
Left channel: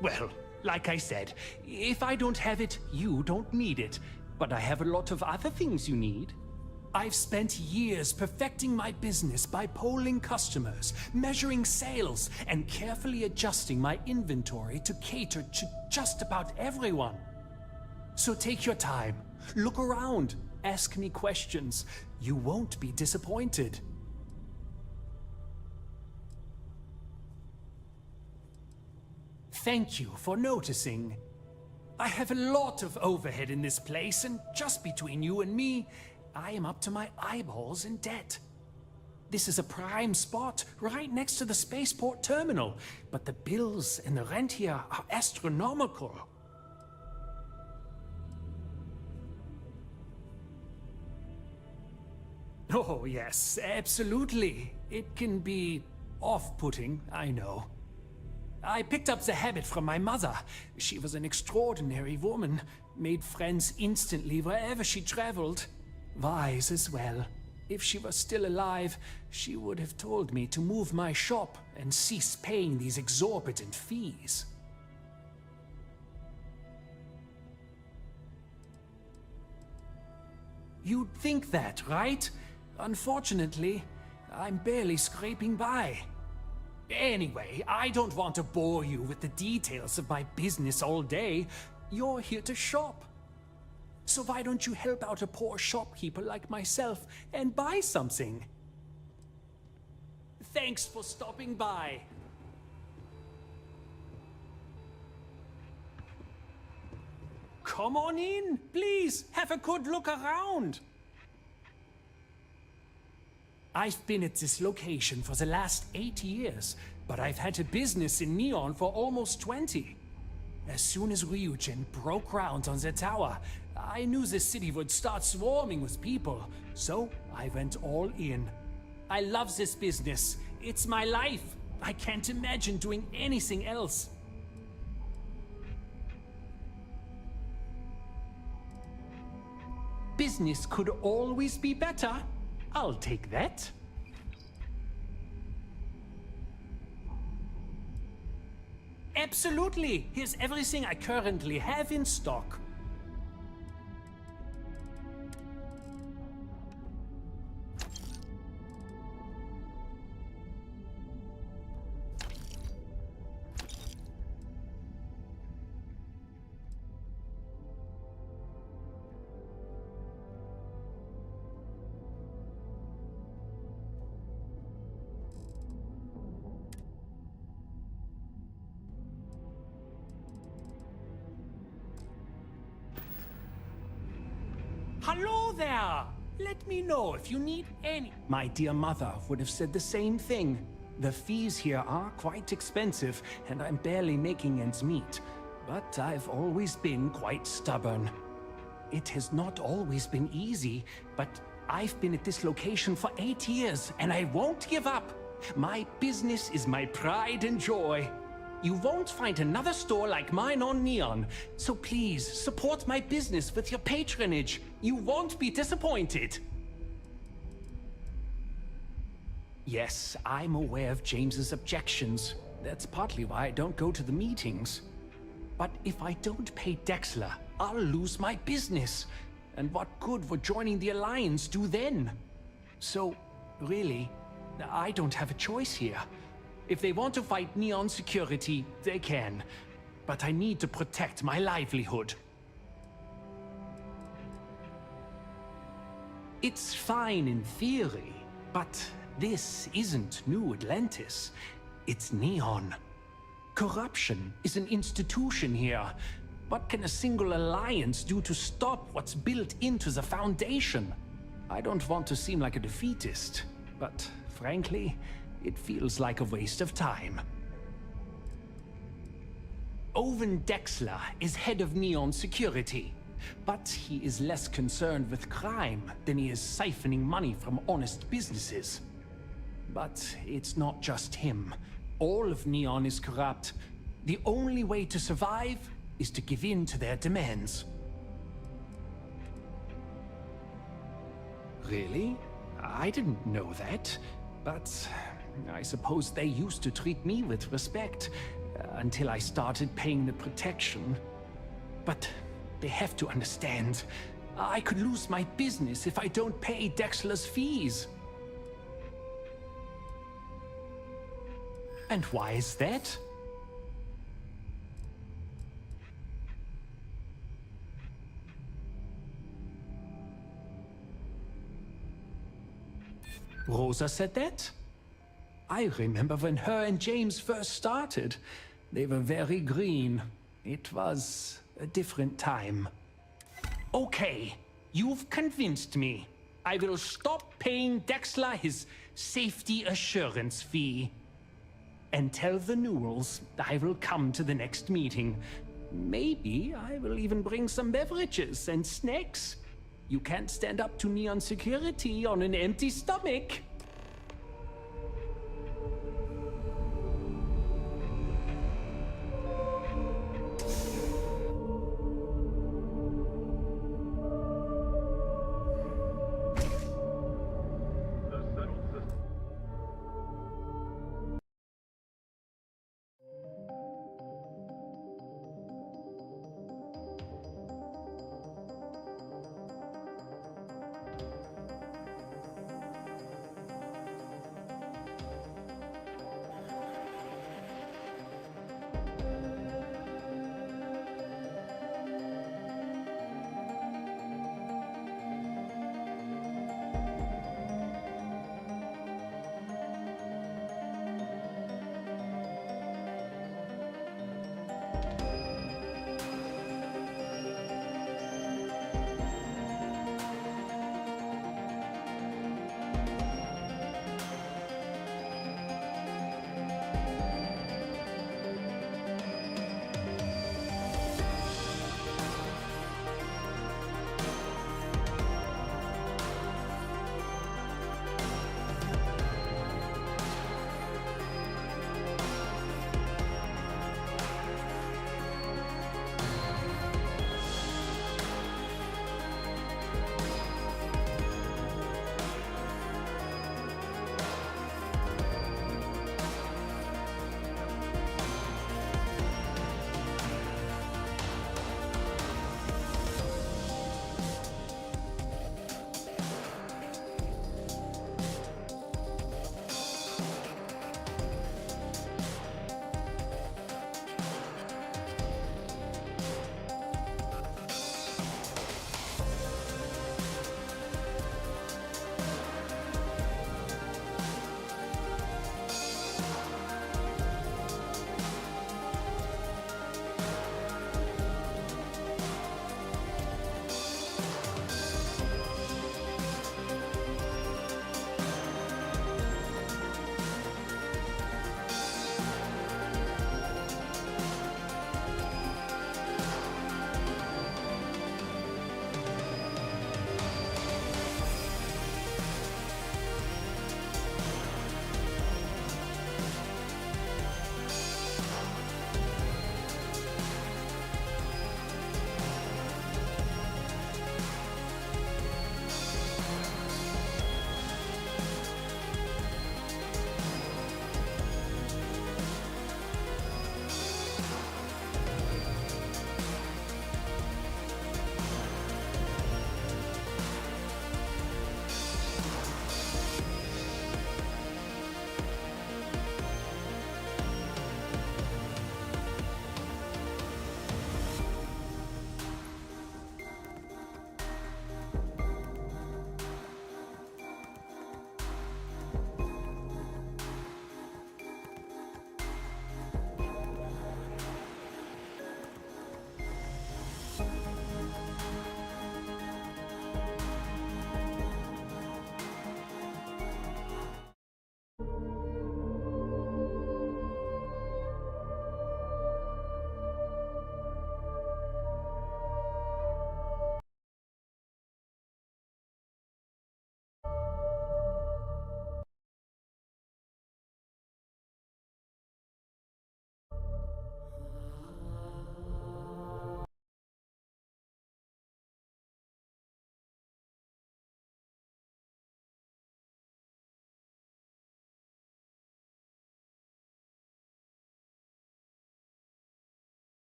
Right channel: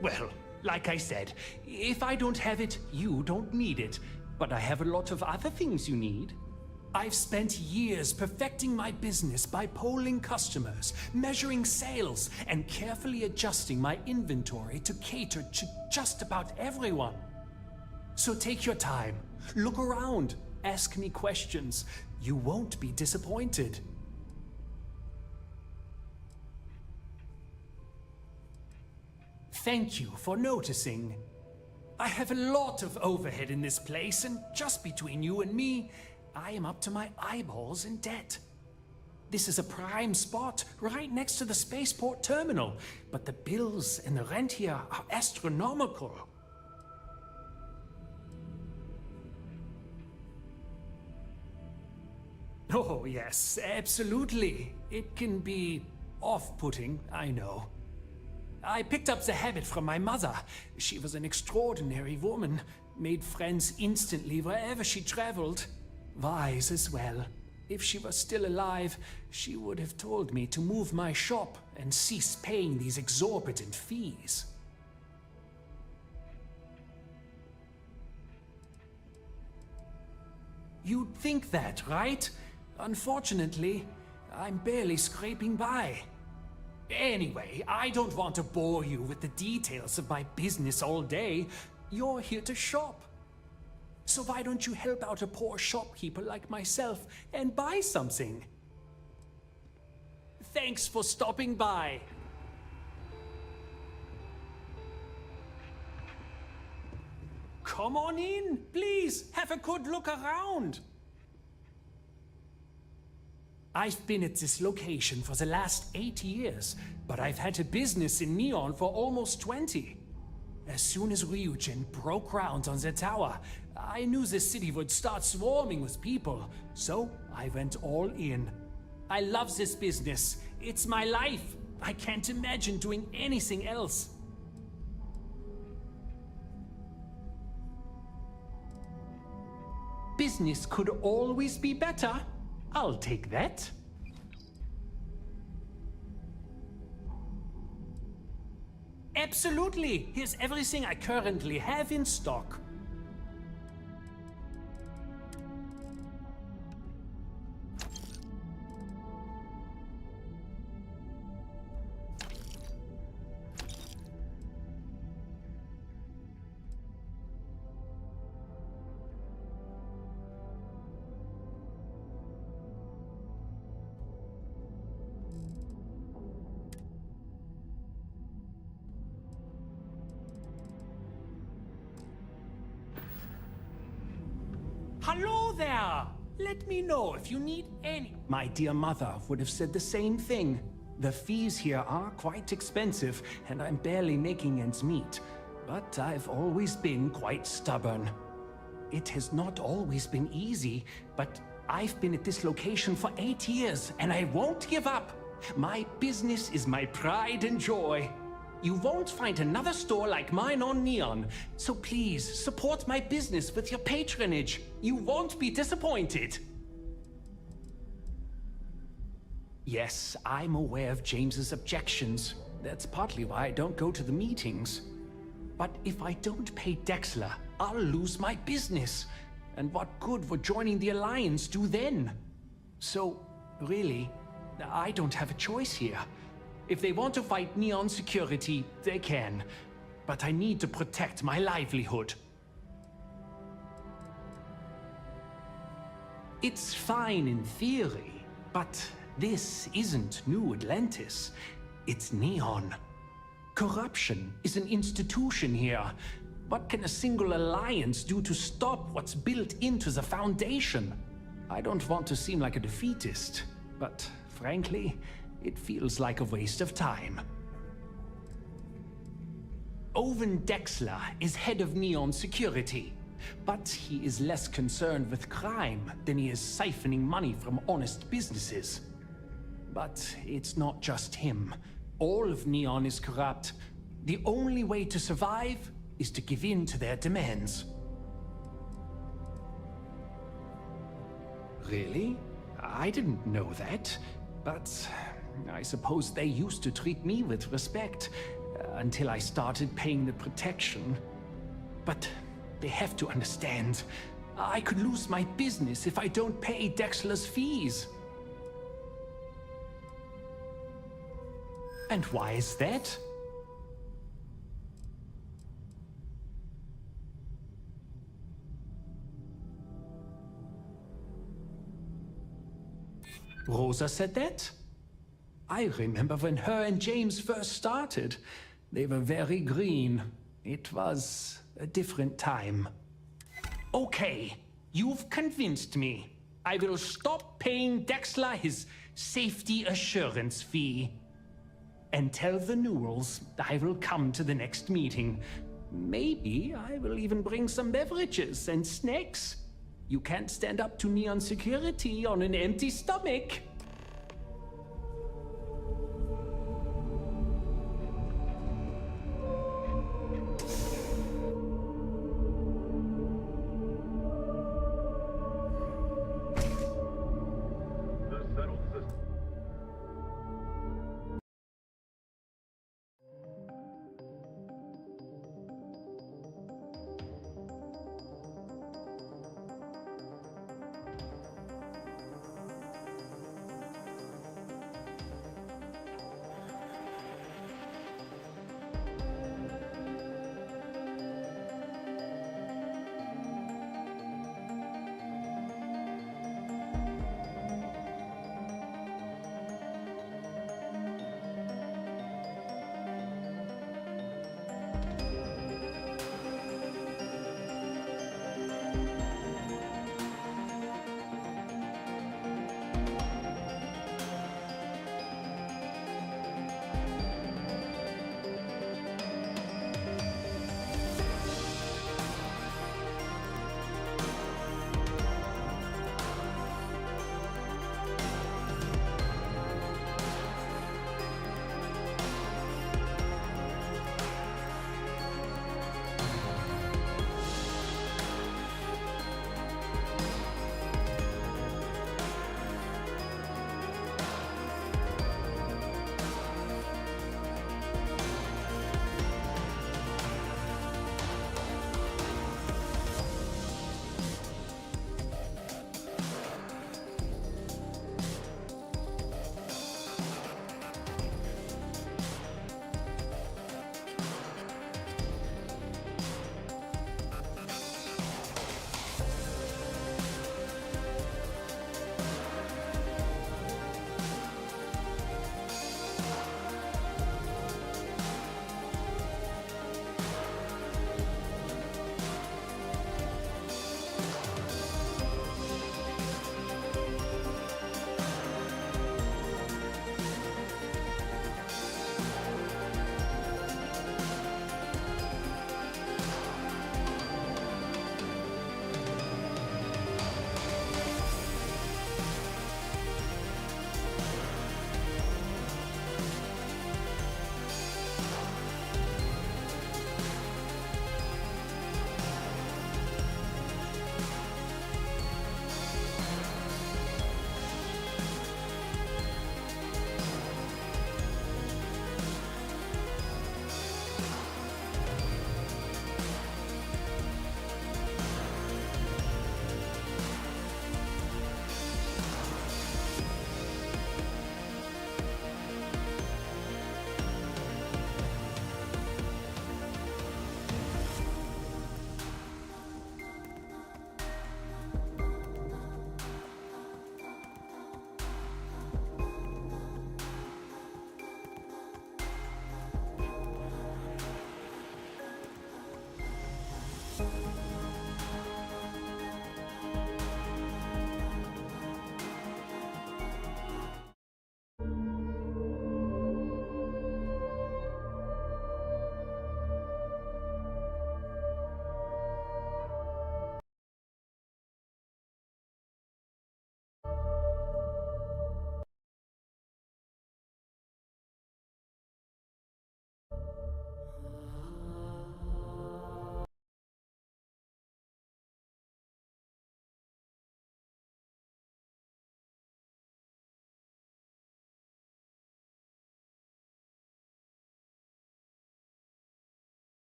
Well, like I said, if I don't have it, you don't need it. But I have a lot of other things you need. I've spent years perfecting my business by polling customers, measuring sales, and carefully adjusting my inventory to cater to just about everyone. So take your time, look around, ask me questions. You won't be disappointed. Thank you for noticing. I have a lot of overhead in this place, and just between you and me, I am up to my eyeballs in debt. This is a prime spot, right next to the spaceport terminal, but the bills and the rent here are astronomical. Oh yes, absolutely. It can be off-putting, I know. I picked up the habit from my mother. She was an extraordinary woman, made friends instantly wherever she traveled. Wise as well. If she was still alive, she would have told me to move my shop and cease paying these exorbitant fees. You'd think that, right? Unfortunately, I'm barely scraping by. Anyway, I don't want to bore you with the details of my business all day. You're here to shop. So why don't you help out a poor shopkeeper like myself and buy something? Thanks for stopping by. Come on in, please. Have a good look around. I've been at this location for the last 8 years, but I've had a business in Neon for almost 20. As soon as Ryujin broke ground on the tower, I knew the city would start swarming with people, so I went all in. I love this business. It's my life. I can't imagine doing anything else. Business could always be better. I'll take that. Absolutely! Here's everything I currently have in stock. Hello there! Let me know if you need any... My dear mother would have said the same thing. The fees here are quite expensive, and I'm barely making ends meet. But I've always been quite stubborn. It has not always been easy, but I've been at this location for 8 years, and I won't give up. My business is my pride and joy. You won't find another store like mine on Neon, so please support my business with your patronage. You won't be disappointed. Yes, I'm aware of James's objections. That's partly why I don't go to the meetings. But if I don't pay Dexler, I'll lose my business. And what good would joining the Alliance do then? So, really, I don't have a choice here. If they want to fight Neon Security, they can. But I need to protect my livelihood. It's fine in theory, but this isn't New Atlantis. It's Neon. Corruption is an institution here. What can a single alliance do to stop what's built into the Foundation? I don't want to seem like a defeatist, but frankly, it feels like a waste of time. Owen Dexler is head of Neon Security, but he is less concerned with crime than he is siphoning money from honest businesses. But it's not just him. All of Neon is corrupt. The only way to survive is to give in to their demands. Really? I didn't know that. But I suppose they used to treat me with respect until I started paying the protection. But they have to understand. I could lose my business if I don't pay Dexler's fees. And why is that? Rosa said that? I remember when her and James first started. They were very green. It was a different time. Okay, you've convinced me. I will stop paying Dexler his safety assurance fee. And tell the Newells I will come to the next meeting. Maybe I will even bring some beverages and snacks. You can't stand up to Neon Security on an empty stomach.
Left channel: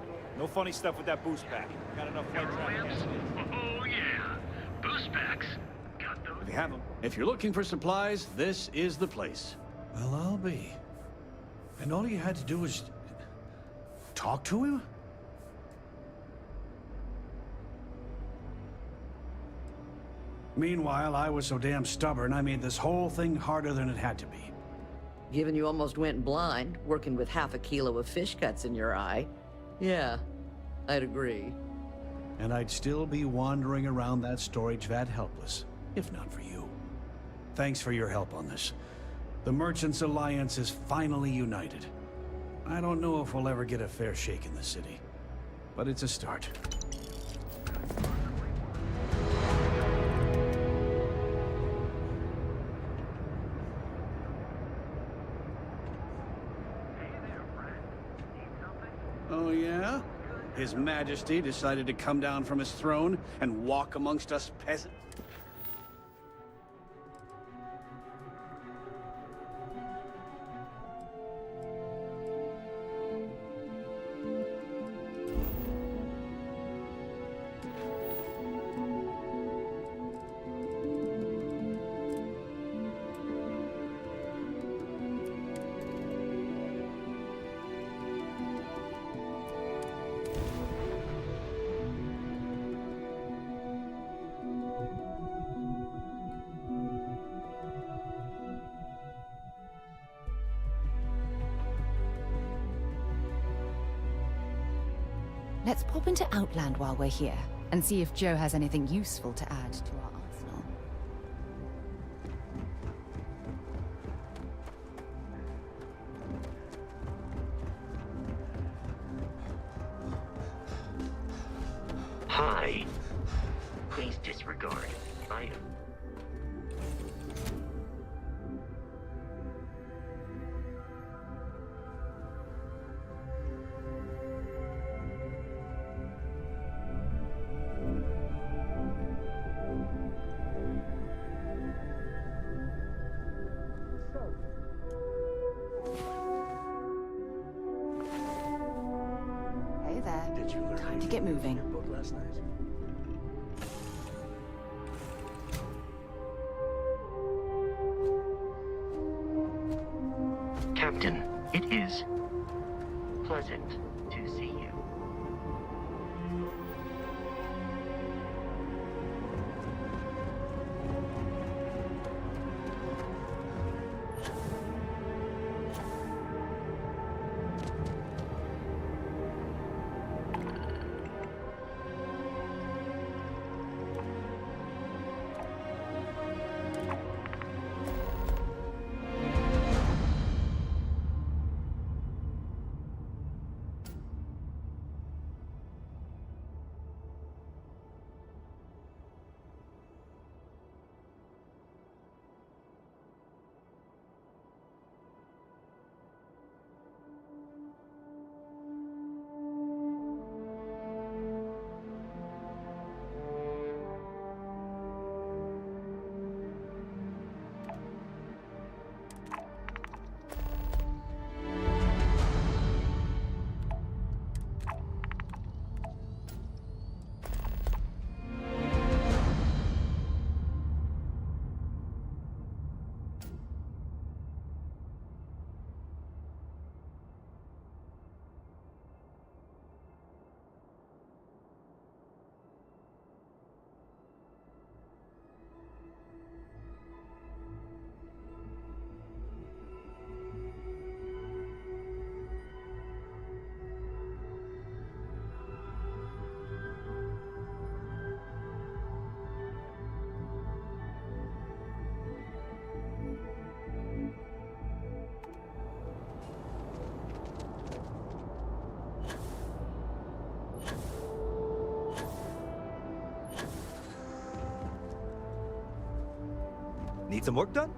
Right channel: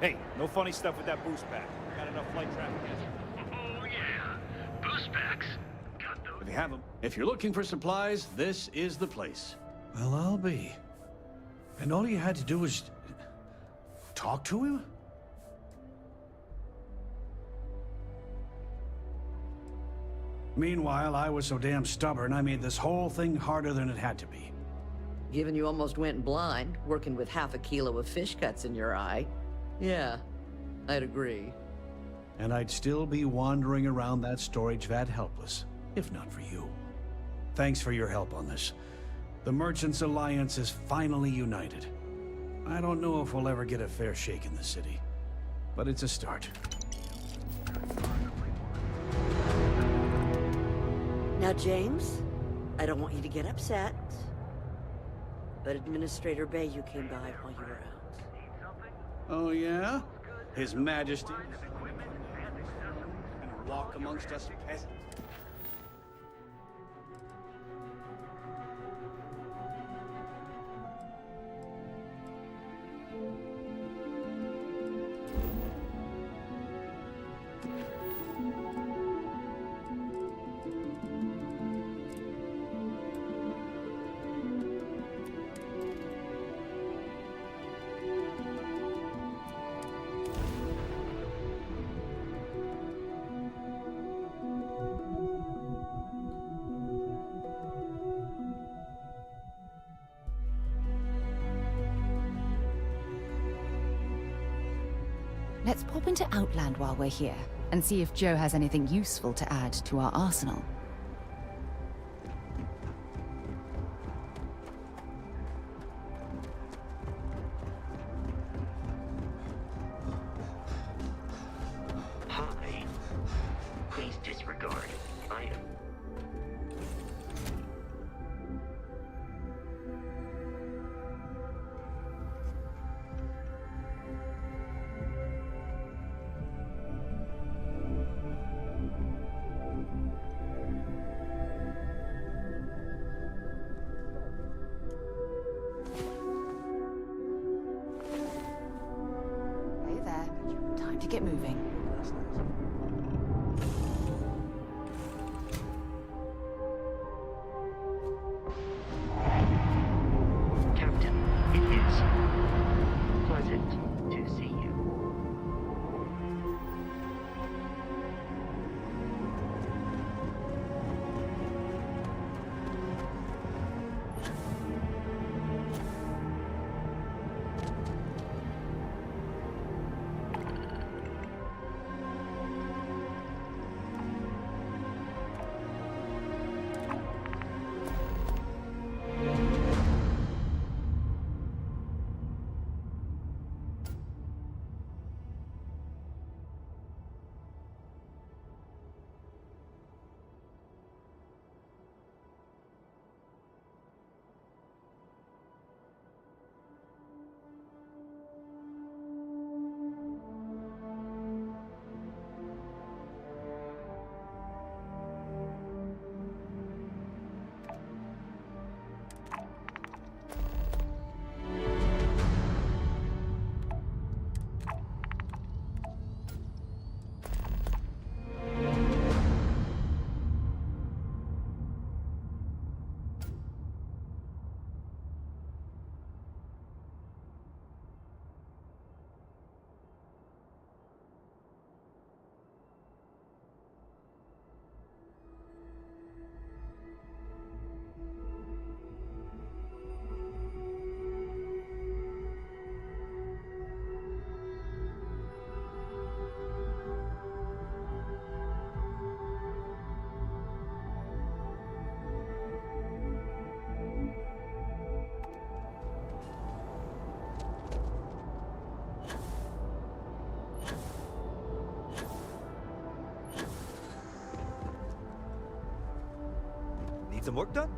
Hey, no funny stuff with that boost pack. Got enough flight traffic. Oh, yeah. Boost packs. Got those. If you have them. If you're looking for supplies, this is the place. Well, I'll be. And all you had to do was... talk to him? Meanwhile, I was so damn stubborn, I made this whole thing harder than it had to be. Given you almost went blind, working with half a kilo of fish cuts in your eye. Yeah, I'd agree. And I'd still be wandering around that storage vat helpless, if not for you. Thanks for your help on this. The Merchants Alliance is finally united. I don't know if we'll ever get a fair shake in the city, but it's a start. Now, James, I don't want you to get upset, but Administrator Bayou came by while you were out. Oh, yeah? His Majesty decided to come down from his throne and walk amongst us peasants? Let's pop into Outland while we're here, and see if Joe has anything useful to add to our arsenal. Hi. Please disregard item. Hey there. Time to get moving. Captain, it is pleasant to see you. Need some work done?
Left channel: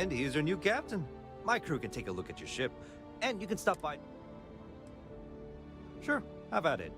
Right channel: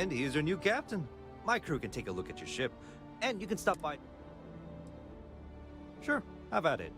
And he's your new captain. My crew can take a look at your ship, and you can stop by. Sure, have at it.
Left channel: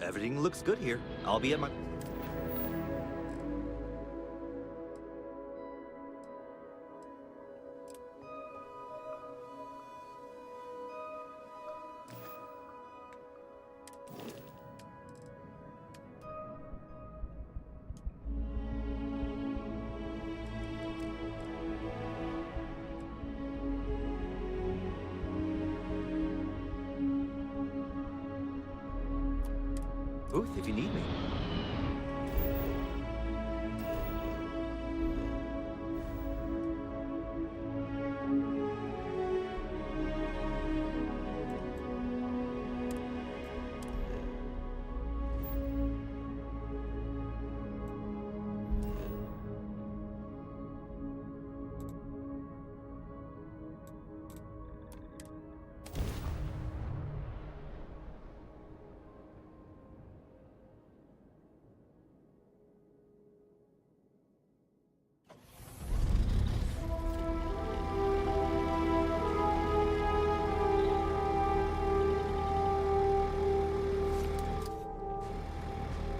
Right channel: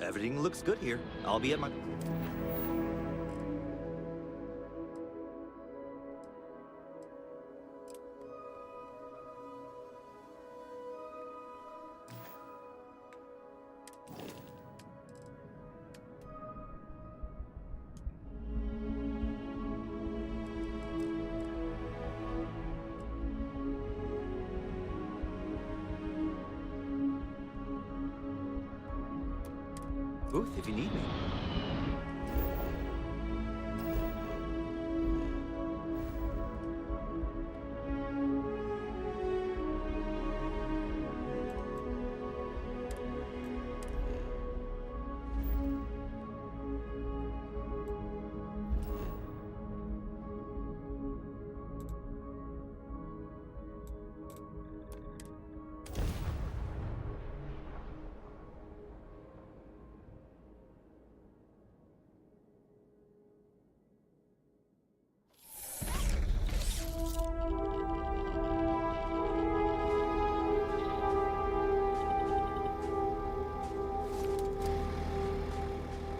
Everything looks good here. I'll be at my... booth if you need me.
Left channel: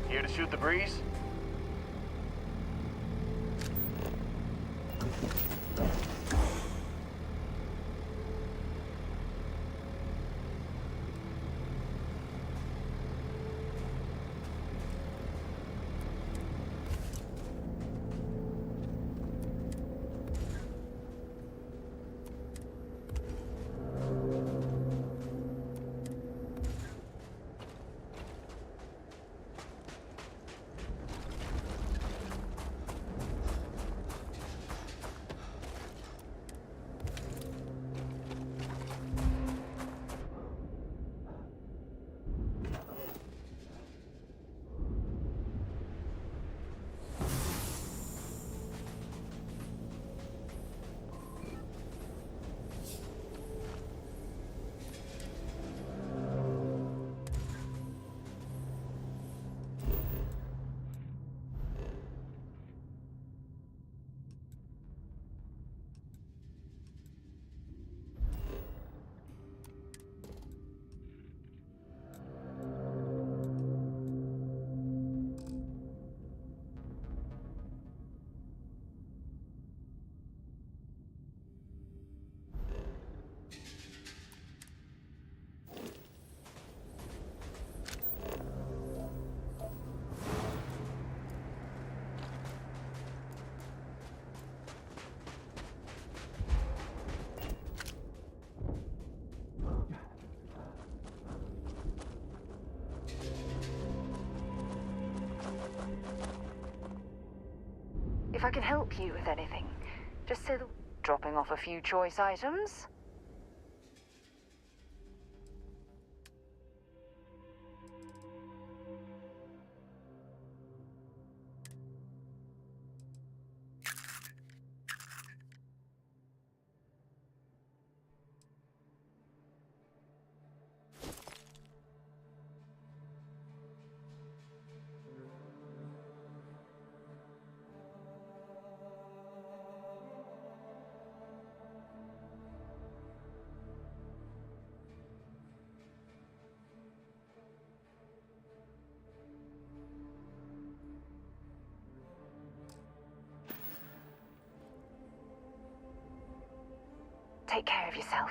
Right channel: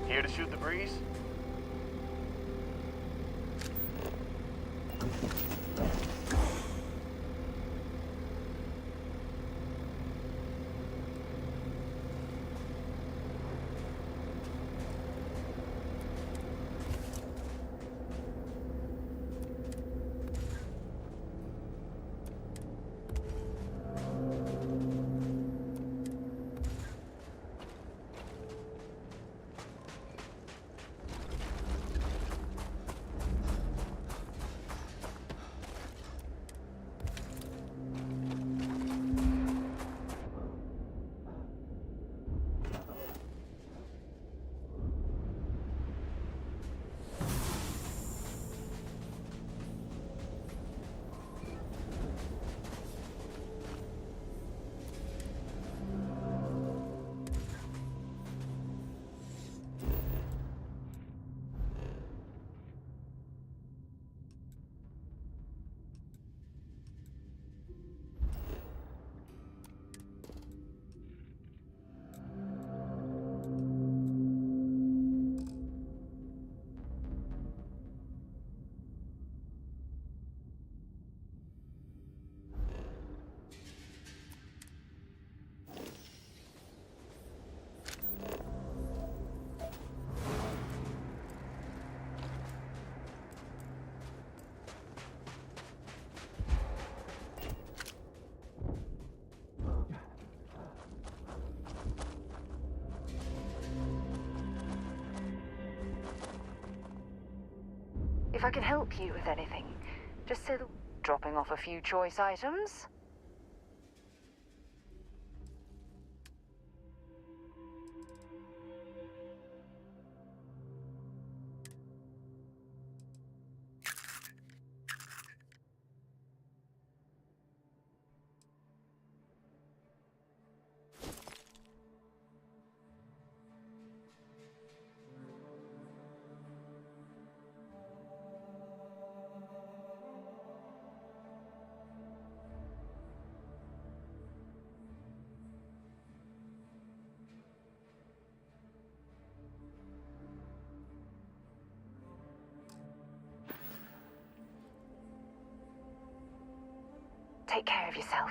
Here to shoot the breeze? If I can help you with anything, just say the... Dropping off a few choice items? Take care of yourself.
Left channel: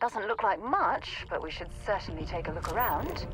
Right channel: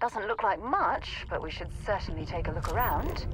Doesn't look like much, but we should certainly take a look around.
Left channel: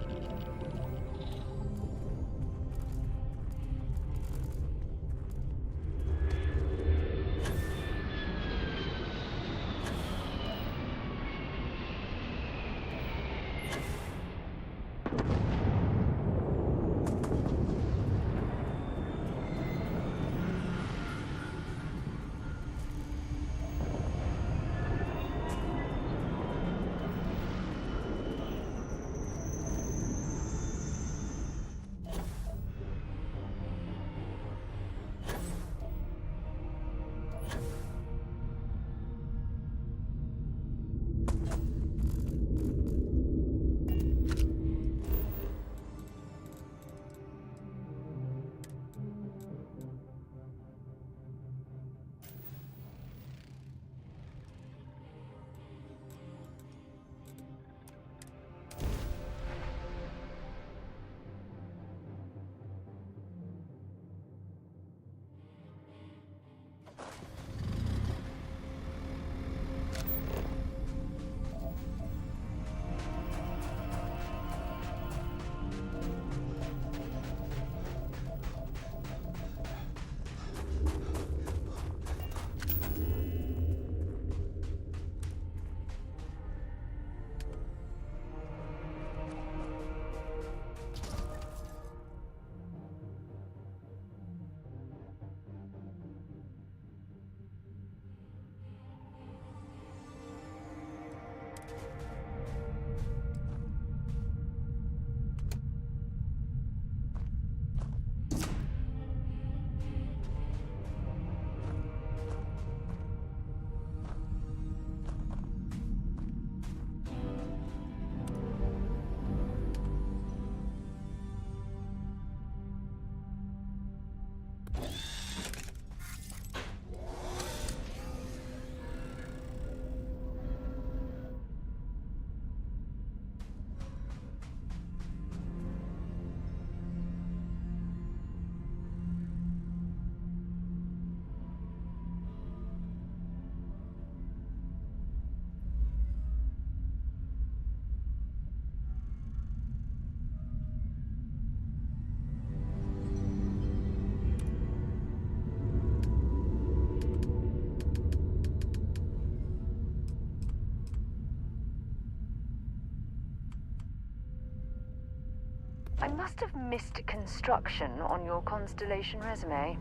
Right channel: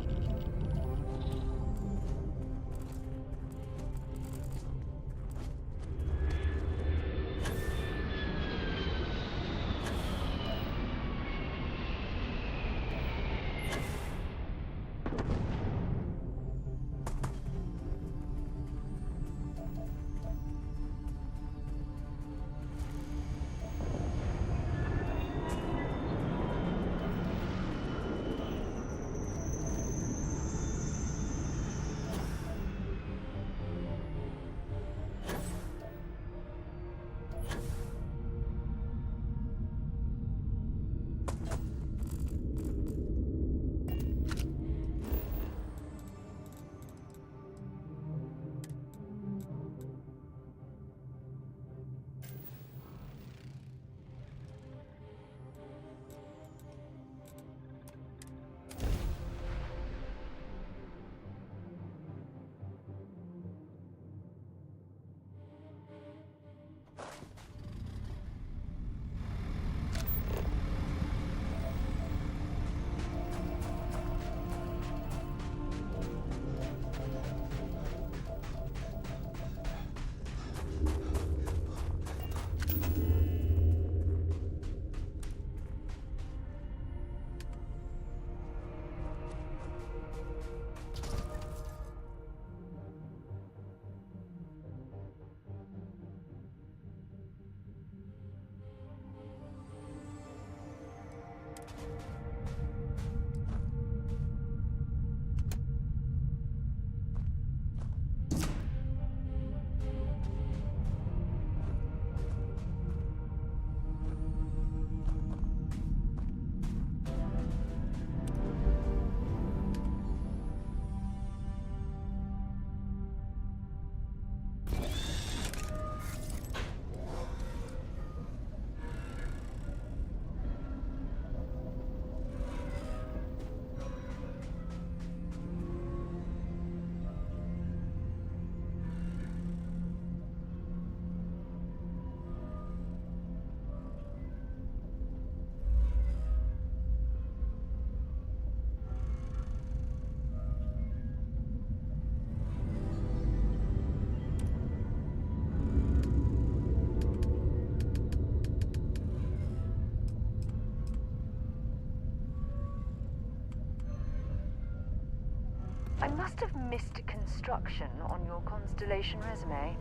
must have missed construction on your Constellation resume.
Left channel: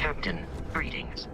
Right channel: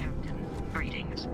Captain, greetings.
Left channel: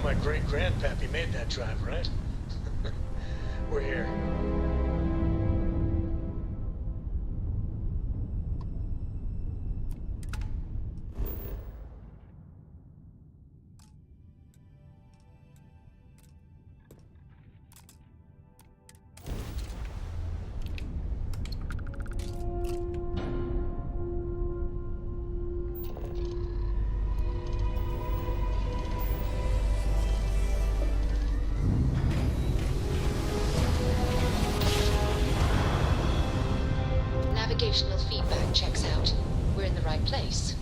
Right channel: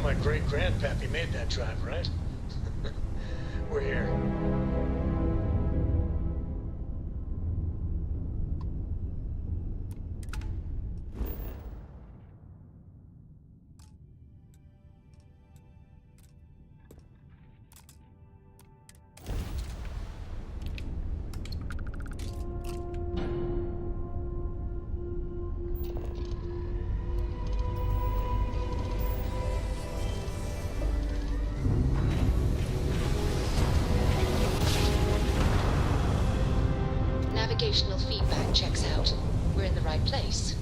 know my great-grandpappy made that drive, right? We're here. Navigational feedback checks out. We're in the right place.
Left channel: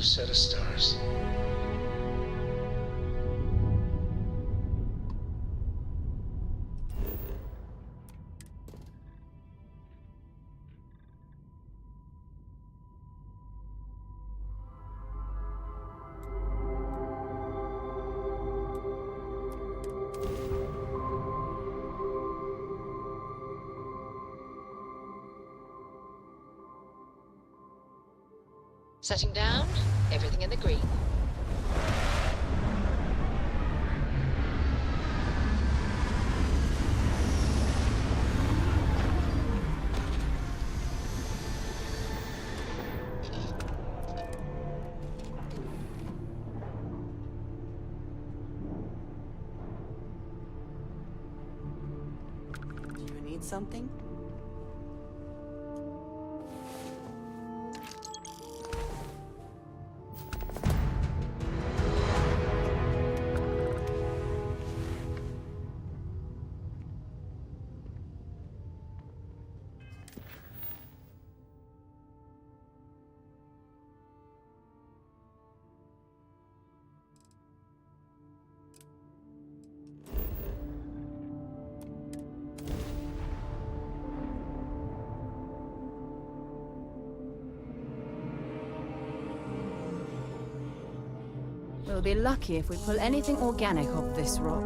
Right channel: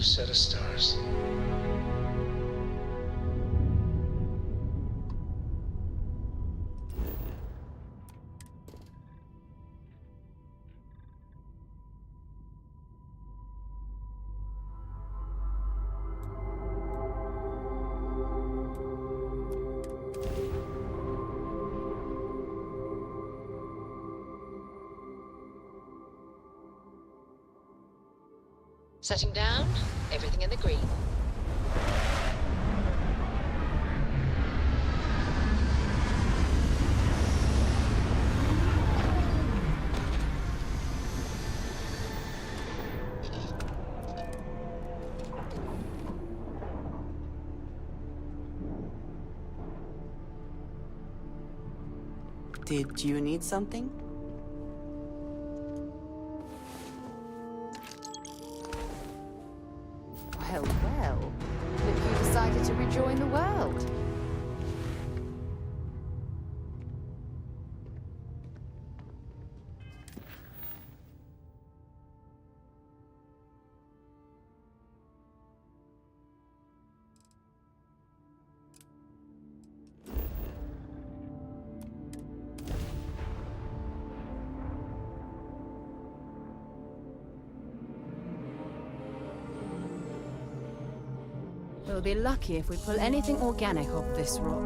Set of stars. Setting down, everything in the green. Did you need something? Well, you decided to rejoin the world. We'll be lucky if we pull anything organic off this rock.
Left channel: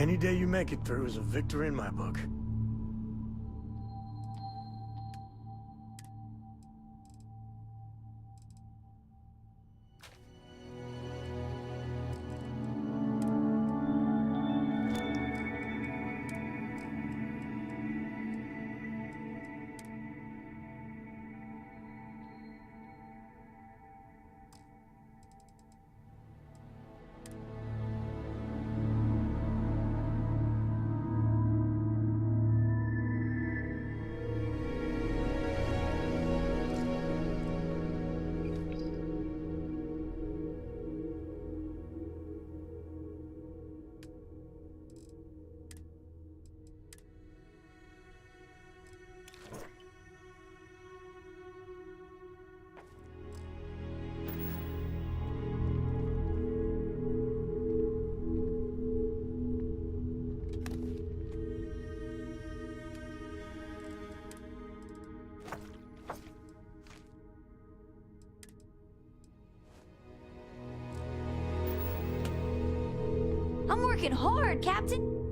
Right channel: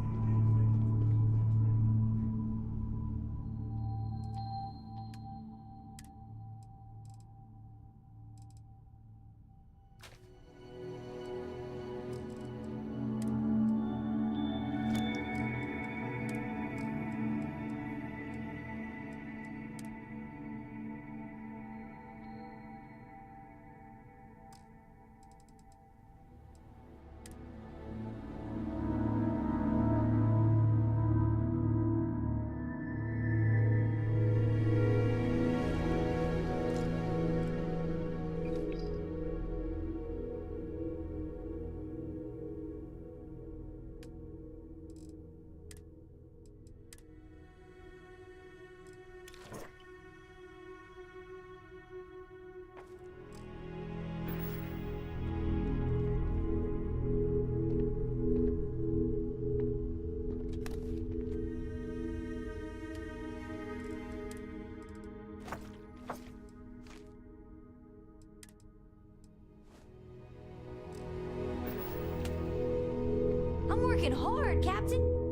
Any day you make it through is a victory in my book. I'm working hard, Captain.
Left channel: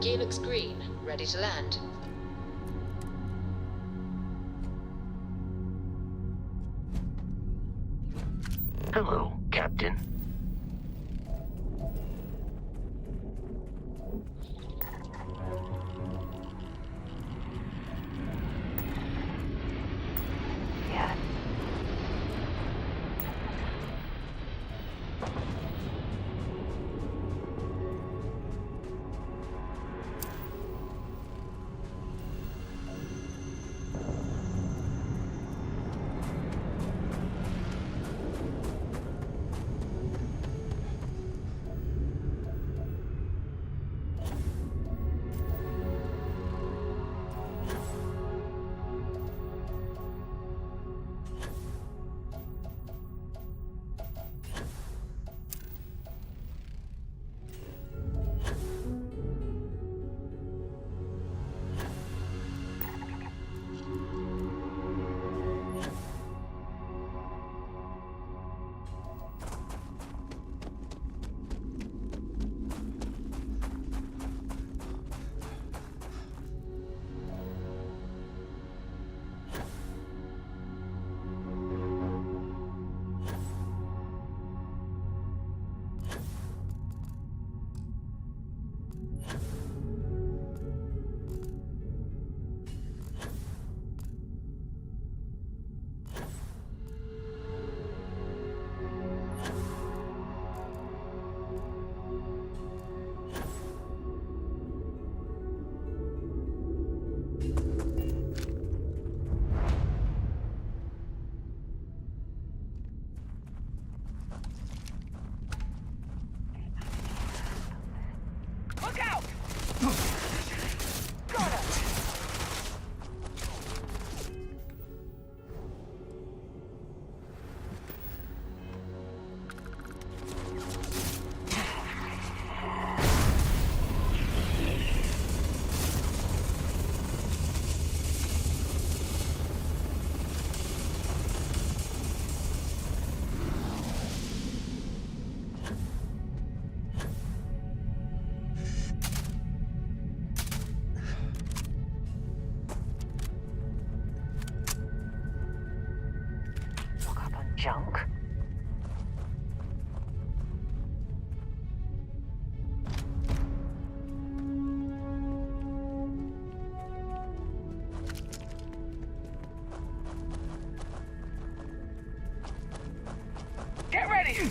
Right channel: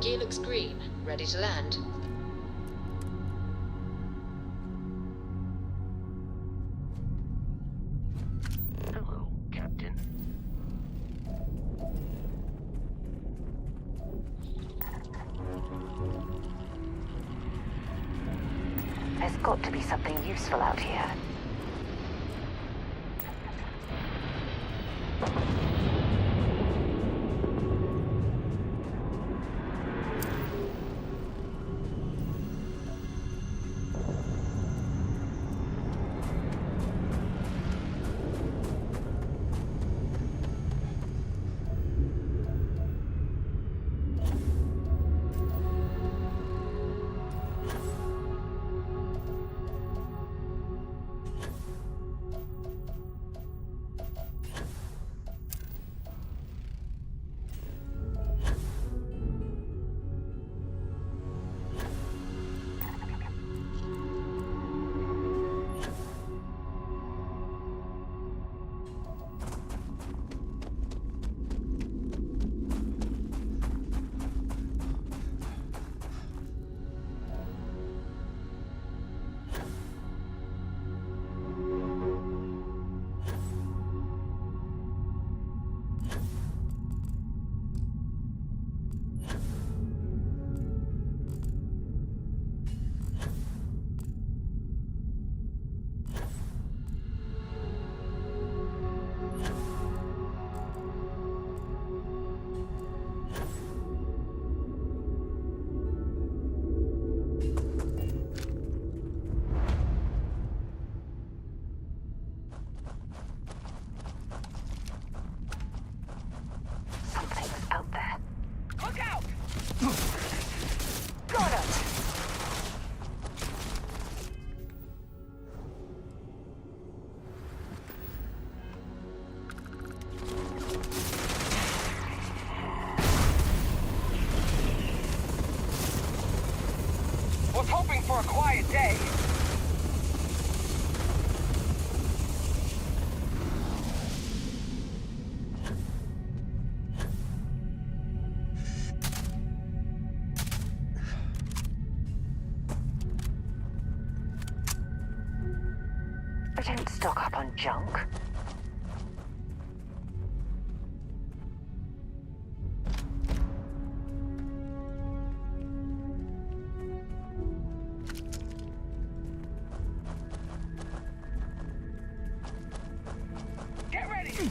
Gear looks green. Ready to land. Hello, Captain. There's got to be something useful out here. don't stock up on junk. Get ready!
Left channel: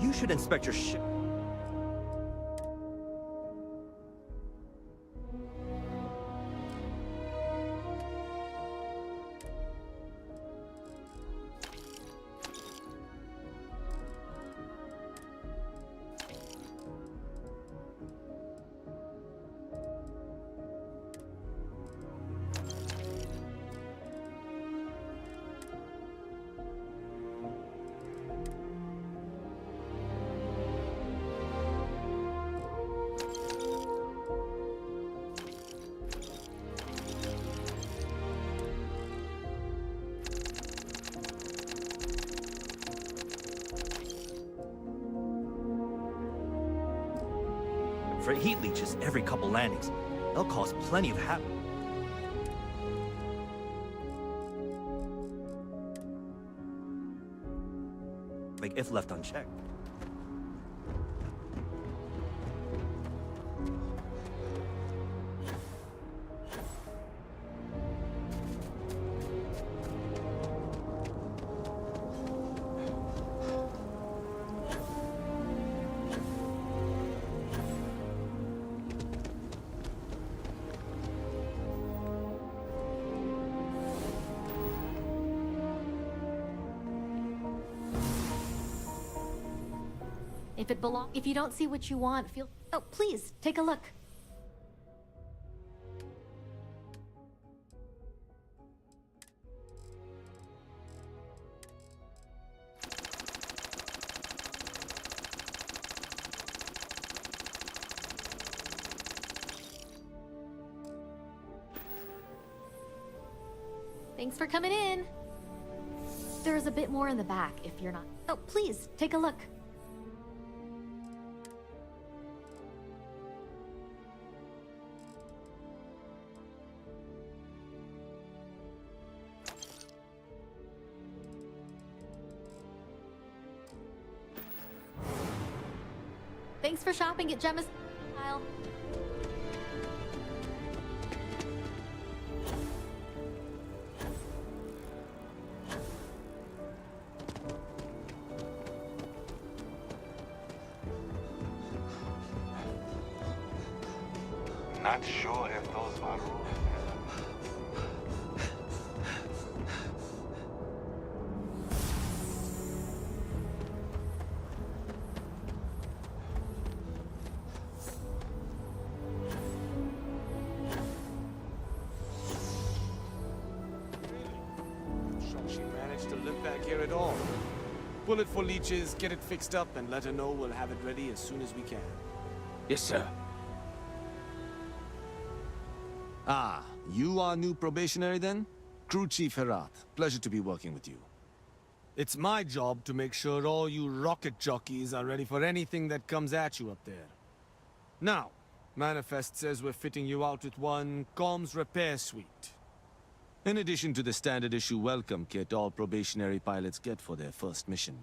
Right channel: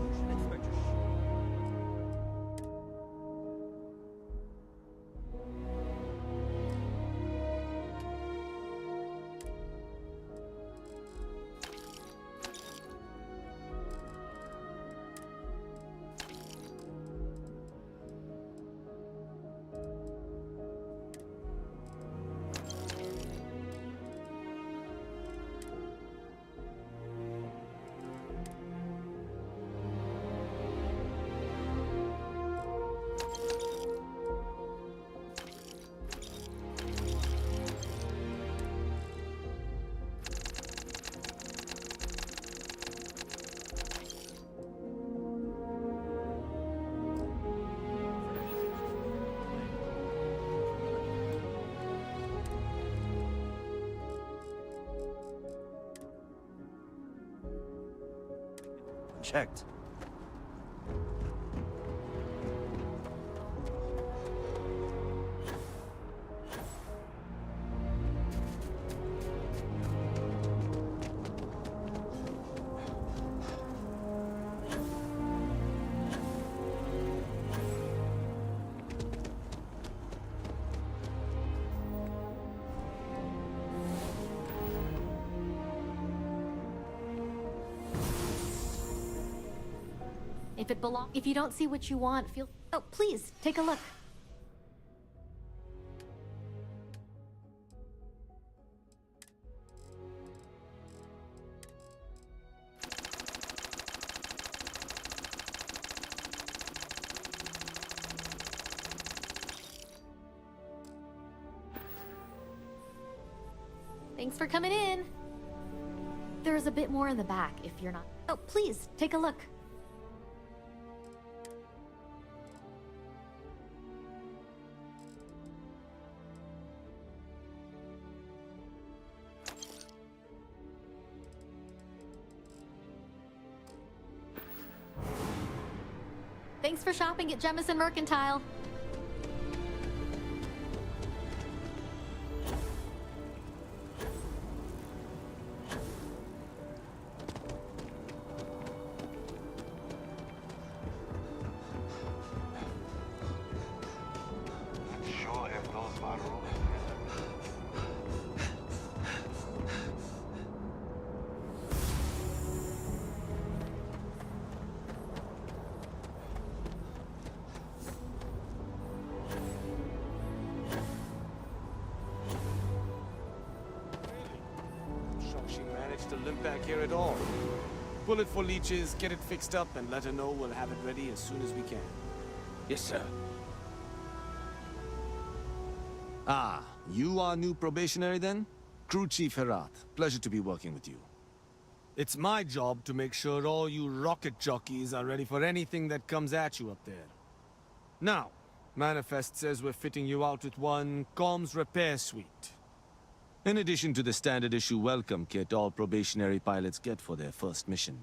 You should inspect your ship. For heat leeches every couple landings, they'll cause plenty of havoc. Like if left unchecked. If you don't see what you want, feel... Oh, please, take a look. Thanks for coming in. There's a bit more in the back if you're not... Oh, please, take a look. Thanks for shopping at Jemison Mercantile. Not sure if those are rules. Shocked she managed to limp back here at all. Bullet for leeches, get it fixed up, and let her know we'll have it ready as soon as we can. Yes, sir. Ah, you are new probationary then? Crew Chief Herat. Pleasure to be working with you. It's my job to make sure all you rocket jockeys are ready for anything that comes at you up there. Now, Manifest says we're fitting you out with one comms repair suite. In addition to the standard issue welcome kit all probationary pilots get for their first mission.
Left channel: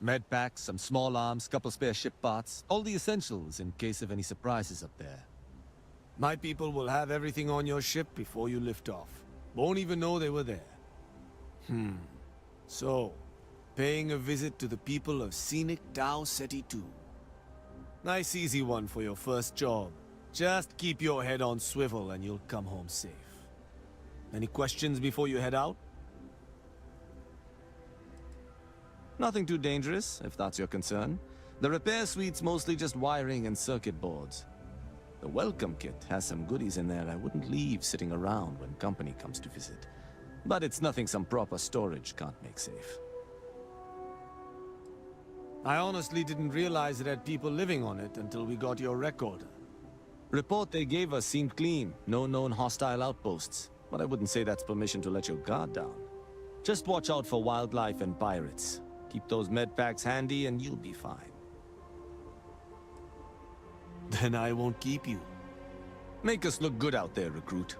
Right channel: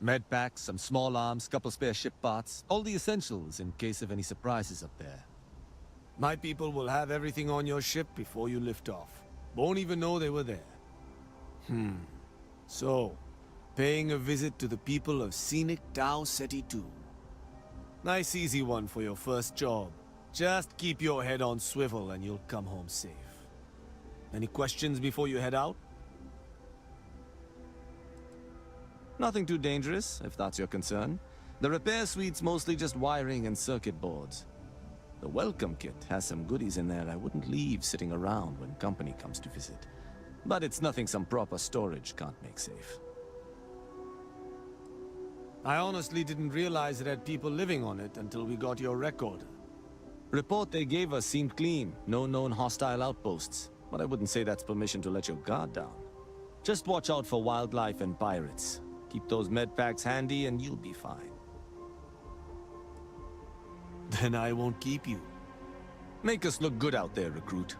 Med packs, some small arms, couple spare ship parts, all the essentials in case of any surprises up there. My people will have everything on your ship before you lift off. Won't even know they were there. So, paying a visit to the people of scenic Tau Ceti 2. Nice easy one for your first job. Just keep your head on swivel and you'll come home safe. Any questions before you head out? Nothing too dangerous, if that's your concern. The repair suite's mostly just wiring and circuit boards. The welcome kit has some goodies in there I wouldn't leave sitting around when company comes to visit. But it's nothing some proper storage can't make safe. I honestly didn't realize it had people living on it until we got your recorder. Report they gave us seemed clean. No known hostile outposts. But I wouldn't say that's permission to let your guard down. Just watch out for wildlife and pirates. Keep those med packs handy and you'll be fine. Then I won't keep you. Make us look good out there, recruit.